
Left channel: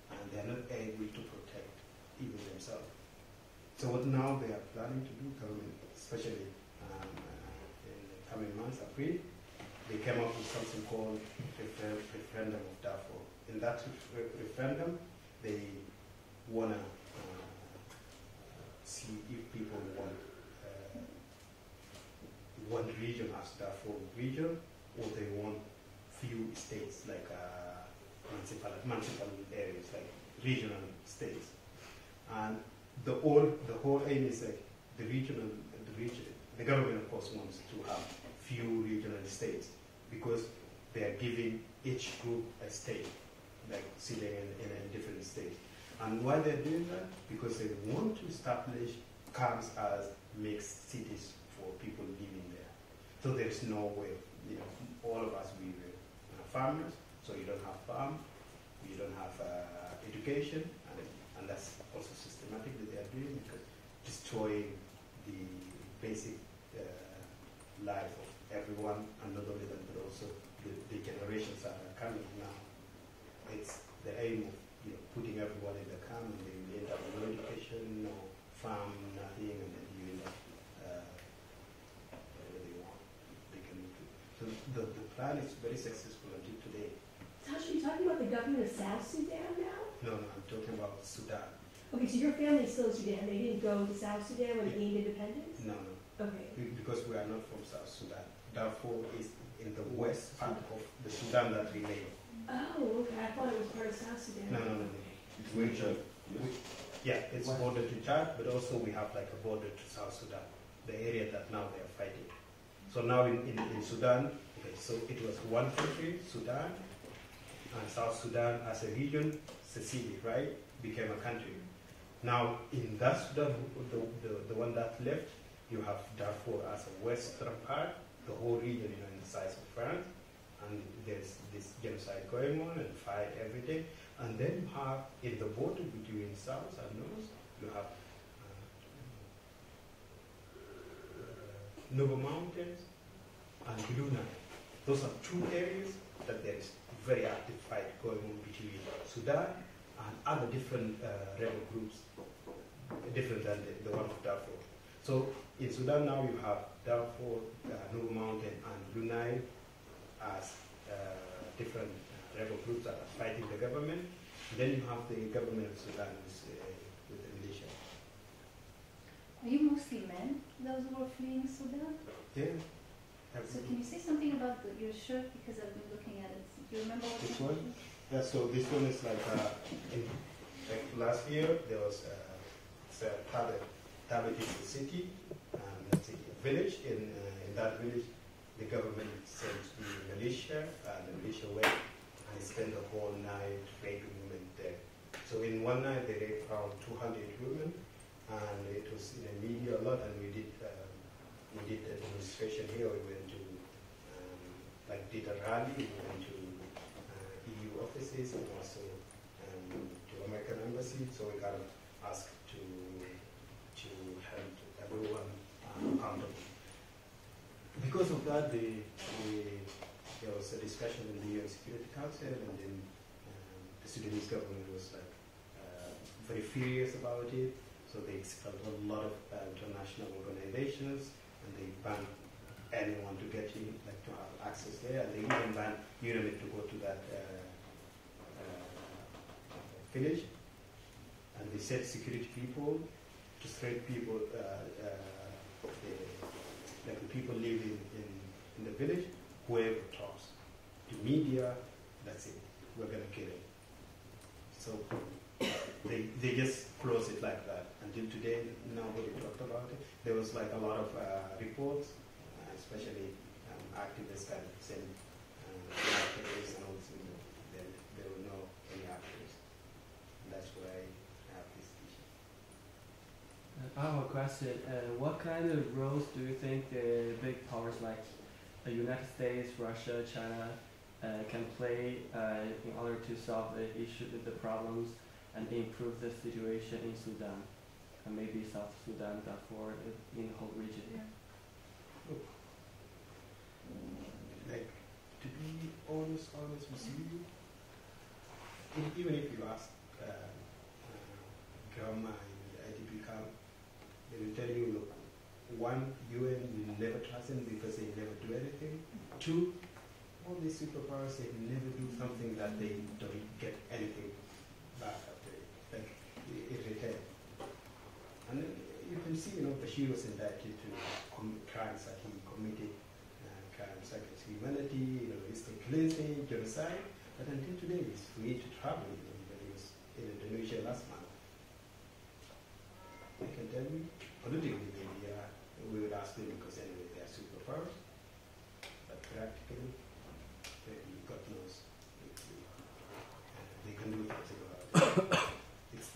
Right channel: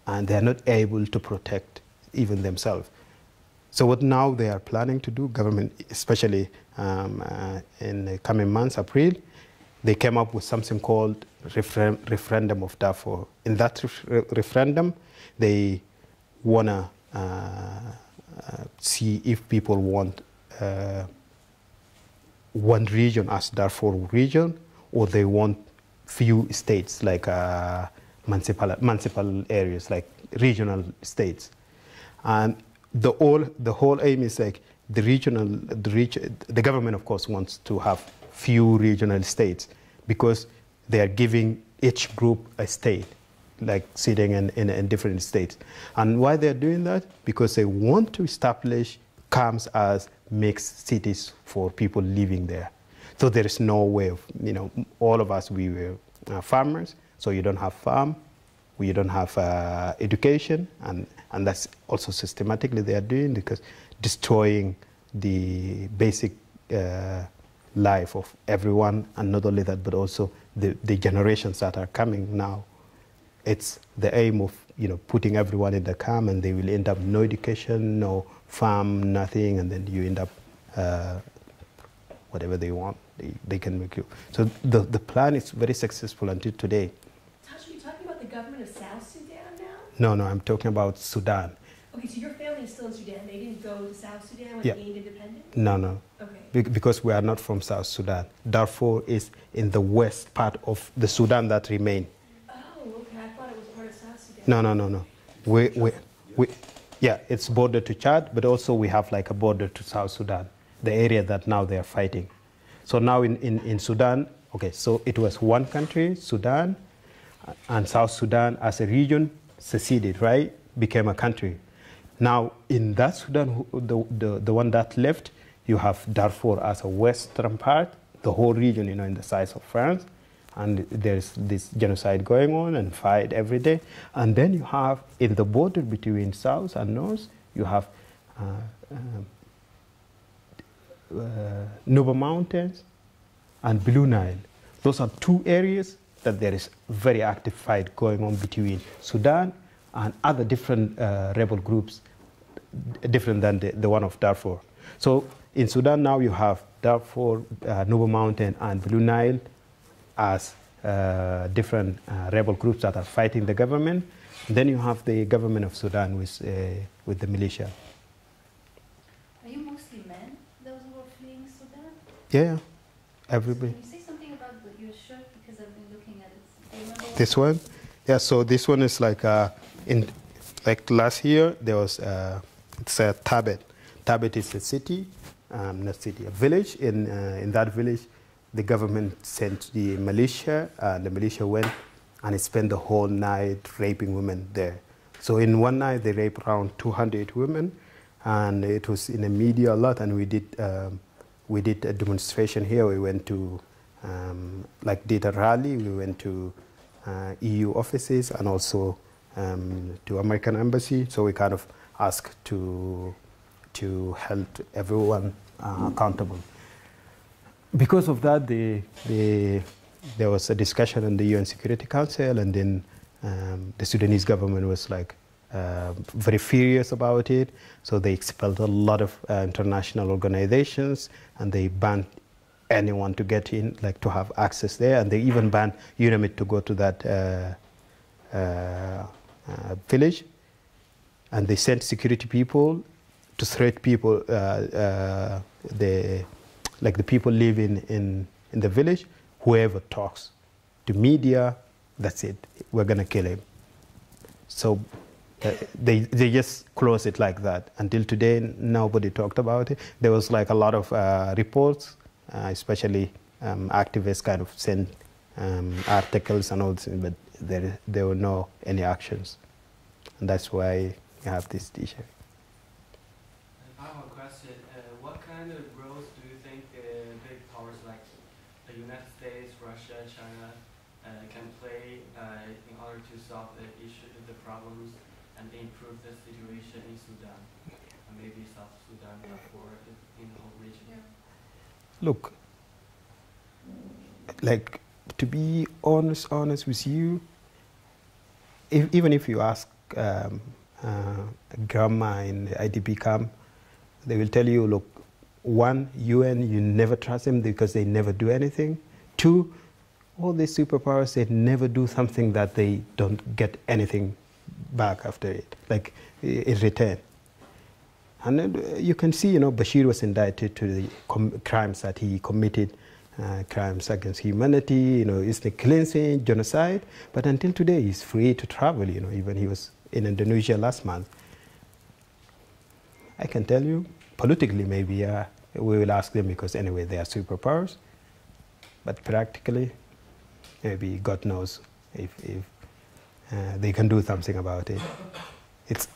and they're not able to protect even themselves. So what now they are planning to do, government, especially in the coming months, April, they came up with something called referendum of Darfur. In that referendum, they want to see if people want one region as Darfur region, or they want few states like municipal areas, like regional states. And the whole aim is like the government, of course, wants to have few regional states because they are giving each group a state, like sitting in different states. And why they're doing that? Because they want to establish camps as mixed cities for people living there. So there is no way of, all of us, we were farmers, so you don't have farm, you don't have education, and that's also systematically they are doing, because destroying the basic life of everyone, and not only that, but also the generations that are coming now. It's the aim of putting everyone in the camp, and they will end up no education, no farm, nothing, and then you end up whatever they want, they can make you. So the plan is very successful until today. Taj, are you talking about the government of South Sudan now? No, I'm talking about Sudan. Okay, so your family is still in Sudan. They didn't go to South Sudan when Yeah. they gained independence? No. Okay. Because we are not from South Sudan. Darfur is in the west part of the Sudan that remain. Oh, okay. I thought it was part of South Sudan. No. Yeah, it's border to Chad, but also we have like a border to South Sudan, the area that now they are fighting. So now in Sudan, okay, so it was one country, Sudan, and South Sudan as a region seceded, right? Became a country. Now in that Sudan, the one that left, you have Darfur as a western part, the whole region, in the size of France, and there's this genocide going on and fight every day. And then you have, in the border between South and North, you have Nuba Mountains and Blue Nile. Those are two areas that there is very active fight going on between Sudan and other different rebel groups, different than the one of Darfur. So in Sudan now you have Darfur, Nuba Mountain, and Blue Nile as different rebel groups that are fighting the government. Then you have the government of Sudan with the militia. Are you mostly men, those who are fleeing Sudan? Yeah, everybody. Can you say something about your shirt, because I've been looking at it? This one? Yeah, so this one is like, last year, there was, it's a Tabet. Tabet is a city, not city, a village. In that village, the government sent the militia went and it spent the whole night raping women there. So in one night, they raped around 200 women, and it was in the media a lot, and we did a demonstration here. We went to, did a rally, we went to EU offices and also to American embassy. So we kind of asked to hold everyone accountable. Because of that, there was a discussion in the UN Security Council, and then the Sudanese government was very furious about it. So they expelled a lot of international organizations, and they banned anyone to get in, to have access there, and they even banned UNAMID to go to that village. And they sent security people to threat people, the people living in the village, whoever talks to media, that's it, we're gonna kill him. So they just closed it like that. Until today, nobody talked about it. There was a lot of reports, especially activists kind of sent articles and all this, but there were no any actions. And that's why you have this t-shirt. I have a question. What kind of roles do you think the big powers like the United States, Russia, China can play in order to solve the problems and improve the situation in Sudan, and maybe South Sudan, Darfur, in the whole region? Look, to be honest with you, even if you ask grandma in the IDP camp, they will tell you, look, one, UN, you never trust them because they never do anything. Two, all these superpowers, they never do something that they don't get anything back after it, in return. And you can see, Bashir was indicted to the crimes that he committed, crimes against humanity, ethnic cleansing, genocide. But until today, he's free to travel, even he was in Indonesia last month. I can tell you, politically maybe we will ask them because anyway they are superpowers. But practically, maybe God knows if they can do something about it.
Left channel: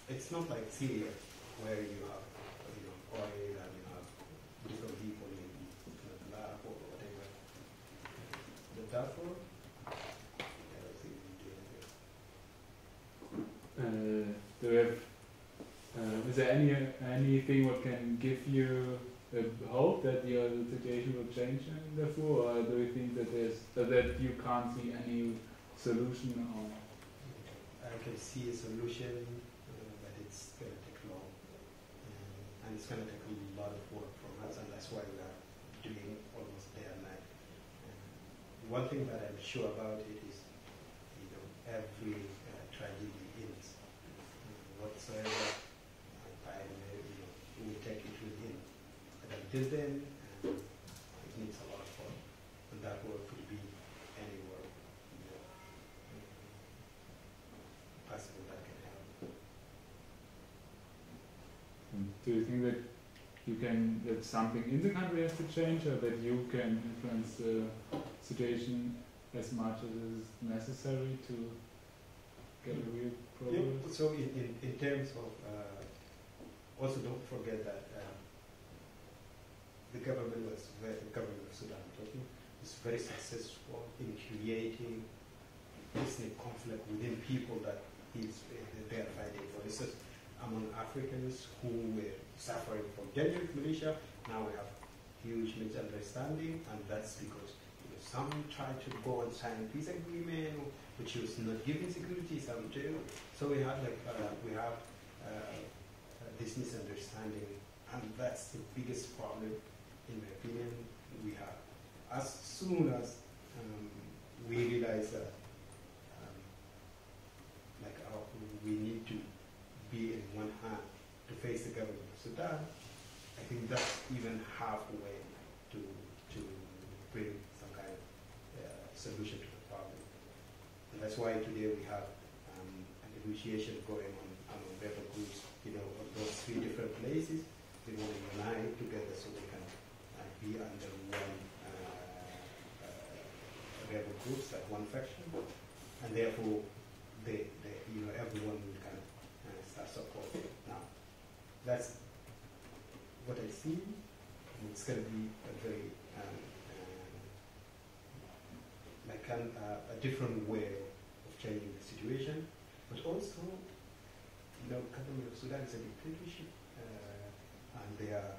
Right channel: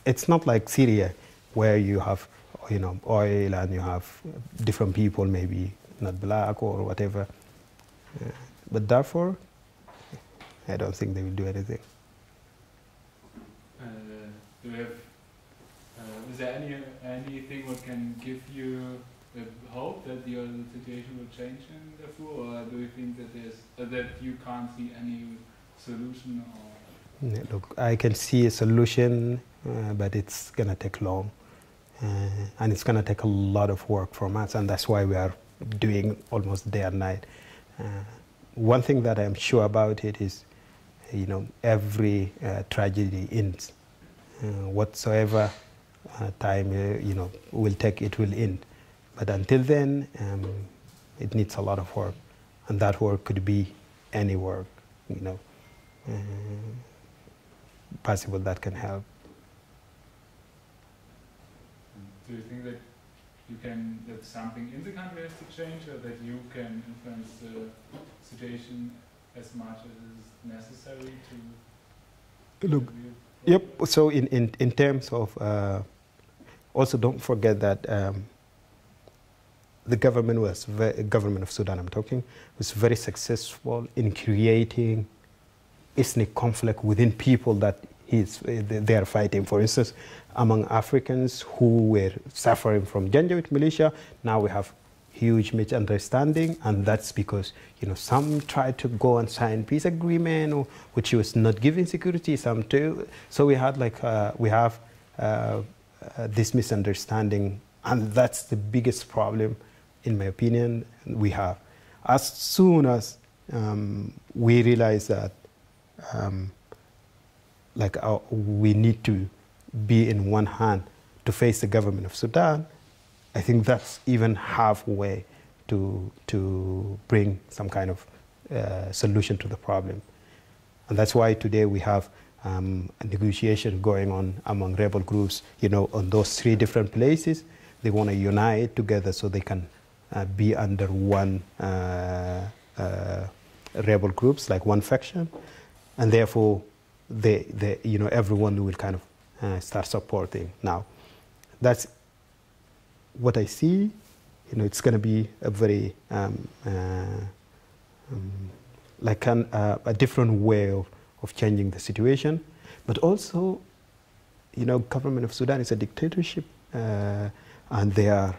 It's not like Syria, where you have, oil and you have different people, maybe not black or whatever. But Darfur, I don't think they will do anything. Do you have? Is there anything what can give you hope that your situation will change in Darfur, or do you think that that you can't see any solution? Or? Look, I can see a solution, but it's gonna take long, and it's gonna take a lot of work from us, and that's why we are doing almost day and night. One thing that I'm sure about it is, every tragedy ends. Whatsoever time will take, it will end. But until then, it needs a lot of work, and that work could be any work, possible that can help. Do you think that something in the country has to change, or that you can influence the situation as much as is necessary to? Look, yep. So in terms of, also don't forget that the government government of Sudan, I'm talking, was very successful in creating ethnic conflict within people that they are fighting. For instance, among Africans who were suffering from Janjaweed militia, now we have huge misunderstanding, and that's because some tried to go and sign peace agreement, which was not giving security. Some too. So we had this misunderstanding, and that's the biggest problem, in my opinion, we have. As soon as we realize that we need to be in one hand to face the government of Sudan, I think that's even halfway to bring some kind of solution to the problem. And that's why today we have a negotiation going on among rebel groups, on those 3 different places. They want to unite together so they can be under one rebel groups, like one faction, and therefore everyone will kind of start supporting. Now, that's what I see. It's going to be a very a different way of changing the situation, but also, government of Sudan is a dictatorship, and they are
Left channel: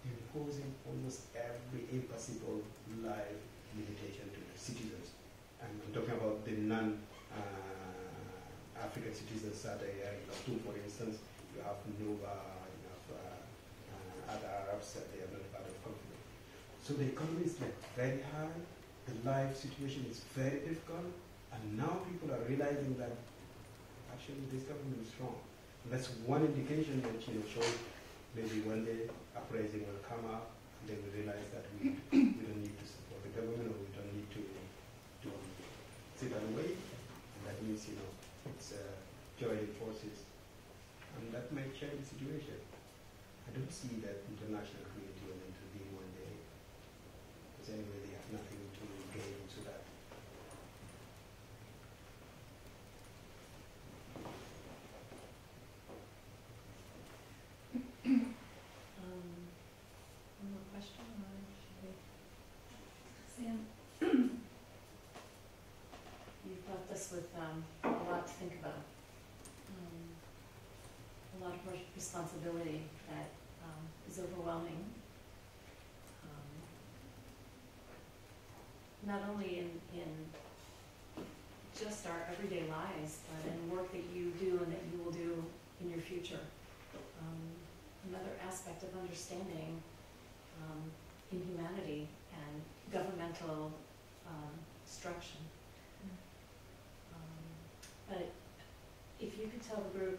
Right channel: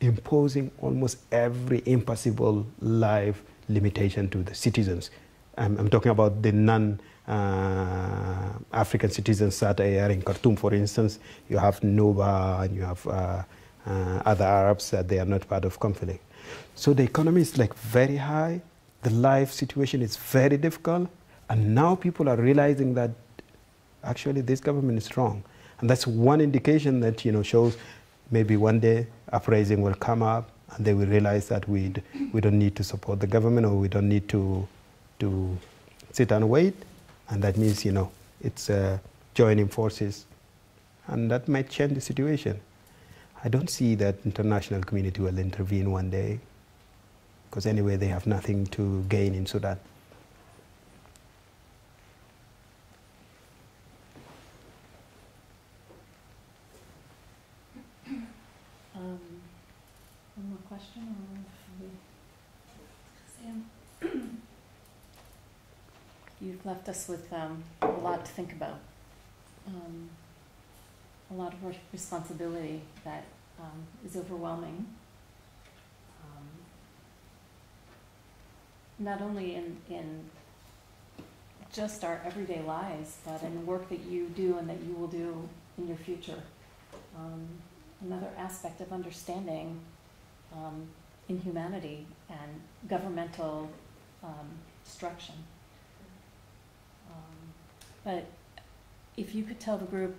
imposing almost every impossible life limitation to the citizens. I'm talking about the non-African citizens that are in Khartoum, for instance. You have Nuba, and you have other Arabs that they are not part of conflict. So the economy is very high, the life situation is very difficult, and now people are realizing that actually this government is wrong. And that's one indication that shows maybe one day uprising will come up, and they will realize that we don't need to support the government, or we don't need to sit and wait, and that means it's joining forces, and that might change the situation. I don't see that international community will intervene one day, because anyway they have nothing to gain in Sudan. One more question, or should we? Sam, you've left us with a lot to think about. A lot of responsibility that is overwhelming. Not only in just our everyday lives, but in the work that you do and that you will do in your future. Another aspect of understanding inhumanity and governmental destruction. But if you could tell the group,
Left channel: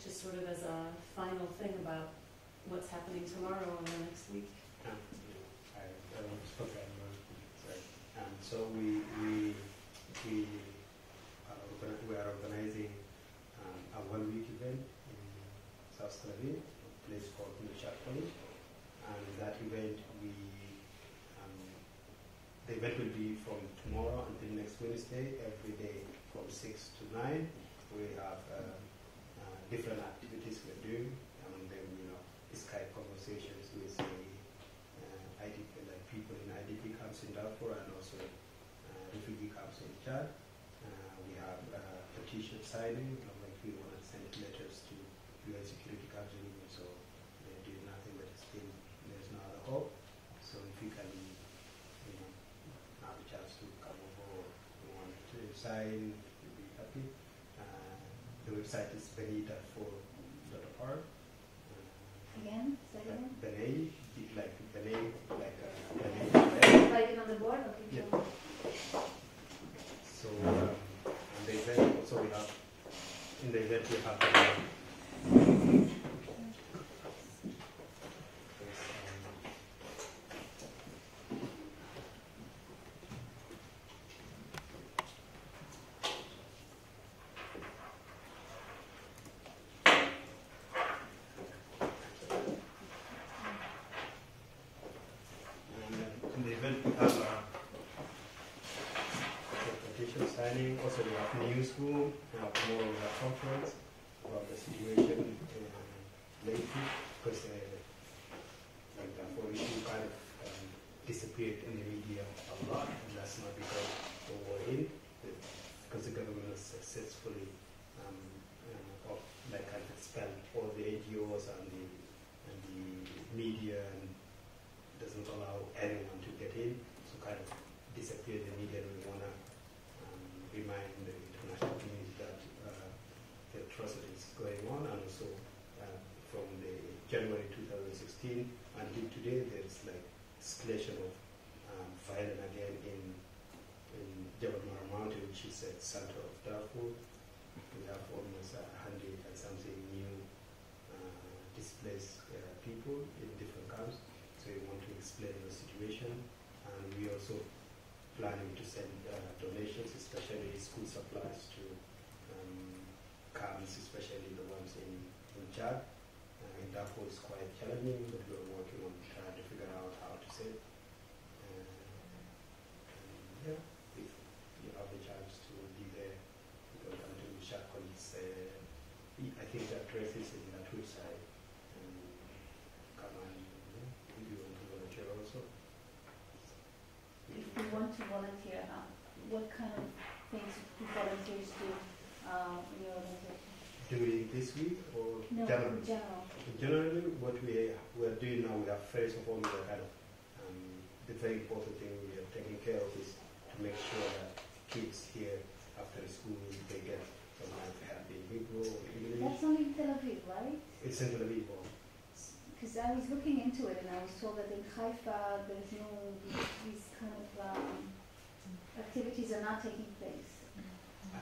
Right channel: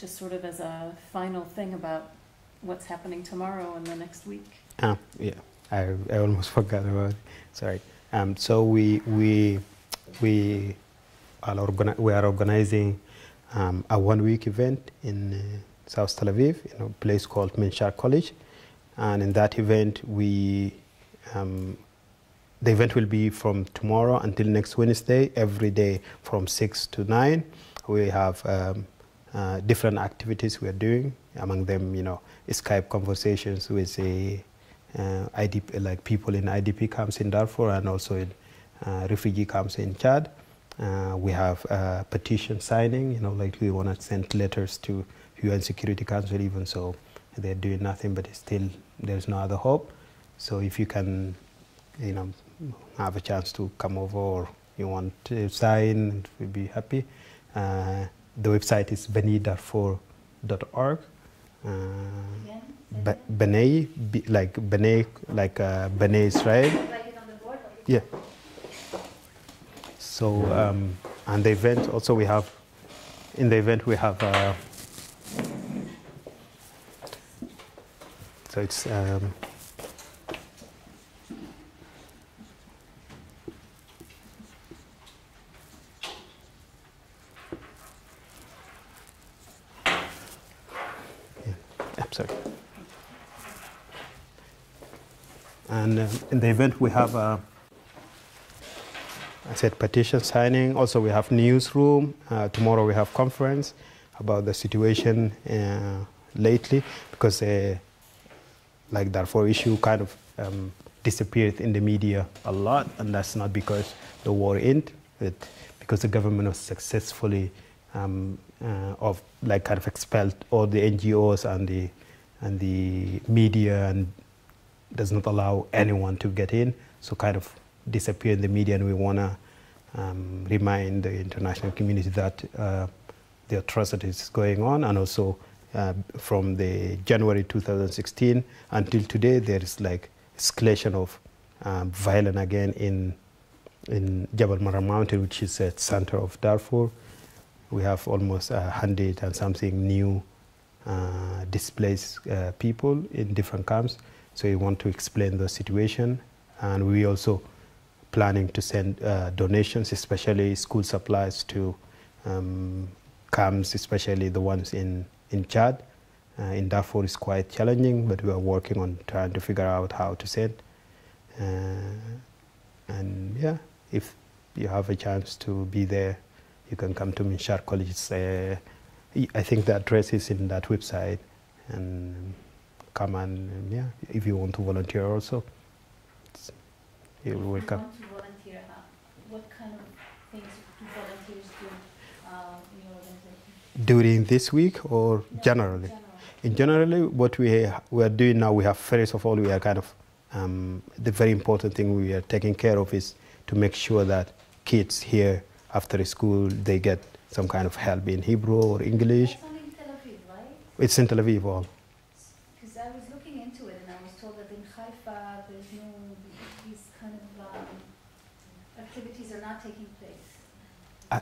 just sort of as a final thing about what's happening tomorrow and the next week. Yeah, I almost forgot about it. Sorry. So we are organizing a one-week event in South Tel Aviv, in a place called Minshar College, and in that event the event will be from tomorrow until next Wednesday, every day from 6 to 9. We have different activities we are doing. Among them, Skype conversations with IDP, like people in IDP camps in Darfur and also in refugee camps in Chad. We have petition signing, like we want to send letters to UN Security Council, even so they're doing nothing, but still there's no other hope. So if you can, have a chance to come over or you want to sign, we'd be happy. The website is benedarfur.org. B'nai, like B'nai, like B'nai Israel. Yeah. So, and the event also we have, in the event we have, so it's, sorry. And in the event we have, I said petition signing. Also we have newsroom. Tomorrow we have conference about the situation lately, because like Darfur issue kind of disappeared in the media a lot, and that's not because the war ended, but because the government was successfully kind of expelled all the NGOs and the media, and does not allow anyone to get in, so kind of disappear in the media. And we want to remind the international community that the atrocities going on, and also from the January 2016 until today, there is like escalation of violence again in Jabal Mara Mountain, which is at center of Darfur. We have almost 100 and something new displaced people in different camps. So we want to explain the situation, and we also planning to send donations, especially school supplies to camps, especially the ones in Chad. In Darfur is quite challenging, but we are working on trying to figure out how to send. And yeah, if you have a chance to be there, you can come to Minshar College. I think the address is in that website, and come and if you want to volunteer also, you're welcome. If you want to volunteer, what kind of things do volunteers do in your organization? During this week or generally? In generally, what we are doing now, we have, first of all, we are kind of, the very important thing we are taking care of is to make sure that kids here after school, they get some kind of help in Hebrew or English. That's only in Tel Aviv, right? It's in Tel Aviv all. Because I was looking into it and I was told that in Haifa, there's these kind of activities are not taking place.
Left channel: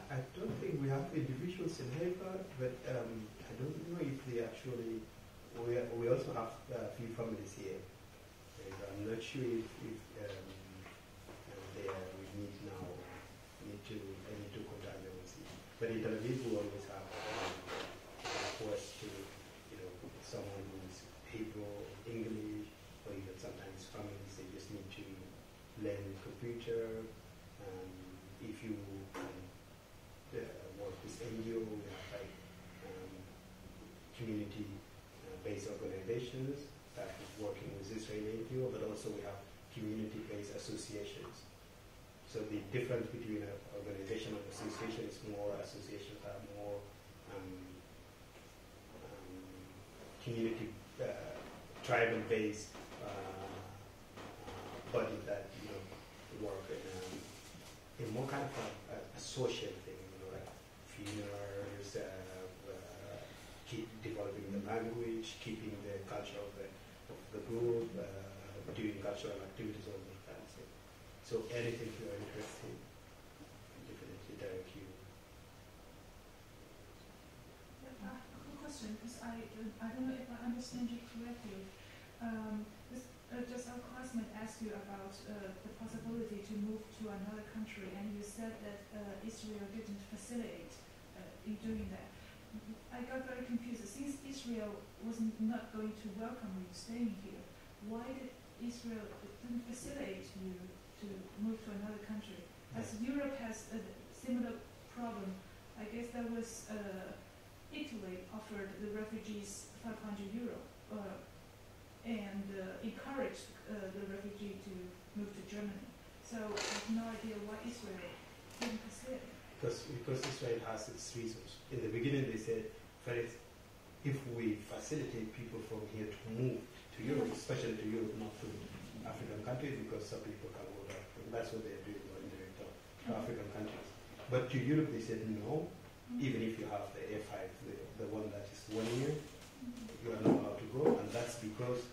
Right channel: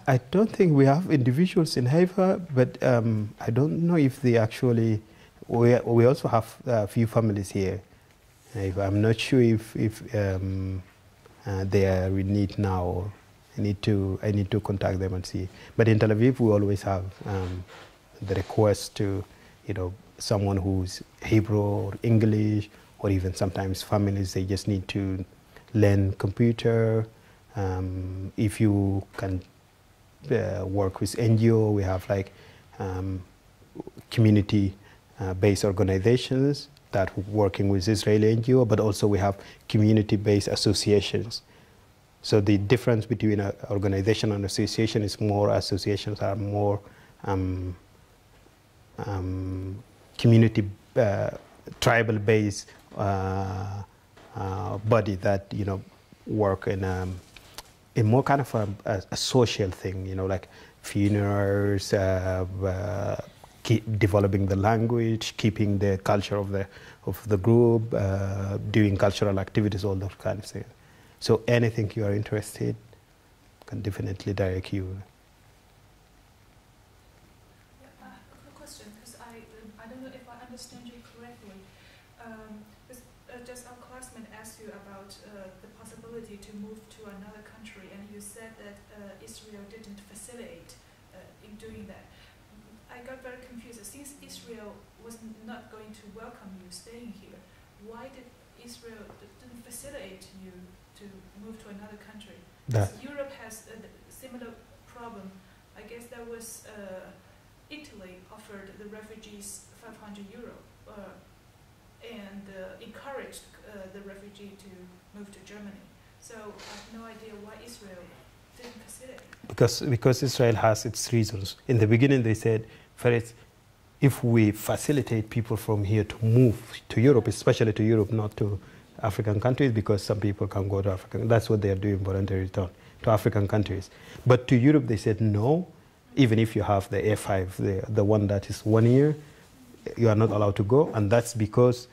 I don't think we have individuals in Haifa, but I don't know if they actually, we also have a few families here. I'm not sure if they are in need now. Or I need to contact them and see. But in Tel Aviv, we always have the request to, someone who's Hebrew or English, or even sometimes families, they just need to learn computer. If you can work with NGO, we have like community-based organizations that working with Israeli NGO, but also we have community-based associations. So the difference between an organization and association is more associations are more community, tribal-based body that work in more kind of a social thing, like funerals, developing the language, keeping the culture of the group, doing cultural activities, all those kind of things. So anything you are interested, can definitely direct you. A question, because I don't know if I understand you correctly. to another country, and you said that Israel didn't facilitate in doing that. I got very confused. Since Israel was not going to welcome you staying here, why did Israel didn't facilitate you to move to another country? Europe has a similar problem. I guess that was Italy offered the refugees €500 and encouraged the refugee to move to Germany. So I have no idea why Israel didn't facilitate. Because Israel has its reasons. In the beginning they said, first, if we facilitate people from here to move to Europe, especially to Europe, not to African countries, because some people can go to Africa. That's what they are doing, voluntary return to African countries. But to Europe they said no, even if you have the A5, the one that is 1 year, you are not allowed to go. And that's because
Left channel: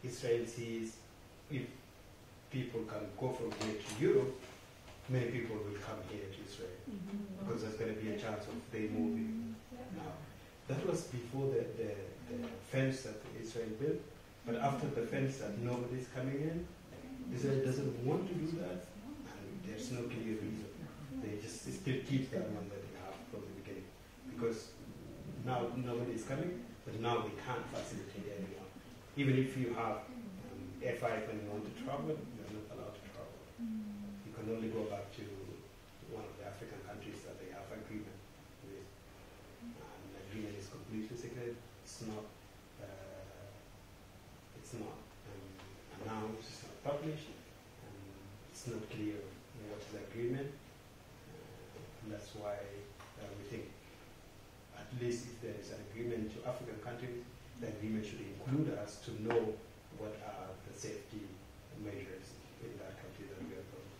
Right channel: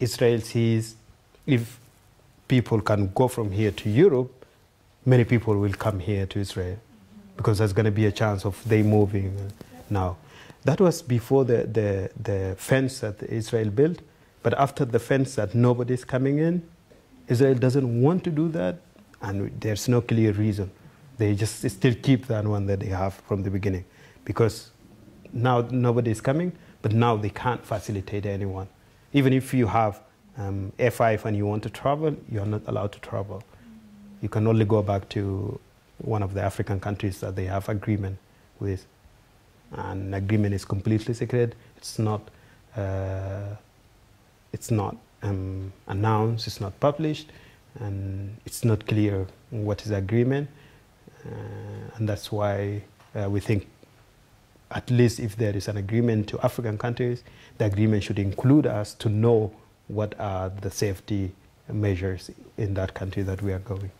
Israel sees if people can go from here to Europe, many people will come here to Israel, because there's going to be a chance of they moving now. That was before the fence that Israel built. But after the fence that nobody's coming in, Israel doesn't want to do that, and there's no clear reason. They just still keep that one that they have from the beginning, because now nobody's coming, but now they can't facilitate anyone. Even if you have F5 and you want to travel, you're not allowed to travel. You can only go back to one of the African countries that they have agreement with. And agreement is completely secret. It's not announced, it's not published, and it's not clear what is the agreement. And that's why we think, at least if there is an agreement to African countries, the agreement should include us to know what are the safety measures in that country that we are going.